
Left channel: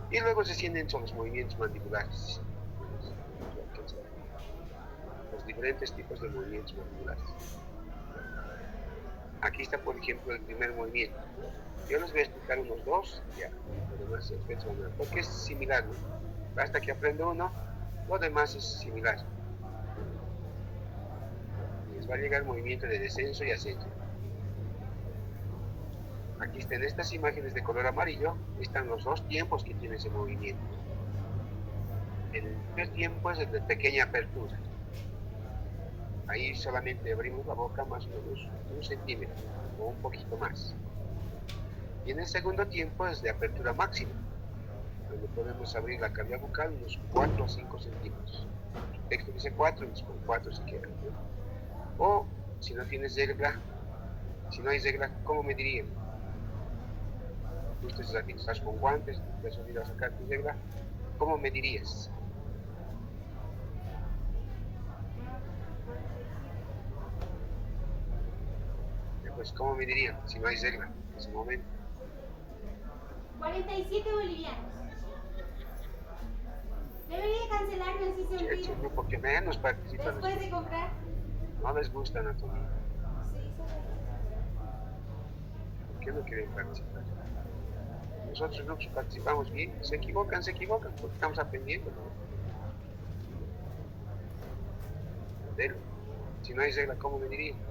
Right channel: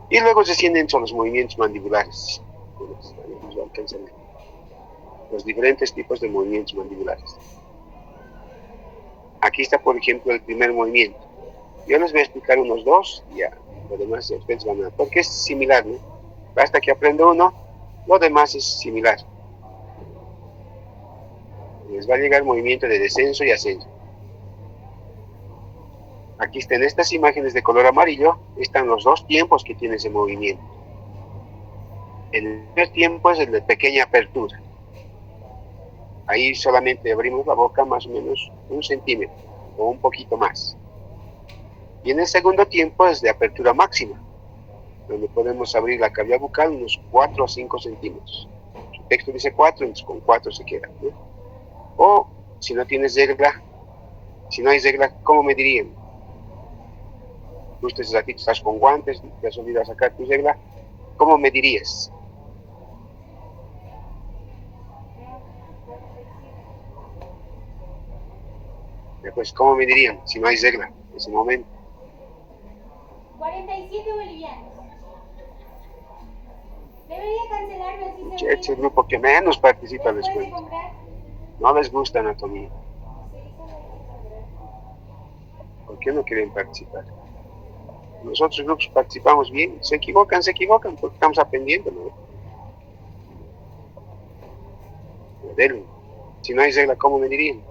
Y luego se sienten son los movimientos mandibulares. Bueno, lo alcanzan a ver. Los diferentes tipos de movimientos mandibulares. Aquí está, por ejemplo, el primer movimiento. Yo les voy a explicar unos dos, y ya, lo demás ustedes van a... Porque es similar, ¿no? Basta que aprenda uno, lo demás es similar. Les va a llegar el movimiento de descenso y ascenso. Aquí están estas imágenes de color amarillo, están los dos tiempos que tiene ese movimiento. El primer tiempo es el de pequeña apertura. Ahí solamente abrimos la boca más o menos 1 centímetro o un poquito más. Y en el segundo tiempo es de apertura máxima, donde podemos abrir la cavidad bucal unos 4 a 5 centímetros. Su texto dice 4, entonces con 4 se queda, ¿no? O si no tienes regla, si no hay regla, ¿cómo medirían? Justo ese ratito estás con guantes, te has olvidado sacar tu regla, ¿cómo medirías? Pues, ¿cómo medirían si no hay regla en ese momento? 47 bolivianos. Debería cancelarme así se Es el grupo que menos participa en la después de escuela. comprar. No les gusta anatomía. Sí, ¿Por qué no quieren participar? Los otros grupos participamos bien. Se equivocan, porque estamos aprendiendo, ¿no? Denle. Si no hay regla, ¿cómo medirían?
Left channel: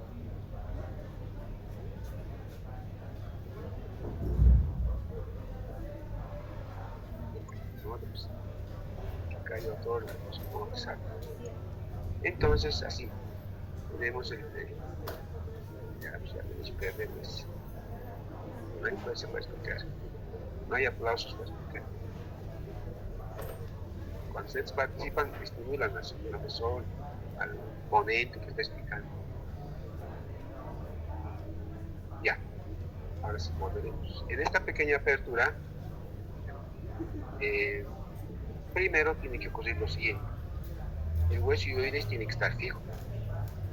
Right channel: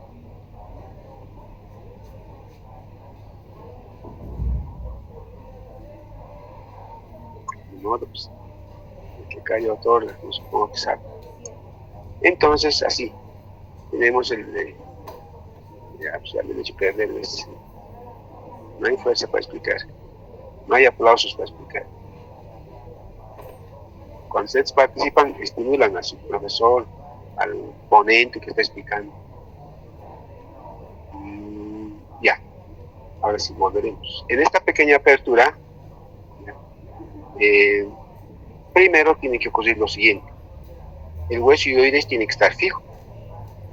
De modo, pues, el que cayó otorga, no supongo que sabe. Entonces, así, tenemos el de... Ya, pues ya me he hecho perderles. No hay fuerza para explicar. No hay aplausos para explicar. Cuando ustedes participan, estimulan a su profesor, al ponente que está explicando. Ya, ahora sí volveremos. En esta pequeña apertura, primero tiene que ocurrir lo siguiente. El hueso hioides tiene que estar fijo.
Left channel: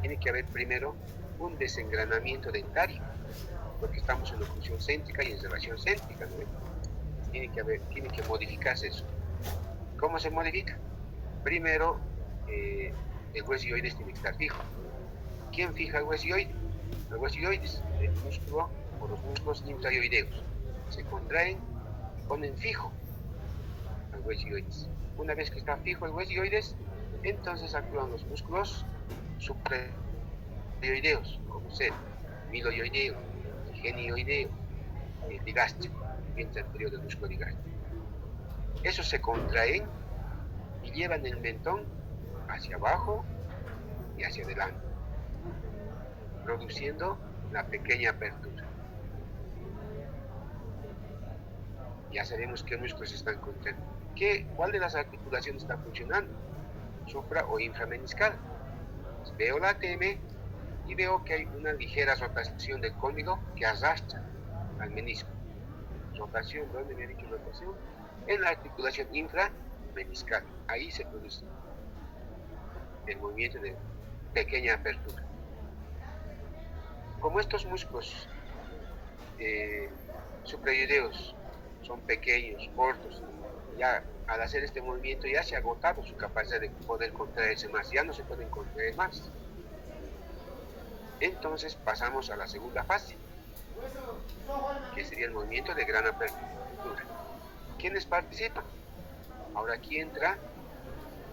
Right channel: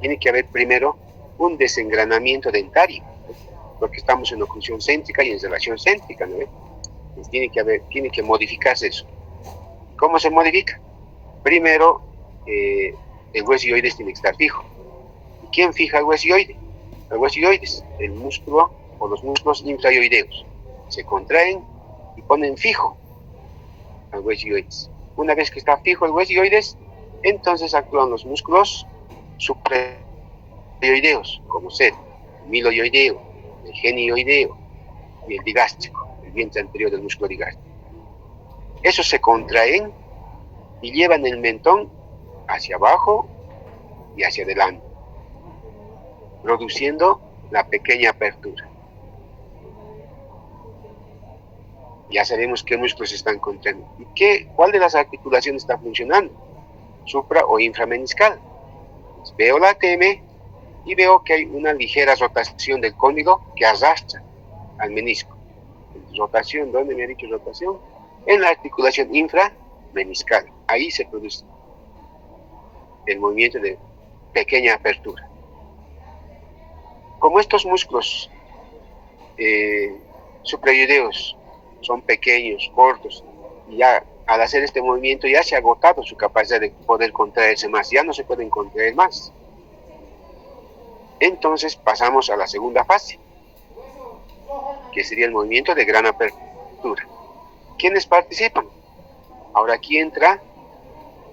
Tiene que haber primero un desengranamiento dentario, porque estamos en oclusión céntrica y en relación céntrica, ¿no? Entonces tiene que modificarse eso. ¿Cómo se modifica? Primero, el hueso hioides tiene que estar fijo. ¿Quién fija el hueso hioide? El hueso hioides, el músculo o los músculos infrahioideos. Se contraen y ponen fijo al hueso hioides. Una vez que está fijo el hueso hioides, entonces actúan los músculos suprahioideos, como ser el miloioideo, el genioideo y el digástrico, el vientre anterior del músculo digástrico. Esos se contraen y llevan el mentón hacia abajo y hacia adelante, produciendo la pequeña apertura. Ya sabemos qué músculos están contrayendo. ¿Y cuál de las articulaciones está funcionando? Supra o inframeniscal. Pues veo la ATM y veo que hay una ligera rotación del cóndilo que arrastra al menisco. Rotación, ¿dónde me ha dicho rotación? En la articulación inframeniscal. Ahí se produce el movimiento de pequeña apertura. Como estos músculos suprahioideos son pequeños, cortos, y ya al hacer este movimiento ya se ha agotado su capacidad de poder contraerse más, ya no se pueden contraer más. Entonces pasamos a la segunda fase, que sería el movimiento de gran apertura. ¿Quiénes participan? Ahora aquí entra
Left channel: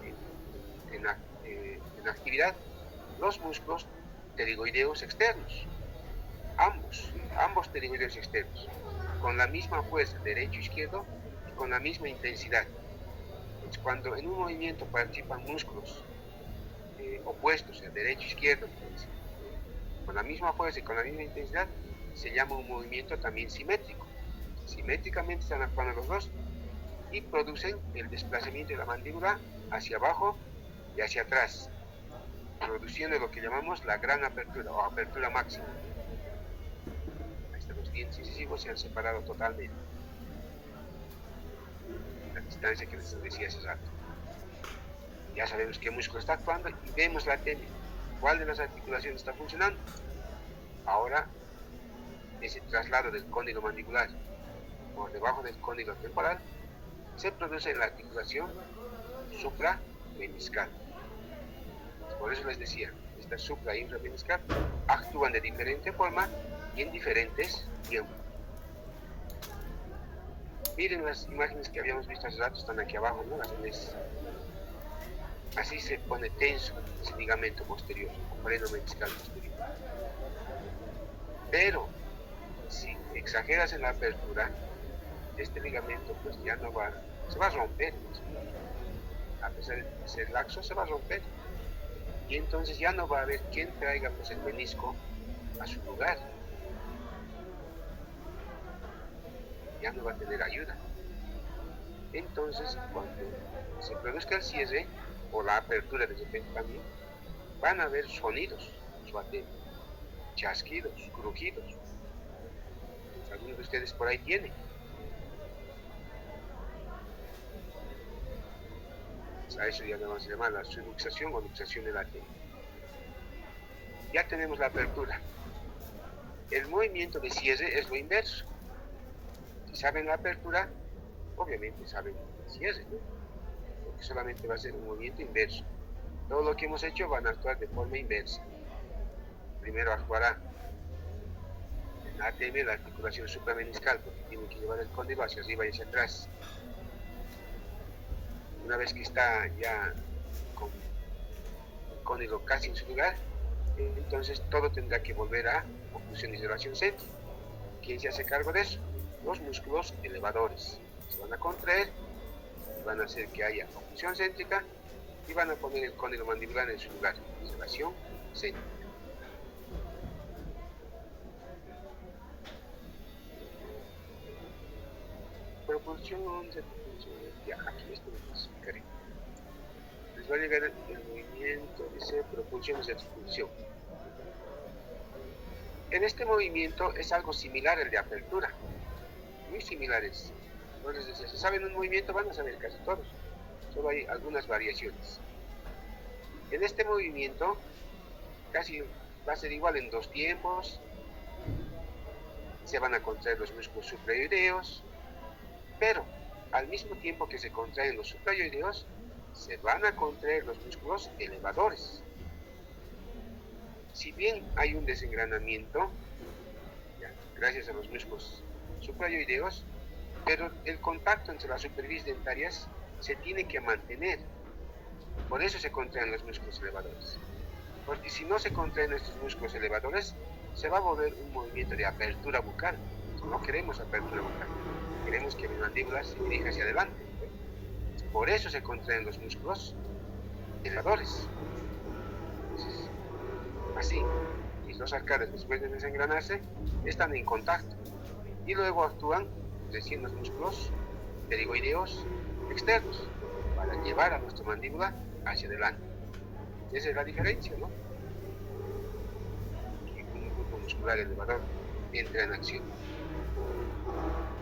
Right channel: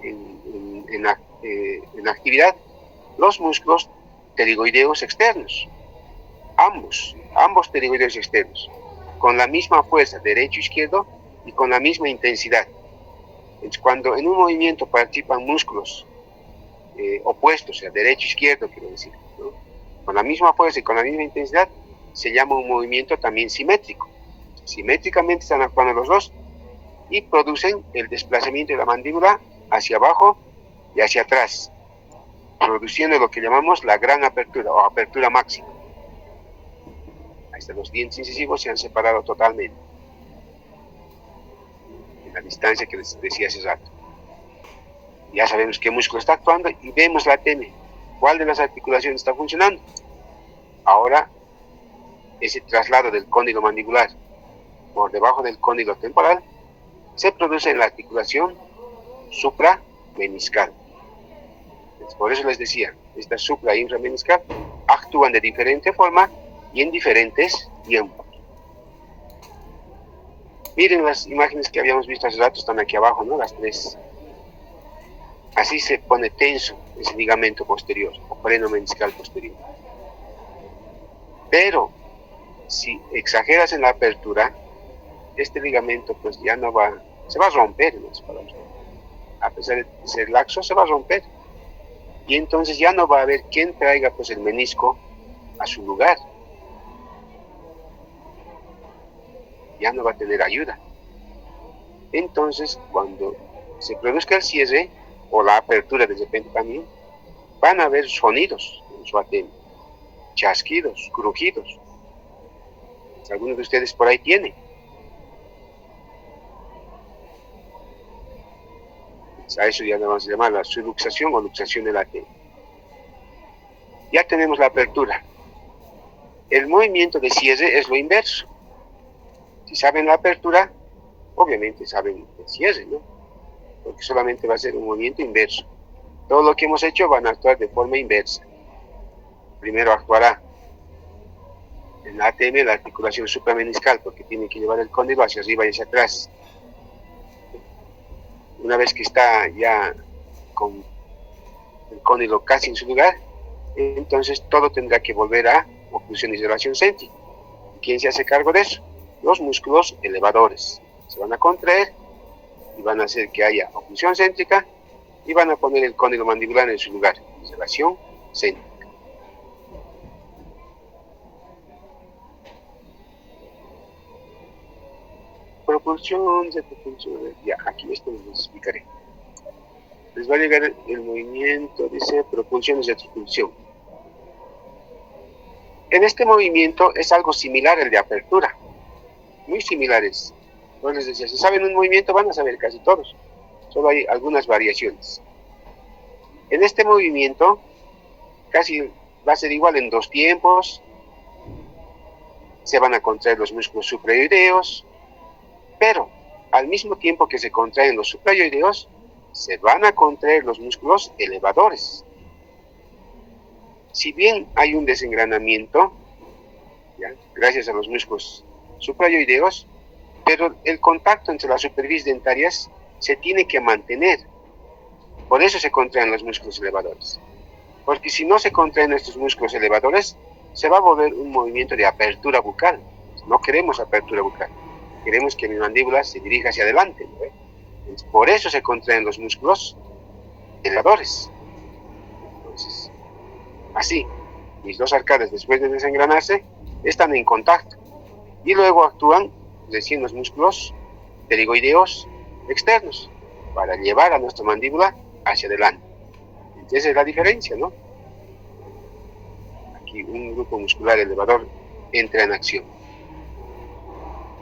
en la actividad los músculos pterigoideos externos, ambos pterigoideos externos, con la misma fuerza, derecho, izquierdo, y con la misma intensidad. Entonces, cuando en un movimiento participan músculos opuestos, o sea, derecho, izquierdo, quiero decir, ¿no? Con la misma fuerza y con la misma intensidad, se llama un movimiento también simétrico. Simétricamente están actuando los dos y producen el desplazamiento de la mandíbula hacia abajo y hacia atrás, produciendo lo que llamamos la gran apertura o apertura máxima. Ahí están, los dientes incisivos se han separado totalmente, en la distancia que les decía hace rato. Ya sabemos qué músculo está actuando y vemos la ATM. ¿Cuál de las articulaciones está funcionando? Ahora, ese traslado del cóndilo mandibular por debajo del cóndilo temporal se produce en la articulación suprameniscal. Por eso les decía, esta supra e inframeniscal actúan de diferente forma y en diferentes tiempos. Miren las imágenes que habíamos visto hace rato, están aquí abajo, ¿no? Las tres. Así se pone tenso ese ligamento posterior, o freno meniscal posterior. Pero, si exageras en la apertura, este ligamento pues ya no va, se va a romper, en otras palabras. A pesar de ser laxo, se va a romper. Y entonces ya no va a haber quien traiga pues el menisco a su lugar. Ya no va a tener ayuda. Entonces, cuando se produzca el cierre o la apertura de repente también, van a haber sonidos en su ATM, chasquidos, crujidos. Algunos de ustedes por ahí tienen. A eso ya le vamos a llamar la subluxación o luxación del ATM. Ya tenemos la apertura. El movimiento de cierre es lo inverso. Si saben la apertura, obviamente saben el cierre, ¿no? Porque solamente va a ser un movimiento inverso. Todo lo que hemos hecho van a actuar de forma inversa. Primero actuará en la ATM, la articulación suprameniscal, porque tiene que llevar el cóndilo hacia arriba y hacia atrás. Una vez que está ya con el cóndilo casi en su lugar, entonces todo tendrá que volver a oclusión y elevación céntrica. ¿Quién se hace cargo de eso? Los músculos elevadores. Se van a contraer y van a hacer que haya oclusión céntrica y van a poner el cóndilo mandibular en su lugar, elevación céntrica. Propulsión, repropulsión, ya, aquí esto les explicaré. Les va a llegar el movimiento, dice propulsión y retropulsión. En este movimiento es algo similar al de apertura, muy similares. Entonces les decía, si saben un movimiento van a saber casi todos, solo hay algunas variaciones. En este movimiento casi va a ser igual en dos tiempos, se van a contraer los músculos suprayoideos, pero al mismo tiempo que se contraen los suprayoideos, se van a contraer los músculos elevadores. Si bien hay un desengranamiento, ¿ya?, gracias a los músculos suprayoideos, pero el contacto entre las superficies dentarias se tiene que mantener. Por eso se contraen los músculos elevadores. Porque si no se contraen estos músculos elevadores, se va a volver un movimiento de apertura bucal. No queremos apertura bucal. Queremos que mi mandíbula se dirija hacia adelante, ¿no? Entonces, por eso se contraen los músculos elevadores. Entonces, así, mis dos arcades, después de desengranarse, están en contacto. Y luego actúan recién los músculos pterigoideos externos para llevar a nuestra mandíbula hacia adelante. Esa es la diferencia, ¿no? Aquí un grupo muscular elevador entra en acción.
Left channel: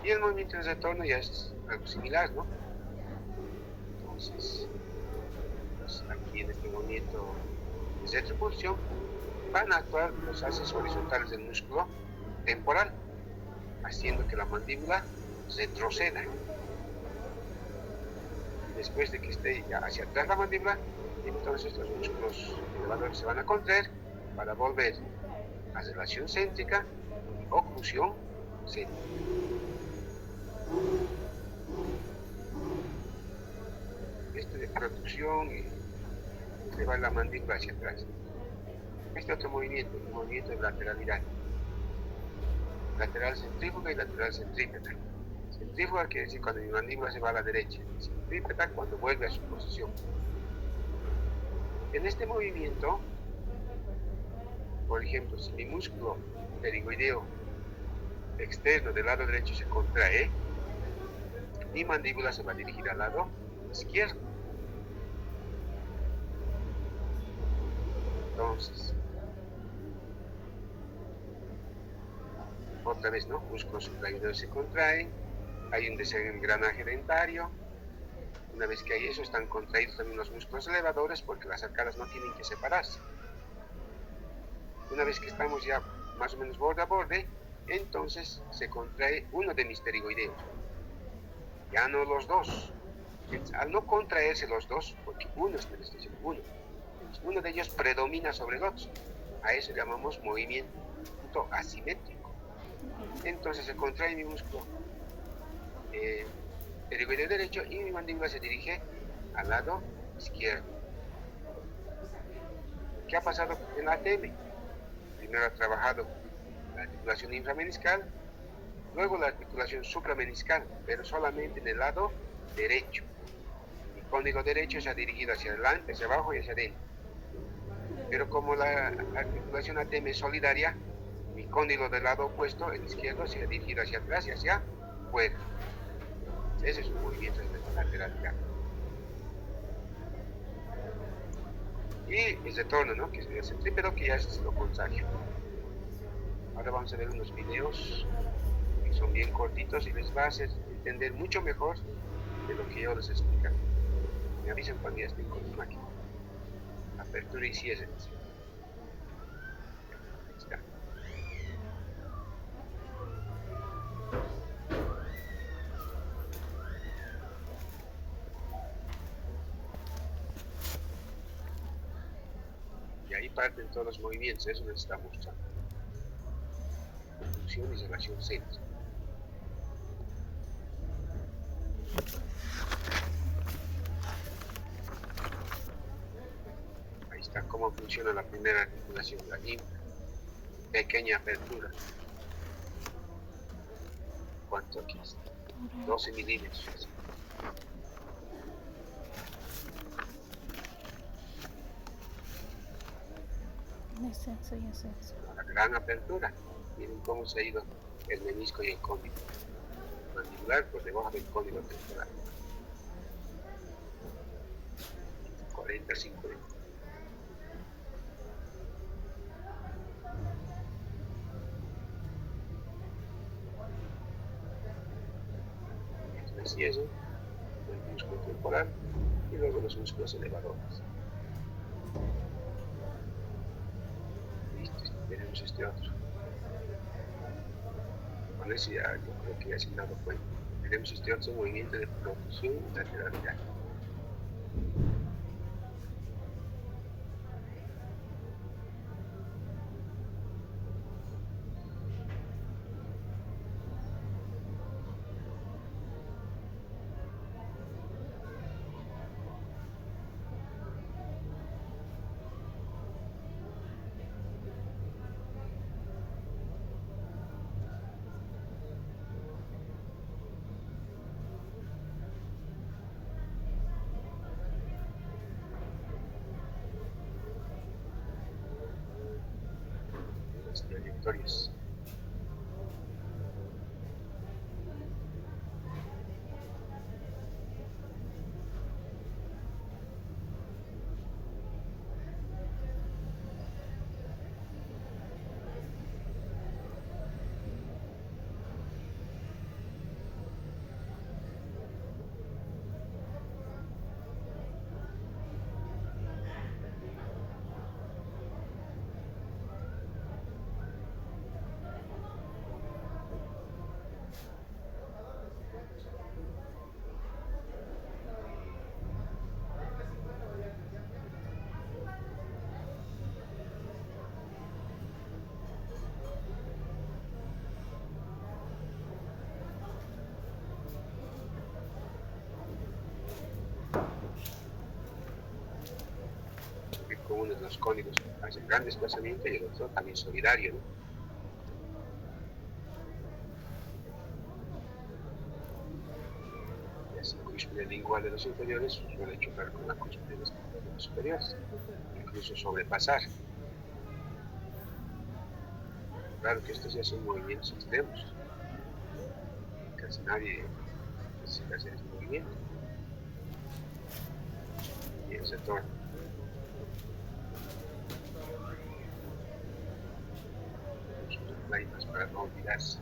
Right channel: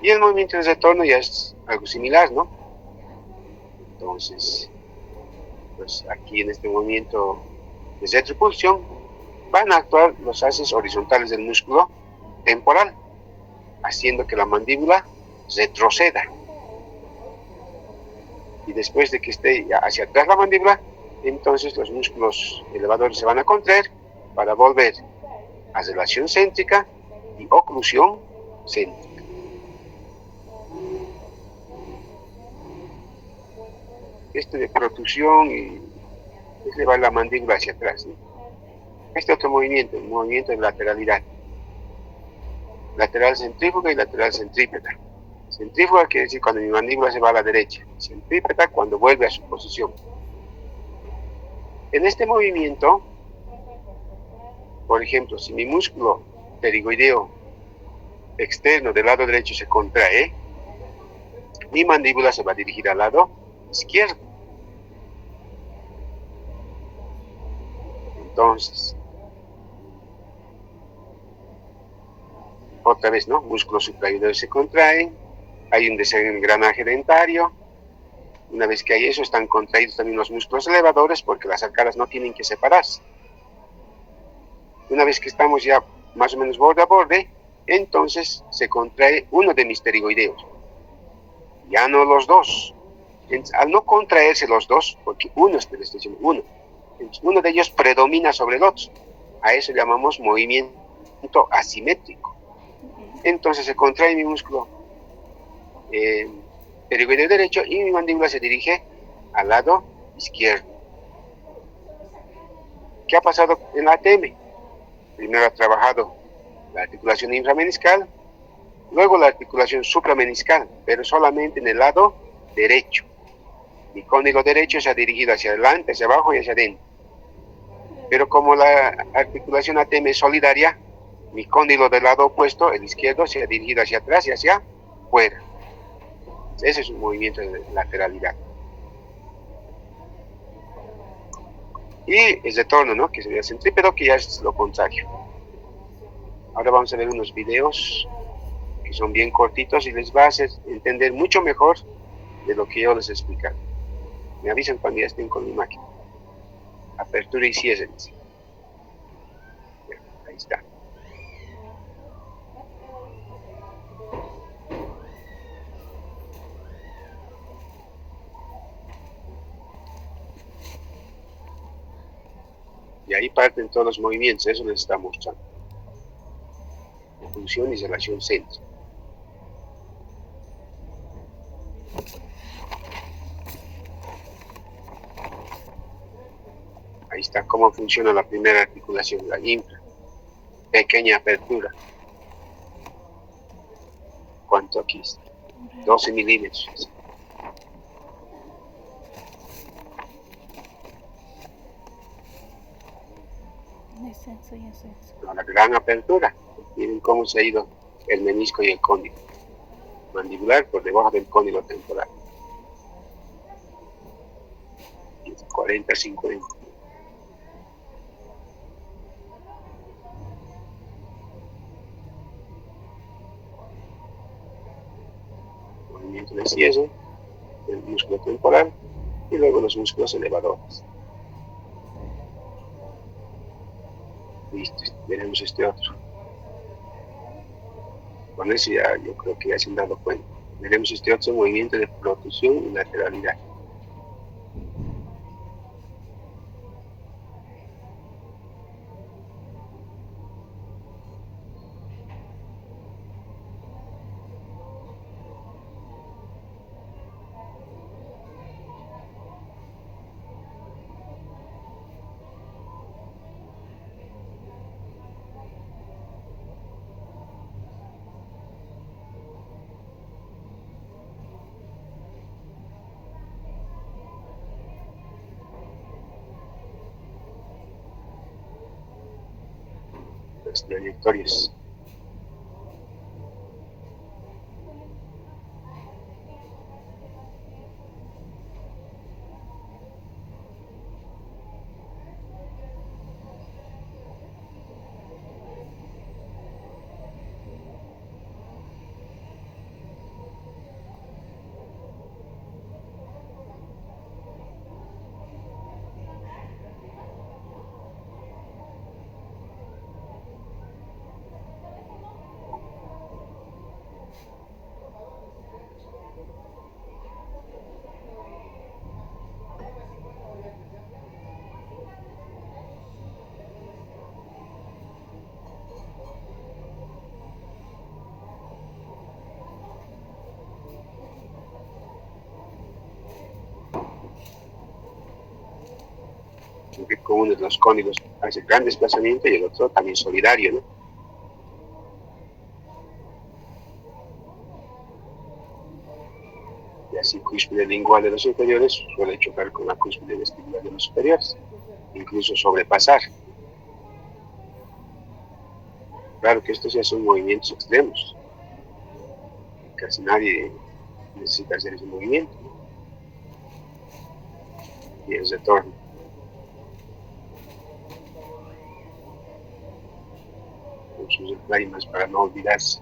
Y el movimiento de retorno ya es algo similar, ¿no? Entonces, pues aquí en este movimiento de retropulsión van a actuar los haces horizontales del músculo temporal, haciendo que la mandíbula retroceda. Y después de que esté ya hacia atrás la mandíbula, entonces los músculos elevadores se van a contraer para volver a relación céntrica y oclusión céntrica. Esto de protrusión y llevar la mandíbula hacia atrás, ¿no? Este otro movimiento, el movimiento de lateralidad. Lateral centrífuga y lateral centrípeta. Centrífuga quiere decir cuando mi mandíbula se va a la derecha. Centrípeta cuando vuelve a su posición. En este movimiento, por ejemplo, si mi músculo pterigoideo externo del lado derecho se contrae, mi mandíbula se va a dirigir al lado izquierdo. Entonces, otra vez, ¿no? Músculos suprayoideos se contraen, hay un desengranaje dentario, Una vez que hay eso, están contraídos también los músculos elevadores porque las arcadas no tienen que separarse. Una vez que estamos ya más o menos borde a borde, entonces se contrae uno de mis pterigoideos, ya no los dos. Entonces, al no contraerse los dos, porque uno es diciendo uno, entonces uno de ellos predomina sobre el otro. A eso llamamos movimiento asimétrico. Entonces se contrae mi músculo pterigoideo derecho y mi mandíbula se dirige al lado izquierdo. ¿Qué ha pasado en la ATM? Primero ha trabajado la articulación inframeniscal, luego la articulación suprameniscal, pero solamente en el lado derecho. Mi cóndilo derecho se ha dirigido hacia adelante, hacia abajo y hacia adentro. Pero como la articulación ATM es solidaria, mi cóndilo del lado opuesto, el izquierdo, se ha dirigido hacia atrás y hacia fuera. Ese es un movimiento de lateralidad. Y el retorno, ¿no? Que sería el centrípedo, que ya es lo contrario. Ahora vamos a ver unos videos que son bien cortitos y les va a hacer entender mucho mejor de lo que yo les he explicado. Me avisan cuando ya estén con mi máquina. Apertura y cierre. Ahí está. Y ahí parten todos los movimientos, eso les está mostrando. Función y relación centro. Ahí está cómo funciona la primera articulación, la infra. Pequeña apertura. ¿Cuánto aquí está? 12 milímetros. Descenso y ascenso. La gran apertura. Miren cómo se ha ido el menisco y el cóndilo mandibular por debajo del cóndilo temporal. 40, 50. Movimiento de cierre del músculo temporal y luego los músculos elevadores. Listo, veremos este otro. Con eso ya yo creo que ya se han dado cuenta. Veremos este otro movimiento de protrusión y lateralidad. Las trayectorias. Que con uno de los cóndigos hace gran desplazamiento y el otro también solidario, ¿no? Y así cúspide lingual de los inferiores suele chocar con la cúspide vestibular de los superiores, incluso sobrepasar. Claro que estos ya son movimientos extremos. Casi nadie necesita hacer ese movimiento. Y el retorno. Con sus lágrimas para no olvidarse.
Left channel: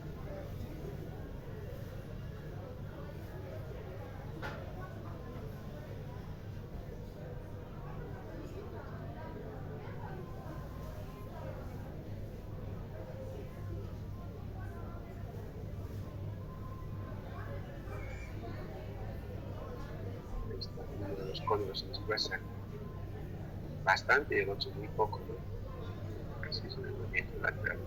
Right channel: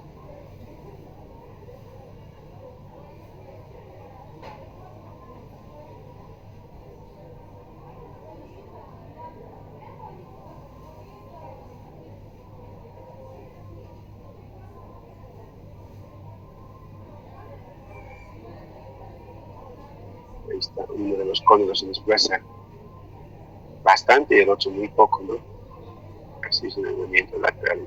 Ahí está, uno de los cóndigos se desplaza bastante y el otro muy poco, ¿no? Así es el movimiento lateral.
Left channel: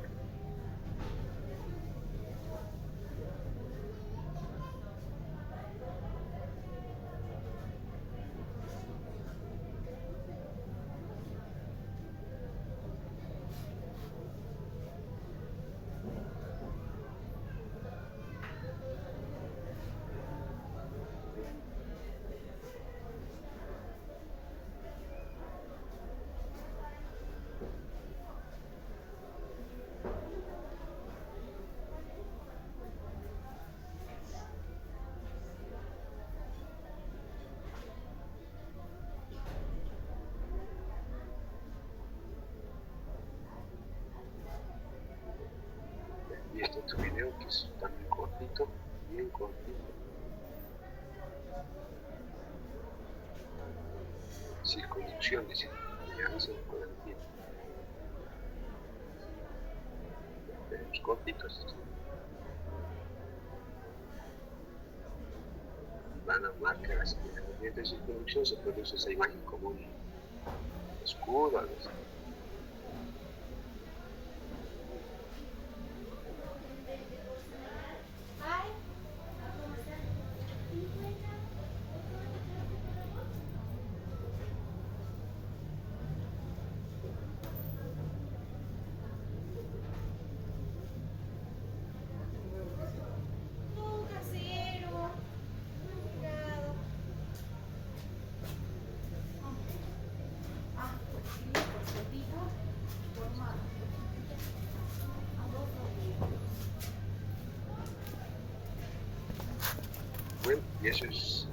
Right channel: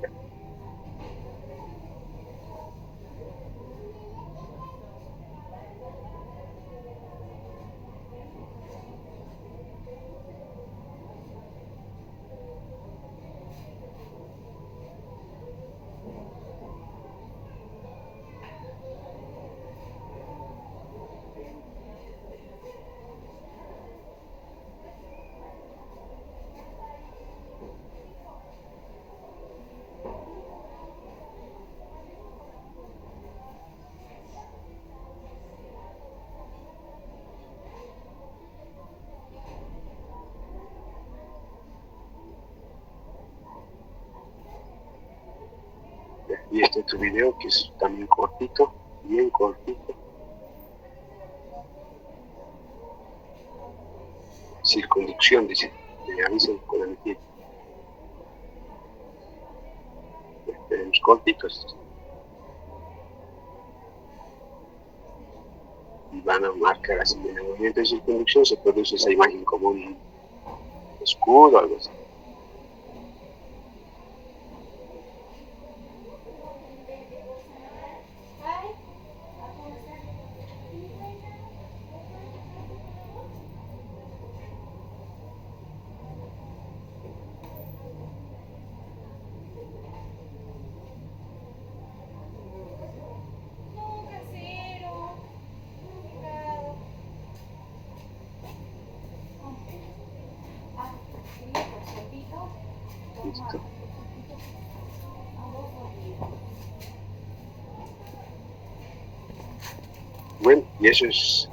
Y este otro video que es también cortito, bien cortito. Circunducción, dice, me avisan con el tiempo. Tenemos cortitos. Y van a marcar así en el movimiento de circunducción, se produce esa imagen como un escudo o algo así. No, casero. Complicado. Ah, quería por cortito. Listo. Bueno, y eso es